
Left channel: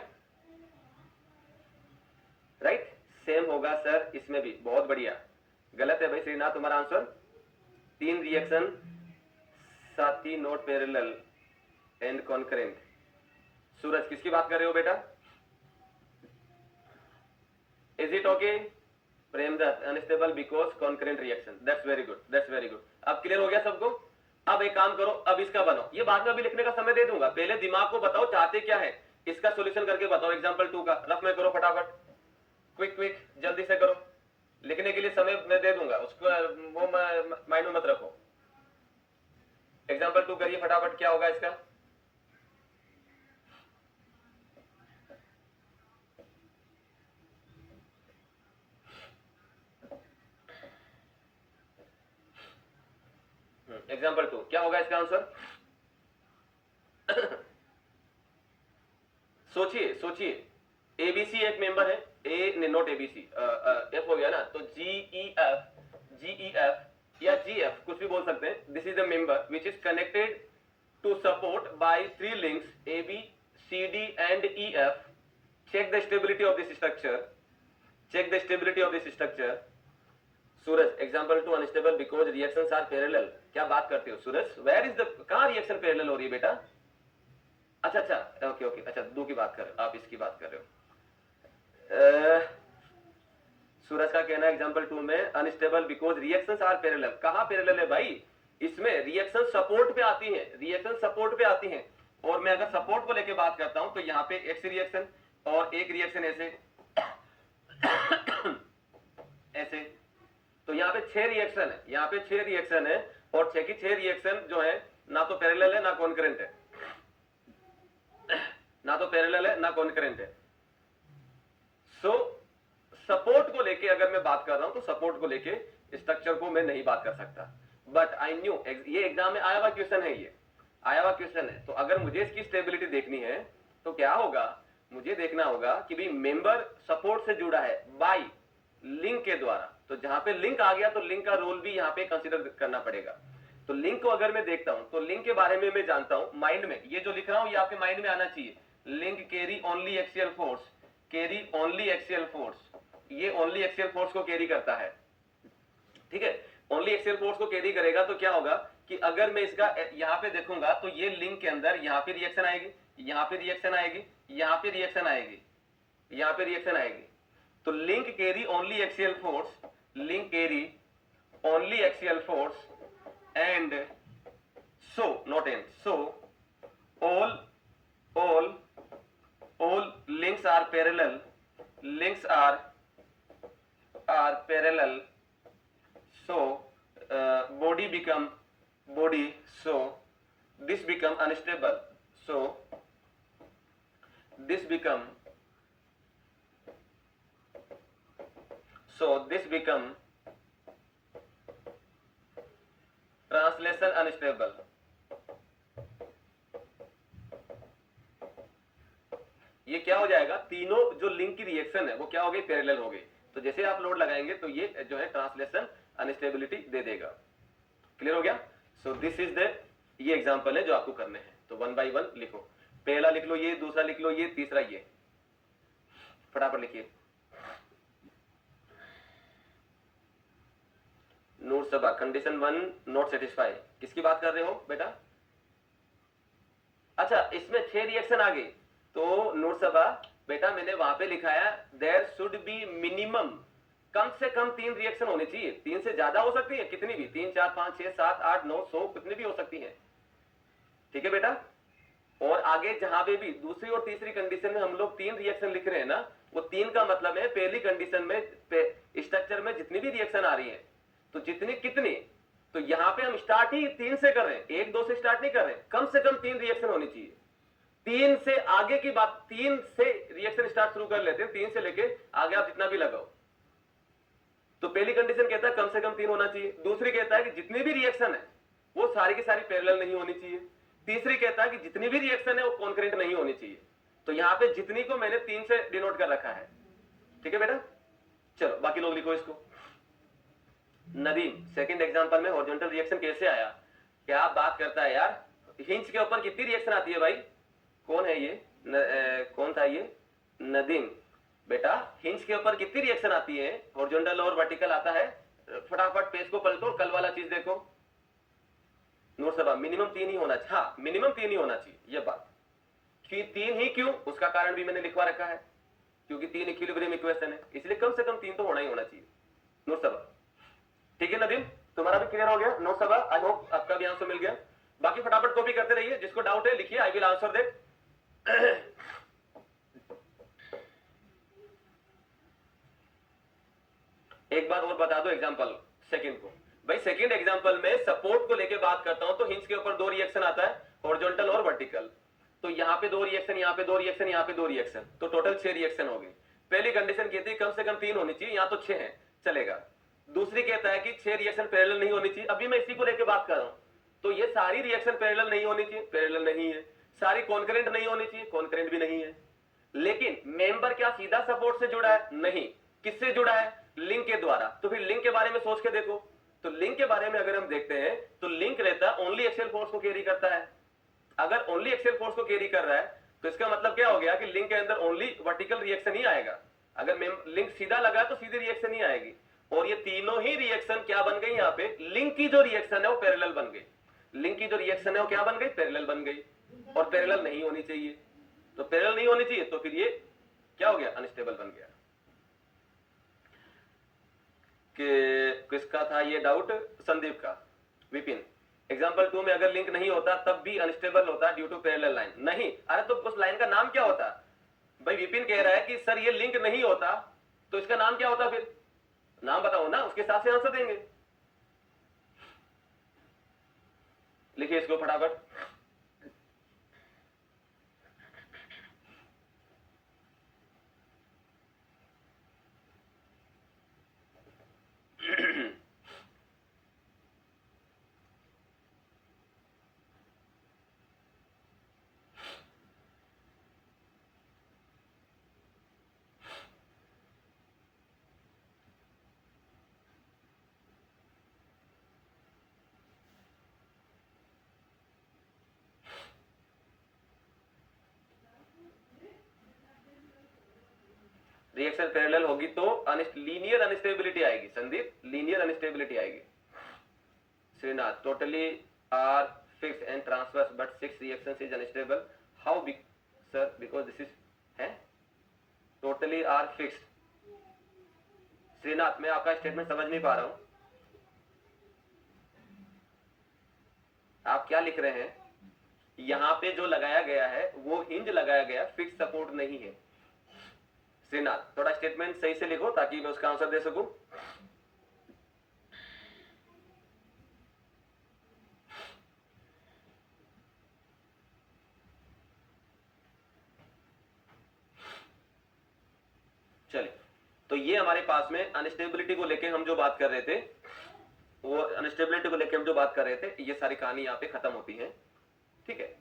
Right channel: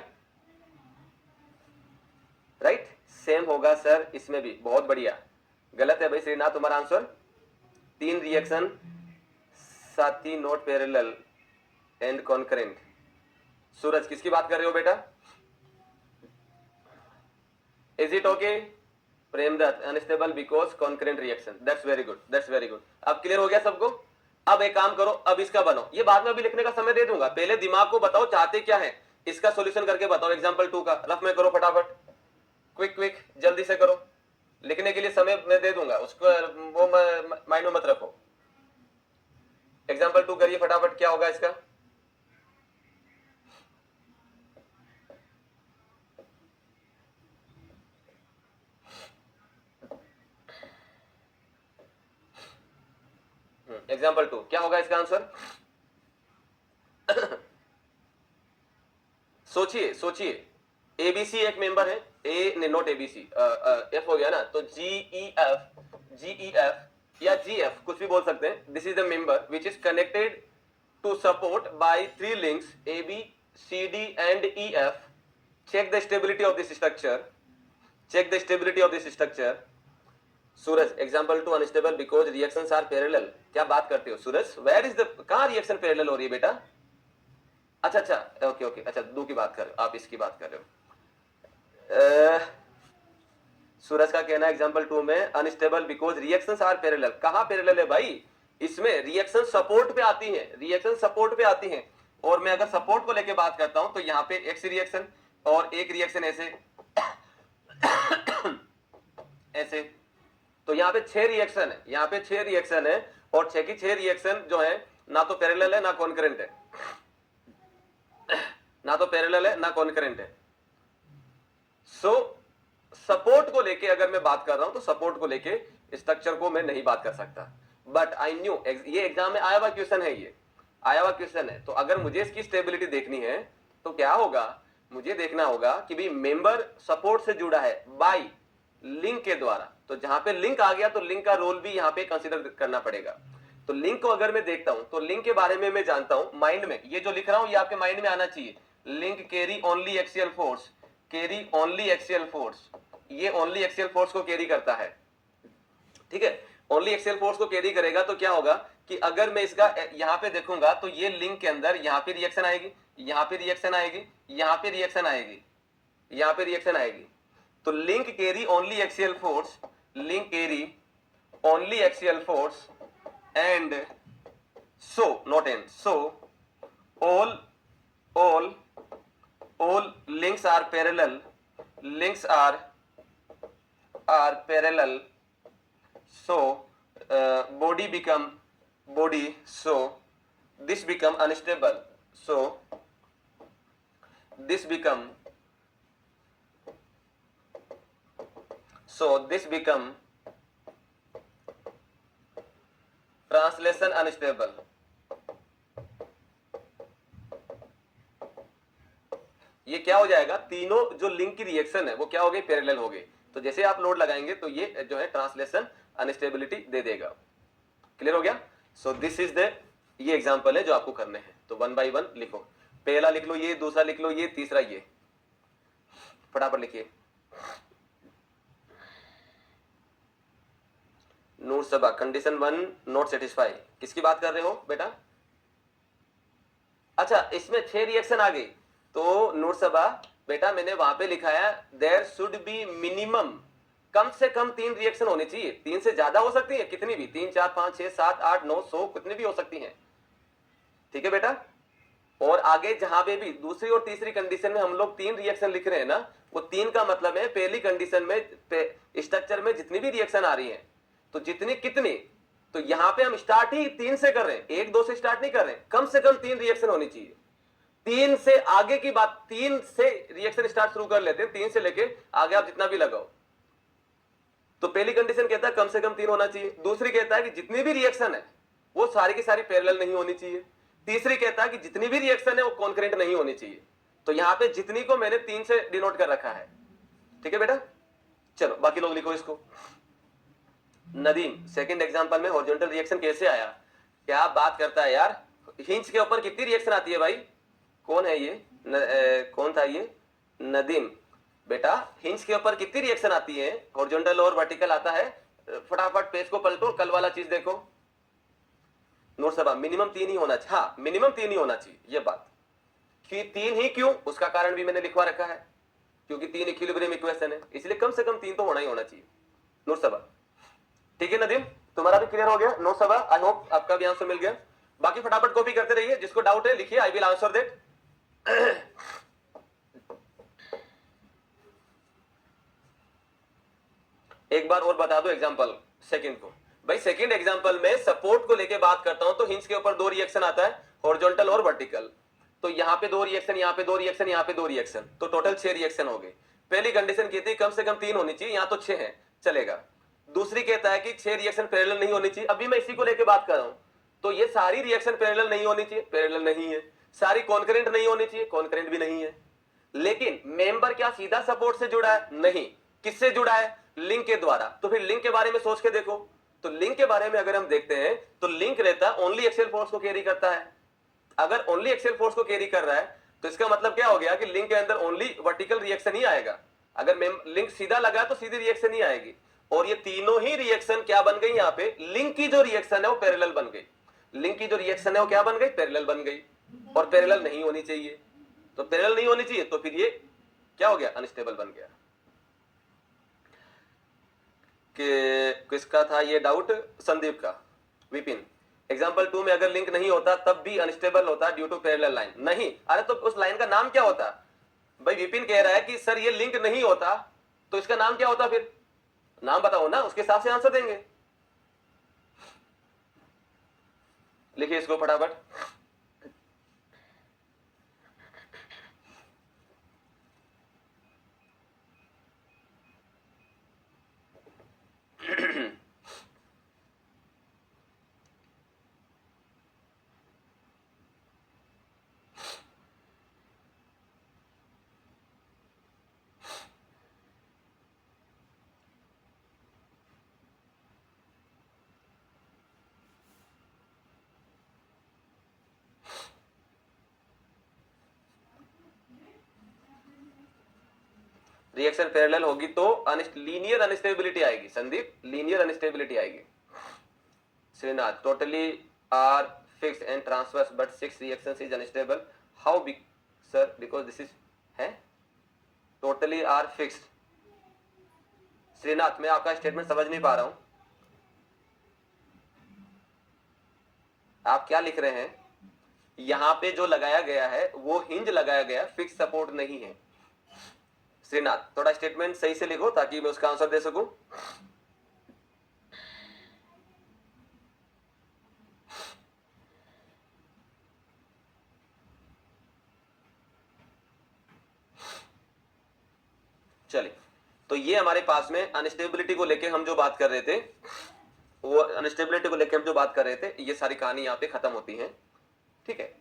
राइट? सेम होगा सर इसमें भी, बहुत बढ़िया। गलत है भाई श्रीनाथ तुम्हारा आंसर। 3 रिएक्शन साथी नॉट पैरेलल एंड कॉन्करेंट। सूरज किसकी बात कर रहे हो बेटा? Is it okay? Premdutt unstable because concurrent reaction. That's very good, that's very good. अब क्लियर हो गया सबको? अब एक काम करो, अब इसका बनो। ये बाद में अभी लिखने का समय दे दूंगा, पहले दिमाग को बताओ चाहते क्या है, इसका सॉल्यूशन करके बताओ। एग्जांपल 2 का रफ में करो फटाफट, क्विक जल्दी से करो। लिखने के लिए समय मैं दे दूंगा, उसको वो माइंड में मत रखो। एग्जांपल 2 करिए फटाफट, क्या होगा इसका? एग्जांपल 2 क्या होगा इसका आंसर? सोचिए एबीसी एक मेंबर है, ए ने नॉट एबीसी, एफ हो गया ना, तो जीईएफ या जीएफ कुछ भी बोल सकते हैं। This is the member which is connected to support by 3 links A B C D and E F. Check the stability of this structure, check the stability of this structure. Suraj example 2 unstable because reactions are parallel. क्या बात करते हो सूरज? वेयर इज द, कहां रिएक्शन पैरेलल हो रही है बेटा? अच्छा ओके, अच्छा 2 की बात कर रहे हो आप, इसकी बात कर रहे हो। सूरज का कहना है एग्जांपल 2 में unstable because reactions are parallel. कहां पैरेलल है भाई? इसमें रिएक्शन सपोर्ट पे आती है, रिएक्शन सपोर्ट पे आती है। और मैं अगर सपोर्ट को लेके बात करता हूं तो यहां पे एक्स रिएक्शन और एक रिएक्शन ऐसे ऐसे। तो यहाँ पे 6 रिएक्शन है, यहाँ पे 6 रिएक्शन है, और 6 की 6 रिएक्शन जो है ना तो पैरेलल है ना कॉन्करेंट है, ना तो पैरेलल है ना कॉन्करेंट है। सो सपोर्ट लेके अगर मैं बात कर रहा हूं तो सपोर्ट को लेके स्ट्रक्चर को मैं नहीं बात कर सकता, बट आई न्यू ये एग्जाम में आया हुआ क्वेश्चन है, ये आया हुआ क्वेश्चन है। तो अगर मुझे इसकी स्टेबिलिटी देखनी है तो क्या होगा, मुझे देखना होगा कि भाई मेंबर सपोर्ट से जुड़ा है बाय लिंक के द्वारा। तो जहां पे लिंक आ गया तो लिंक का रोल भी यहां पे कंसीडर करना पड़ेगा। तो लिंक को अगर मैं देखता हूं तो लिंक के बारे में मैं जानता हूं, माइंड में ये जो लिख रहा हूं ये आपके माइंड में आना चाहिए। Link carry only axial force, carry only axial force, ये ओनली एक्सियल फोर्स को कैरी करता है, ठीक है। ओनली एक्सियल फोर्स को कैरी करेगा तो क्या होगा कि अगर मैं इसका यहां पे देखूंगा तो ये लिंक के अंदर यहां पे रिएक्शन आएगी, यहां पे रिएक्शन आएगी, यहां पे रिएक्शन आएगी, यहां पे रिएक्शन आएगी। तो link carry only axial force, link carry only axial force and so not and so all links are parallel, links are parallel, so body become body, so this become unstable, so this become translation unstable। ये क्या हो जाएगा, तीनों जो लिंक की रिएक्शन है वो क्या हो गई, पैरेलल हो गई। तो जैसे आप लोड लगाएंगे तो ये जो है ट्रांसलेशन अनस्टेबिलिटी दे देगा। क्लियर हो गया। सो दिस इज द, ये एग्जांपल है जो आपको करने हैं। तो वन बाय वन लिखो, पहला लिख लो ये, दूसरा लिख लो ये, तीसरा ये, फटाफट लिखिए। नूर सबा, कंडीशन 1 नॉट सेटिस्फाई, किसकी बात कर रहे हो बेटा? अच्छा, इसमें 6 रिएक्शन आ गई। तो नूर सबा बेटा मैंने वहां पे लिखा है देयर शुड बी मिनिमम, कम से कम 3 रिएक्शन होनी चाहिए। 3 से ज्यादा हो सकती है, कितनी भी, 3 4 5 6 7 8 9 100 कितनी भी हो सकती है, ठीक है बेटा। और आगे जहां पे भी दूसरी और तीसरी कंडीशन में हम लोग 3 रिएक्शन लिख रहे हैं ना, वो 3 का मतलब है पहली कंडीशन में स्ट्रक्चर में जितनी भी रिएक्शन आ रही है तो जितनी कितनी, तो यहां पे हम स्टार्ट ही 3 से कर रहे हैं, 1 2 से स्टार्ट नहीं कर रहे हैं, कम से कम 3 रिएक्शन होनी चाहिए। 3 से आगे की बात, 3 से रिएक्शन स्टार्ट शुरू कर लेते हैं, 3 से लेके आगे आप जितना भी लगाओ। तो पहली कंडीशन कहता है कम से कम 3 होना चाहिए, दूसरी कहता है कि जितनी भी रिएक्शन है वो सारी की सारी पैरेलल नहीं होनी चाहिए, तीसरी कहता है कि जितनी भी रिएक्शन है वो कॉन्करेंट नहीं होनी चाहिए। तो यहां पे जितनी को मैंने 3 से डिनोट कर रखा है, ठीक है बेटा। चलो बाकी लोग लिखो इसको। नदीम, सेकंड एग्जांपल में हॉरिजॉन्टल रिएक्शन कैसे आया? क्या बात करता है यार, हिंज के ऊपर कितनी रिएक्शन आती है भाई? कौन है ये? कौन था ये? नदीम बेटा, हिंज के ऊपर कितनी रिएक्शन आती है? हॉरिजॉन्टल और वर्टिकल आता है। फटाफट पेज को पलटो, कल वाला चीज देखो। नोट सबा, मिनिमम 3 ही होना चाहिए। हाँ, मिनिमम 3 ही होना चाहिए, ये बात। कि 3 ही क्यों, उसका कारण भी मैंने लिखवा रखा है, क्योंकि 3 इक्विलिब्रियम इक्वेशन है, इसलिए कम से कम 3 तो होना ही होना चाहिए। नोट सबा, ठीक है नदीम, तुम्हारा भी क्लियर हो गया? नोट सबा, आई होप आपका भी आंसर मिल गया। बाकी फटाफट कॉपी करते रहिए, जिसको डाउट है लिखिए, आई विल आंसर दैट। एक बार और बता दो एग्जांपल सेकंड को। भाई सेकंड एग्जांपल में सपोर्ट को लेके बात करता हूं तो हिंज के ऊपर 2 रिएक्शन आता है, हॉरिजॉन्टल और वर्टिकल। तो यहां पे 2 रिएक्शन, यहां पे 2 रिएक्शन, यहां पे 2 रिएक्शन, तो टोटल 6 रिएक्शन हो गए। पहली कंडीशन कहती है कम से कम 3 होनी चाहिए, यहां तो 6 है, चलेगा। दूसरी कहता है कि 6 रिएक्शन पैरेलल नहीं होनी चाहिए, अभी मैं इसी को लेके बात कर रहा हूं। तो ये सारी रिएक्शन पैरेलल नहीं होनी चाहिए, पैरेलल नहीं है। सारी कॉन्करेंट नहीं होनी चाहिए, कॉन्करेंट भी नहीं है। लेकिन मेंबर क्या सीधा सपोर्ट से जुड़ा है? नहीं। किससे जुड़ा है? लिंक के द्वारा। तो फिर लिंक के बारे में सोच के देखो। तो लिंक के बारे में अगर हम देखते हैं तो लिंक रहता है ओनली एक्सियल फोर्स को कैरी करता है। अगर ओनली एक्सियल फोर्स को कैरी कर रहा है तो इसका मतलब क्या हो गया कि लिंक के अंदर ओनली वर्टिकल रिएक्शन ही आएगा। अगर लिंक सीधा लगा तो सीधी रिएक्शन ही आएगी। और ये तीनों ही रिएक्शन क्या बन गई? यहाँ पे लिंक की जो रिएक्शन है वो पैरेलल बन गई। लिंक की जो रिएक्शन है वो क्या बन गई? पैरेलल बन गई। और पैरेलल नहीं होनी चाहिए, तो पैरेलल नहीं होनी चाहिए, तो फिर ये क्या हो गया? अनस्टेबल बन गया। कि किसका था ये डाउट? संदीप का। विपिन, एग्जांपल 2 में अगर लिंक नहीं होता तब भी अनस्टेबल होता ड्यू टू पैरेलल लाइन। नहीं, अरे तो उस लाइन का नाम क्या होता? भाई विपिन कह रहा है कि सर ये लिंक नहीं होता, तो इसका नाम क्या होता? फिर नाम बताओ ना, उसके हिसाब से आंसर देंगे। लिखिए इसको फटाफट। रिएक्शन पैरेलल होगी तो लीनियर अनस्टेबिलिटी आएगी। संदीप, लीनियर अनस्टेबिलिटी आएगी। Srinath, totally are fixed and transverse but 6 reactions is unstable, how big sir, because this is है टोटली आर फिक्स्ड। श्रीनाथ, मैं आपका स्टेटमेंट समझ नहीं पा रहा हूं, आप क्या लिख रहे हैं? यहां पे जो लगाया गया है वो हिंज लगाया गया, फिक्स सपोर्ट नहीं है। श्रीनाथ, थोड़ा स्टेटमेंट सही से लिखो ताकि मैं उसका आंसर दे सकूं। चलिए, तो ये हमारे पास में अनस्टेबिलिटी को लेके हम जो बात कर रहे थे, वो अनस्टेबिलिटी को लेके हम जो बात कर रहे थे, ये सारी कहानी यहाँ पे खत्म होती है। ठीक है,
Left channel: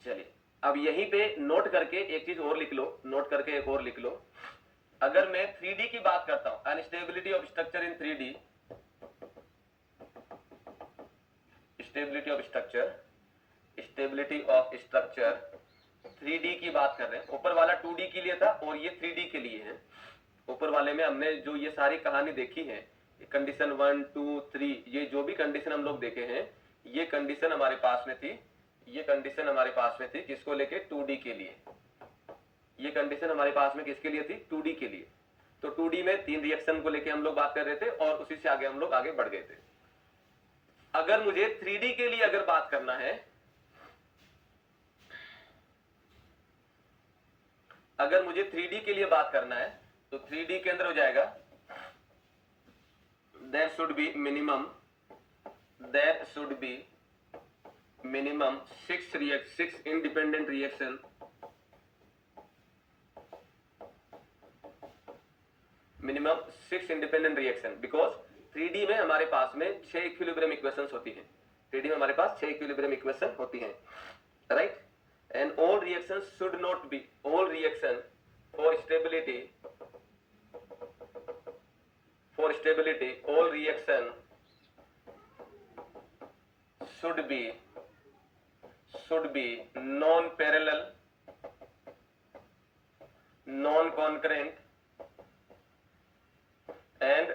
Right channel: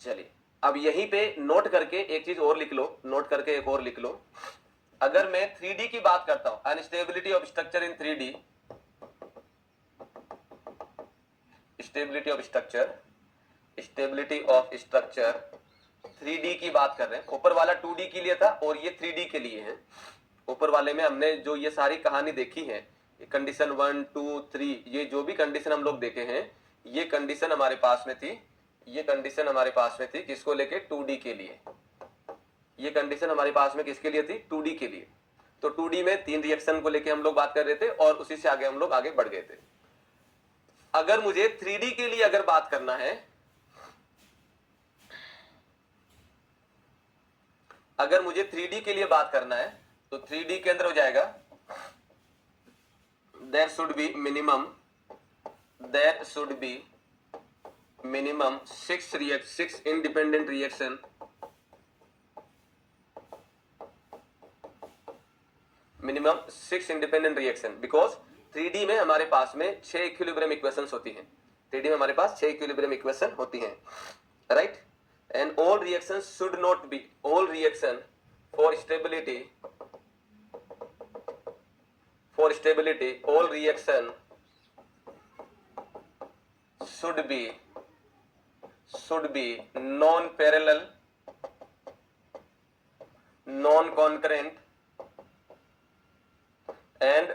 चलिए अब यहीं पे नोट करके एक चीज और लिख लो, नोट करके एक और लिख लो। अगर मैं 3D की बात करता हूं, instability of structure in 3D, stability of structure, stability of structure 3D की बात कर रहे हैं। ऊपर वाला 2D के लिए था और ये 3D के लिए है। ऊपर वाले में हमने जो ये सारी कहानी देखी है, कंडीशन 1 2 3, ये जो भी कंडीशन हम लोग देखे हैं, ये कंडीशन हमारे पास में थी, ये कंडीशन हमारे पास में थी किसको लेके? 2D के लिए। ये कंडीशन हमारे पास में किसके लिए थी? 2D के लिए। तो 2D में 3 रिएक्शन को लेके हम लोग बात कर रहे थे और उसी से आगे हम लोग आगे बढ़ गए थे। अगर मुझे 3D के लिए अगर बात करना है, अगर मुझे 3D के लिए बात करना है तो 3D के अंदर हो जाएगा there should be minimum 6 independent reaction, minimum 6 independent reaction, because 3D में हमारे पास में 6 इक्विलिब्रियम इक्वेशंस होती हैं। 3D में हमारे पास 6 इक्विलिब्रियम इक्वेशन होती हैं, right? And all reactions should not be, all reaction for stability, all reaction should be non-parallel, non-concurrent and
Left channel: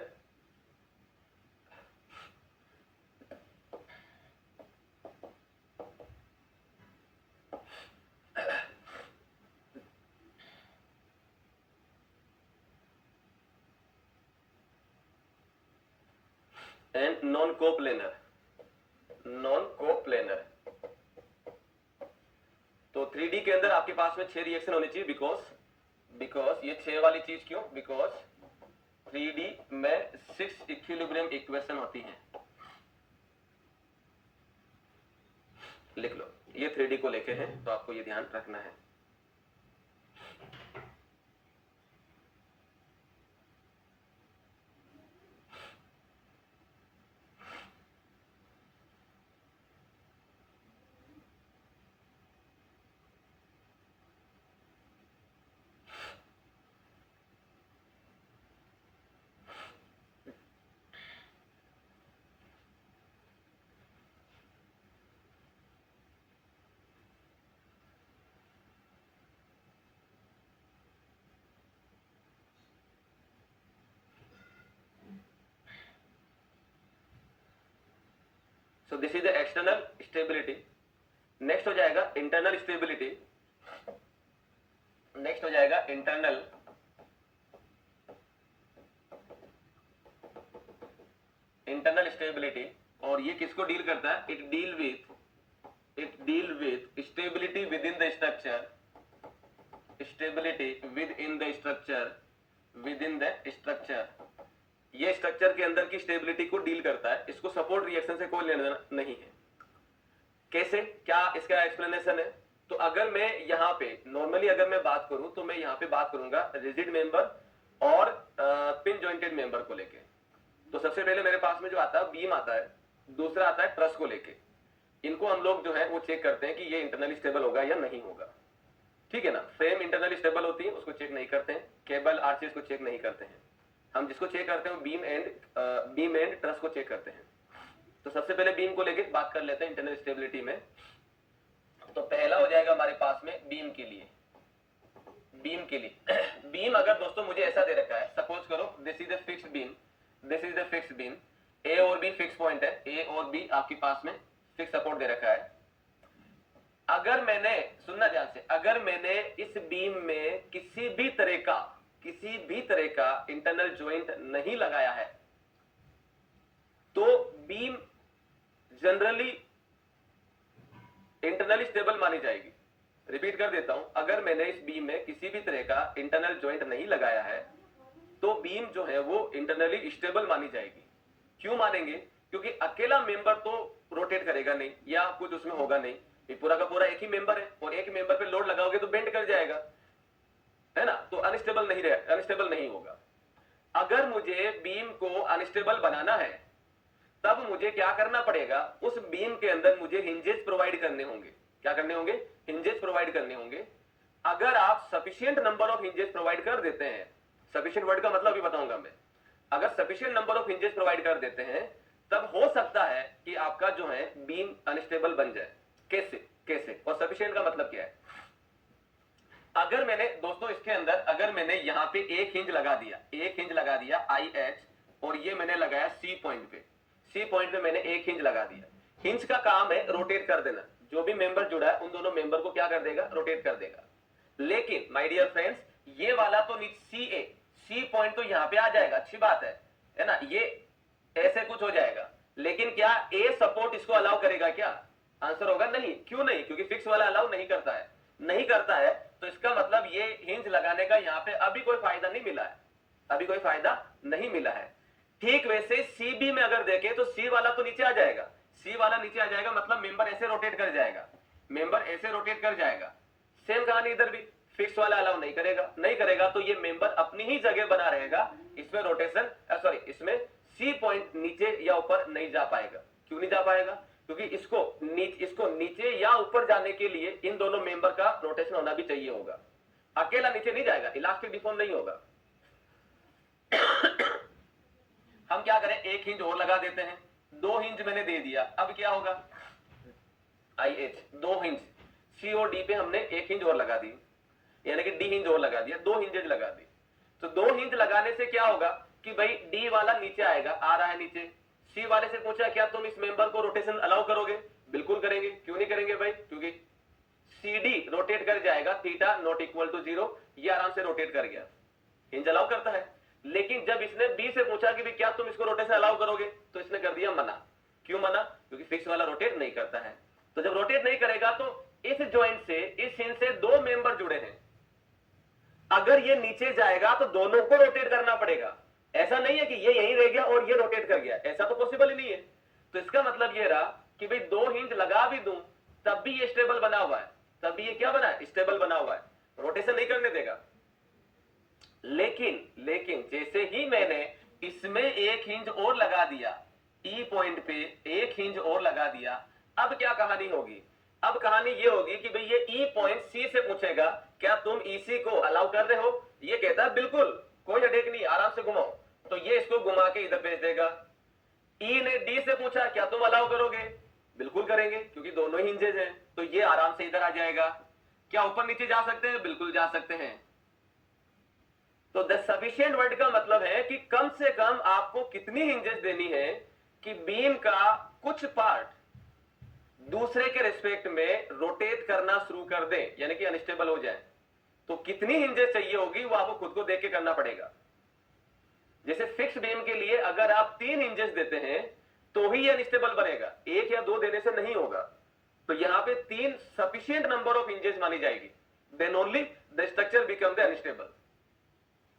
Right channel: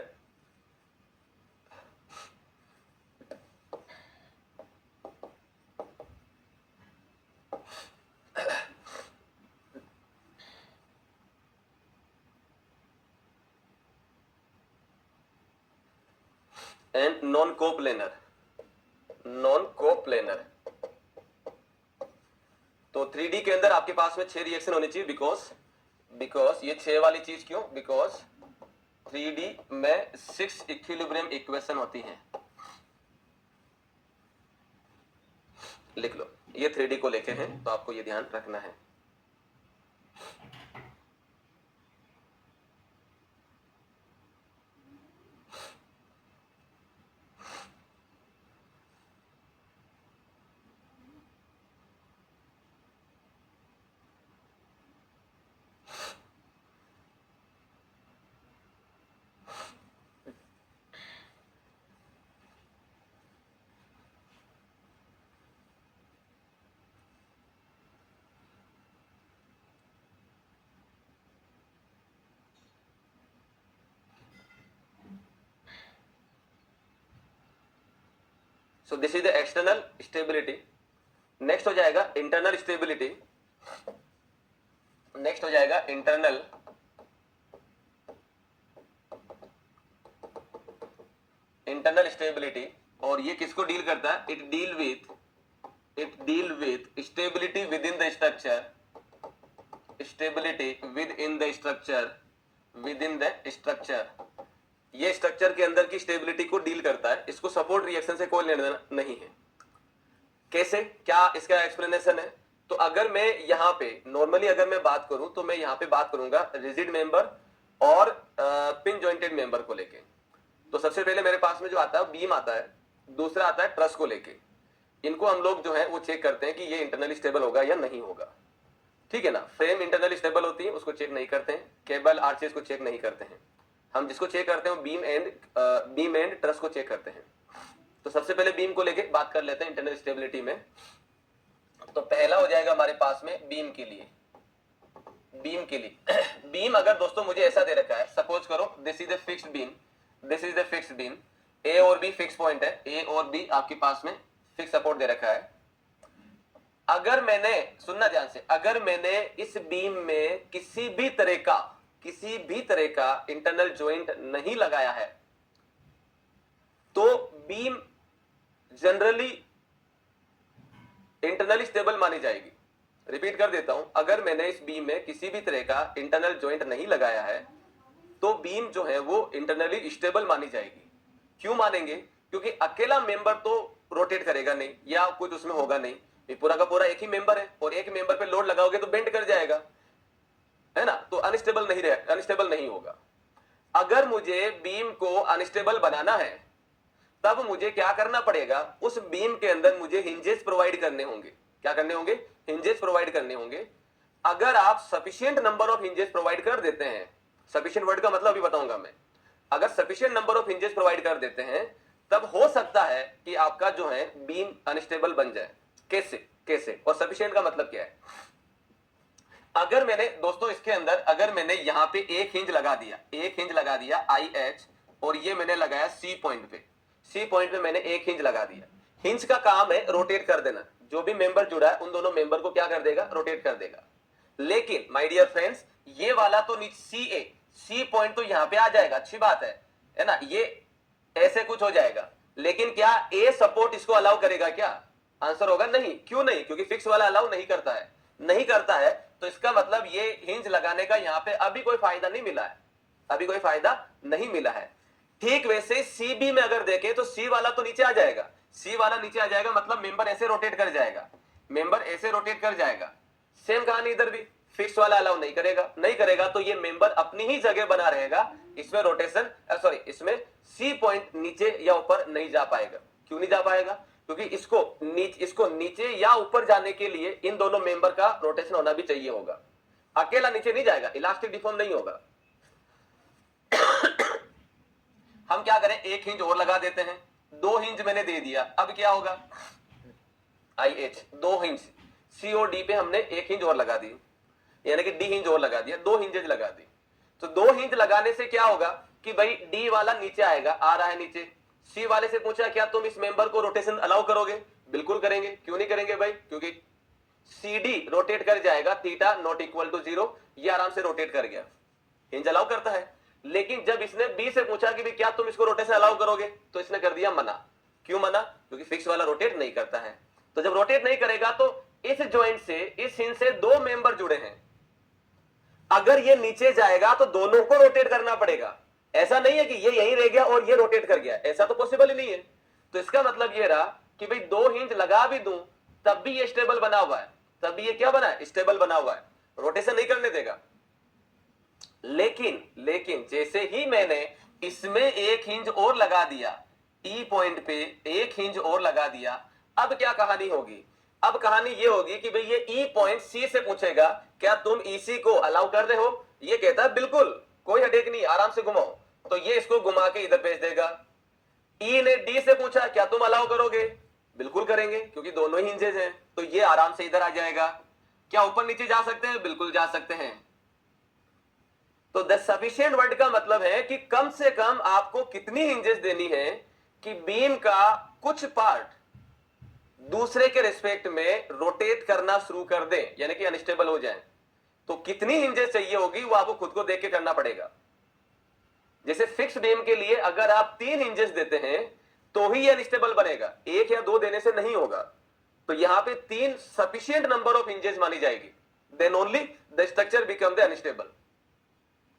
non-coplanar, non-coplanar। तो 3D के अंदर आपके पास में 6 रिएक्शन होने चाहिए, बिकॉज ये 6 वाली चीज क्यों? बिकॉज 3D में 6 इक्विलिब्रियम इक्वेशन होती हैं। लिख लो, ये 3D को लेके है तो आपको ये ध्यान रखना है। So this is the external stability. Next हो जाएगा इंटरनल स्टेबिलिटी, नेक्स्ट हो जाएगा इंटरनल स्टेबिलिटी। और ये किसको डील करता है? It deal with stability with in the structure, stability with in the structure, ये स्ट्रक्चर के अंदर की स्टेबिलिटी को डील करता है। इसको सपोर्ट रिएक्शन से कोई लेना देना नहीं है। कैसे, क्या इसका एक्सप्लेनेशन है? तो अगर मैं यहाँ पे नॉर्मली अगर मैं बात करूं तो मैं यहाँ पे बात करूंगा रिजिड मेंबर और पिन जॉइंटेड मेंबर को लेके। तो सबसे पहले मेरे पास में जो आता है बीम आता है, दूसरा आता है ट्रस को लेके। इनको हम लोग जो है वो चेक करते हैं कि ये इंटरनली स्टेबल होगा या नहीं होगा, ठीक है ना? फ्रेम इंटरनली स्टेबल होती है, उसको चेक नहीं करते हैं। केबल आर्चेस को चेक नहीं करते हैं। हम जिसको चेक करते हैं बीम एंड ट्रस को चेक करते हैं। तो सबसे पहले बीम को लेके बात कर लेते हैं इंटरनल स्टेबिलिटी में। तो पहला हो जाएगा हमारे पास में बीम के लिए, बीम के लिए बीम अगर दोस्तों मुझे ऐसा दे रखा है, सपोज करो this is the fixed beam, this is the fixed beam, A और बी फिक्स पॉइंट है, ए और बी आपके पास में फिक्स सपोर्ट दे रखा है। अगर मैंने, सुनना ध्यान से, अगर मैंने इस बीम में किसी भी तरह का इंटरनल ज्वाइंट नहीं लगाया है तो बीम जनरली इंटरनली स्टेबल मानी जाएगी। रिपीट कर देता हूं, अगर मैंने इस बीम में किसी भी तरह का इंटरनल ज्वाइंट नहीं लगाया है तो बीम जो है वो इंटरनली स्टेबल मानी जाएगी। क्यों मानेंगे? क्योंकि अकेला मेंबर तो रोटेट करेगा नहीं या कुछ उसमें होगा नहीं, ये पूरा का पूरा एक ही मेंबर है और एक मेंबर पे लोड लगाओगे तो बेंड कर जाएगा, है ना, तो अनस्टेबल नहीं होगा। अगर मुझे बीम को अनस्टेबल बनाना है तब मुझे क्या करना पड़ेगा, उस बीम के अंदर मुझे हिंजेस प्रोवाइड करने होंगे। क्या करने होंगे? हिंजेस प्रोवाइड करने होंगे। अगर आप sufficient number of hinges provide कर देते हैं, सफिशिएंट वर्ड का मतलब अभी बताऊंगा मैं, अगर sufficient number of hinges provide कर देते हैं तब हो सकता है कि आपका जो है बीम अनस्टेबल बन जाए। कैसे और सफिशिएंट का मतलब क्या है? अगर मैंने दोस्तों इसके अंदर अगर मैंने यहां पे एक हिंज लगा दिया IH और ये मैंने लगाया सी पॉइंट पे मैंने एक हिंज लगा दिया। हिंज का काम है रोटेट कर देना, जो भी मेंबर जुड़ा है उन दोनों मेंबर को क्या कर देगा? रोटेट कर देगा। लेकिन माय डियर फ्रेंड्स, ये वाला तो नीचे सी पॉइंट तो यहां पे आ जाएगा, अच्छी बात है ना, ये ऐसे कुछ हो जाएगा। लेकिन क्या ए सपोर्ट इसको अलाउ करेगा क्या? आंसर होगा नहीं। क्यों नहीं? क्योंकि फिक्स वाला अलाउ नहीं करता है। तो इसका मतलब ये हिंज लगाने का यहां पे अभी कोई फायदा नहीं मिला है। ठीक वैसे सी बी में अगर देखें तो सी वाला तो नीचे आ जाएगा, मतलब मेंबर ऐसे रोटेट कर जाएगा, सेम कहानी इधर भी, फिक्स वाला अलाउ नहीं करेगा तो ये मेंबर अपनी ही जगह बना रहेगा, इसमें रोटेशन इसमें सी पॉइंट नीचे या ऊपर नहीं जा पाएगा। क्यों नहीं जा पाएगा? क्योंकि इसको नीचे या ऊपर जाने के लिए इन दोनों मेंबर का रोटेशन होना भी चाहिए होगा। अकेला नीचे नहीं जाएगा, इलास्टिक डिफॉर्म नहीं होगा। हम क्या करें, एक हिंज और लगा देते हैं, दो हिंज मैंने दे दिया, अब क्या होगा, IH दो हिंज, C और D पे हमने एक हिंज और लगा दी, यानी कि D हिंज और लगा दिया, दो हिंजेज लगा दी। तो दो हिंज लगाने से क्या होगा कि भाई D वाला नीचे आएगा, आ रहा है नीचे। C वाले से पूछा क्या तुम इस मेंबर को रोटेशन अलाउ करोगे? बिल्कुल करेंगे। क्यों नहीं करेंगे भाई? क्योंकि CD रोटेट कर जाएगा थीटा नॉट इक्वल टू 0, ये आराम से रोटेट कर गया, हिंज अलाउ करता है। लेकिन जब इसने B से पूछा कि क्या तुम इसको रोटेशन अलाउ करोगे, तो इसने कर दिया मना। क्यों मना? क्योंकि फिक्स वाला रोटेट नहीं करता है। तो जब रोटेट नहीं करेगा तो इस जॉइंट से, इस हिंज से दो मेंबर जुड़े हैं, अगर ये नीचे जाएगा तो दोनों को रोटेट करना पड़ेगा। ऐसा नहीं है कि ये यहीं रह गया और ये रोटेट कर गया, ऐसा तो पॉसिबल ही नहीं है। तो इसका मतलब ये रहा कि भाई दो हिंज लगा भी दूं तब भी ये स्टेबल बना हुआ है, तब भी ये क्या बना है? स्टेबल बना हुआ है, रोटेशन नहीं करने देगा। लेकिन जैसे ही मैंने इसमें एक हिंज और लगा दिया, ई पॉइंट पे एक हिंज और लगा दिया, अब क्या कहानी होगी? अब कहानी ये होगी कि भाई ये ई पॉइंट सी से पूछेगा क्या तुम ईसी को अलाउ कर रहे हो? ये कहता है बिल्कुल, कोई हेडेक नहीं, आराम से घुमाओ। तो ये इसको घुमा के इधर भेज देगा। ई ने डी से पूछा क्या तुम अलाउ करोगे? बिल्कुल करेंगे, क्योंकि दोनों ही हिंजेज हैं, तो ये आराम से इधर आ जाएगा। क्या ऊपर नीचे जा सकते हैं? बिल्कुल जा सकते हैं। तो द सफिशिएंट वर्ड का मतलब है कि कम से कम आपको कितनी हिंजेस देनी है कि बीम का कुछ पार्ट दूसरे के रिस्पेक्ट में रोटेट करना शुरू कर दें, यानी कि अनस्टेबल हो जाए। तो कितनी हिंजेस चाहिए होगी वो आपको खुद को देख के करना पड़ेगा। जैसे फिक्स बीम के लिए अगर आप 3 हिंजेस देते हैं तो ही ये अनस्टेबल बनेगा, 1 या 2 देने से नहीं होगा। तो यहां पे 3 सफिशिएंट नंबर ऑफ हिंजेस मानी जाएगी, then only the structure become the unstable.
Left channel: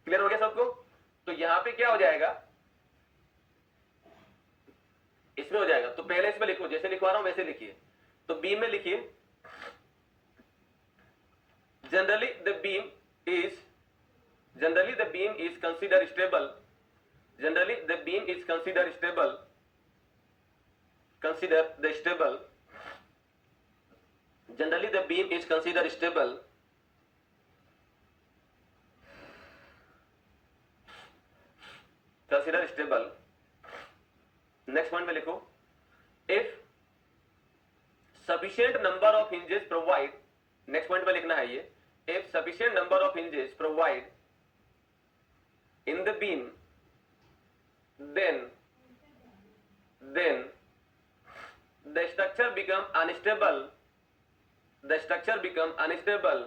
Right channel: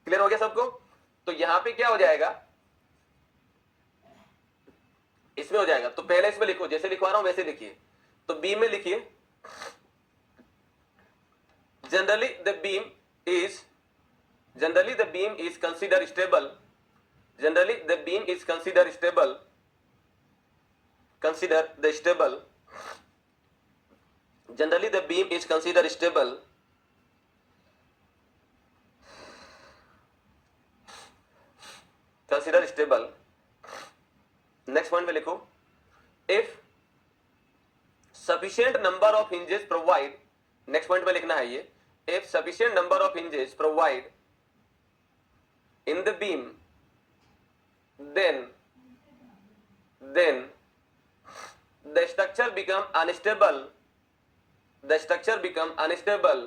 Clear हो गया सबको? तो यहां पे क्या हो जाएगा, इसमें हो जाएगा। तो पहले इसमें लिखो, जैसे लिखवा रहा हूं वैसे लिखिए। तो बीम में लिखिए, generally the beam is consider stable, generally the beam is consider stable, consider the stable, generally the beam is consider stable consider stable. Next point में लिखो, if sufficient number of hinges provide, next point में लिखना है ये, if sufficient number of hinges provide in the beam, then the structure become unstable,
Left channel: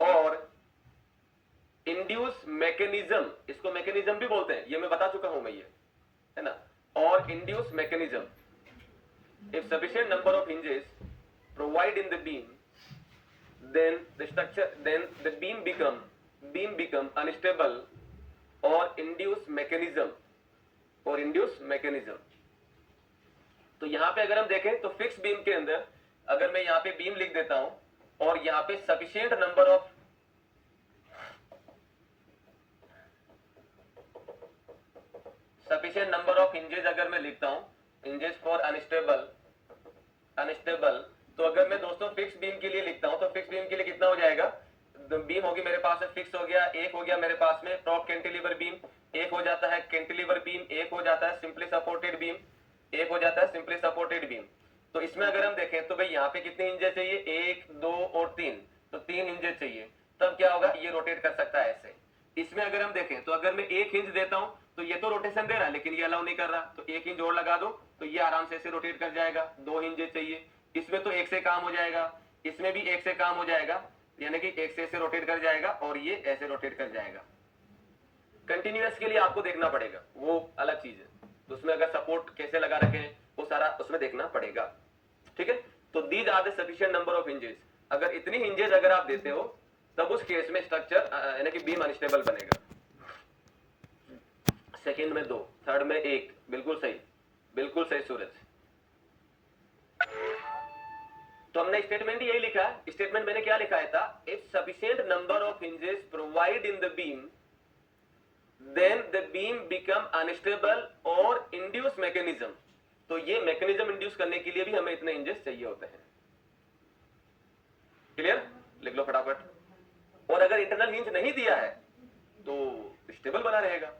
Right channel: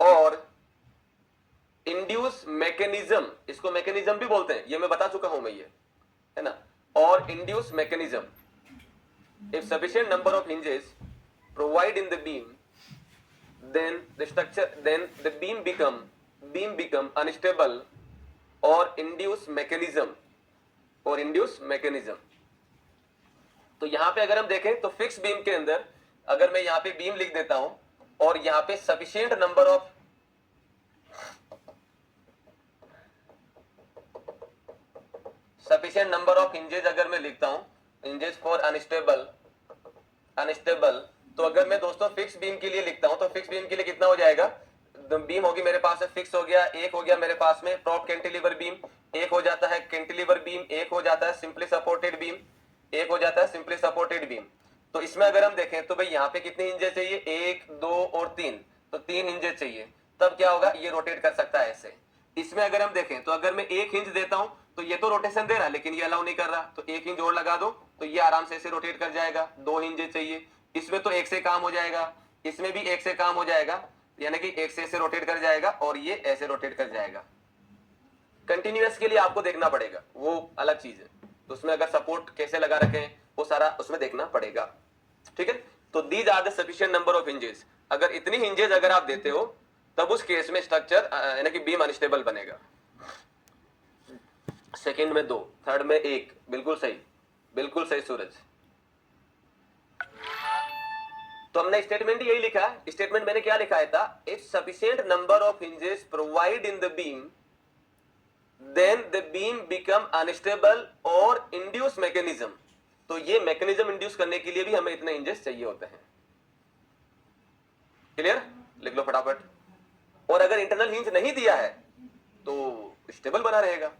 और इंड्यूस मैकेनिज्म, इसको मैकेनिज्म भी बोलते हैं, ये मैं बता चुका हूं मैं, ये है ना, और induce mechanism, if sufficient number of hinges provide in the beam, then the beam become unstable or induce mechanism. तो यहां पे अगर हम देखें तो फिक्स बीम के अंदर अगर मैं यहां पे बीम लिख देता हूं और यहां पे सफिशिएंट नंबर ऑफ hinges अगर मैं लिखता हूं, hinges फॉर अनस्टेबल, तो अगर मैं दोस्तों फिक्स बीम के लिए लिखता हूं तो फिक्स बीम के लिए कितना हो जाएगा, बीम होगी मेरे पास है, फिक्स हो गया, एक हो गया मेरे पास में प्रॉप कैंटिलीवर बीम, एक हो जाता है कैंटिलीवर बीम, एक हो जाता है सिंपली सपोर्टेड बीम, एक हो जाता है सिंपली सपोर्टेड बीम। तो इसमें अगर हम देखें तो भाई यहाँ पे कितने हिंजेस चाहिए, 1 2 और 3, तो 3 हिंजेस चाहिए, तब क्या होगा, ये रोटेट कर सकता है ऐसे। इसमें अगर हम देखें तो अगर मैं एक हिंज देता हूं तो ये तो रोटेशन दे रहा है लेकिन ये अलाउ नहीं कर रहा, तो एक हिंज और लगा दो तो ये आराम से ऐसे रोटेट कर जाएगा। 2 हिंजेस चाहिए, इसमें तो एक से काम हो जाएगा, इसमें भी एक से काम हो जाएगा, यानी कि एक से ऐसे रोटेट कर जाएगा और ये ऐसे रोटेट कर जाएगा। कंटिन्यूअस के लिए आपको देखना पड़ेगा, वो अलग चीज है, तो उसमें अगर सपोर्ट कैसे लगा रखे वो सारा उसमें देखना पड़ेगा, ठीक है। तो these are the sufficient number of hinges, अगर इतनी हिंजेस अगर आप देते हो तब उस केस में स्ट्रक्चर यानी कि बीम अनस्टेबल बनेगा। सेकंड में 2, थर्ड में 1, बिल्कुल सही सूरज। तो हमने स्टेटमेंट यही लिखा, स्टेटमेंट मैंने क्या लिखा था, if sufficient number of hinges provide in the beam then the beam become unstable और इंड्यूस मैकेनिज्म। तो ये मैकेनिज्म इंड्यूस करने के लिए भी हमें इतने हिंजेस चाहिए होते हैं। क्लियर, लिख लो फटाफट। और अगर इंटरनल हिंज नहीं दिया है तो स्टेबल बना रहेगा।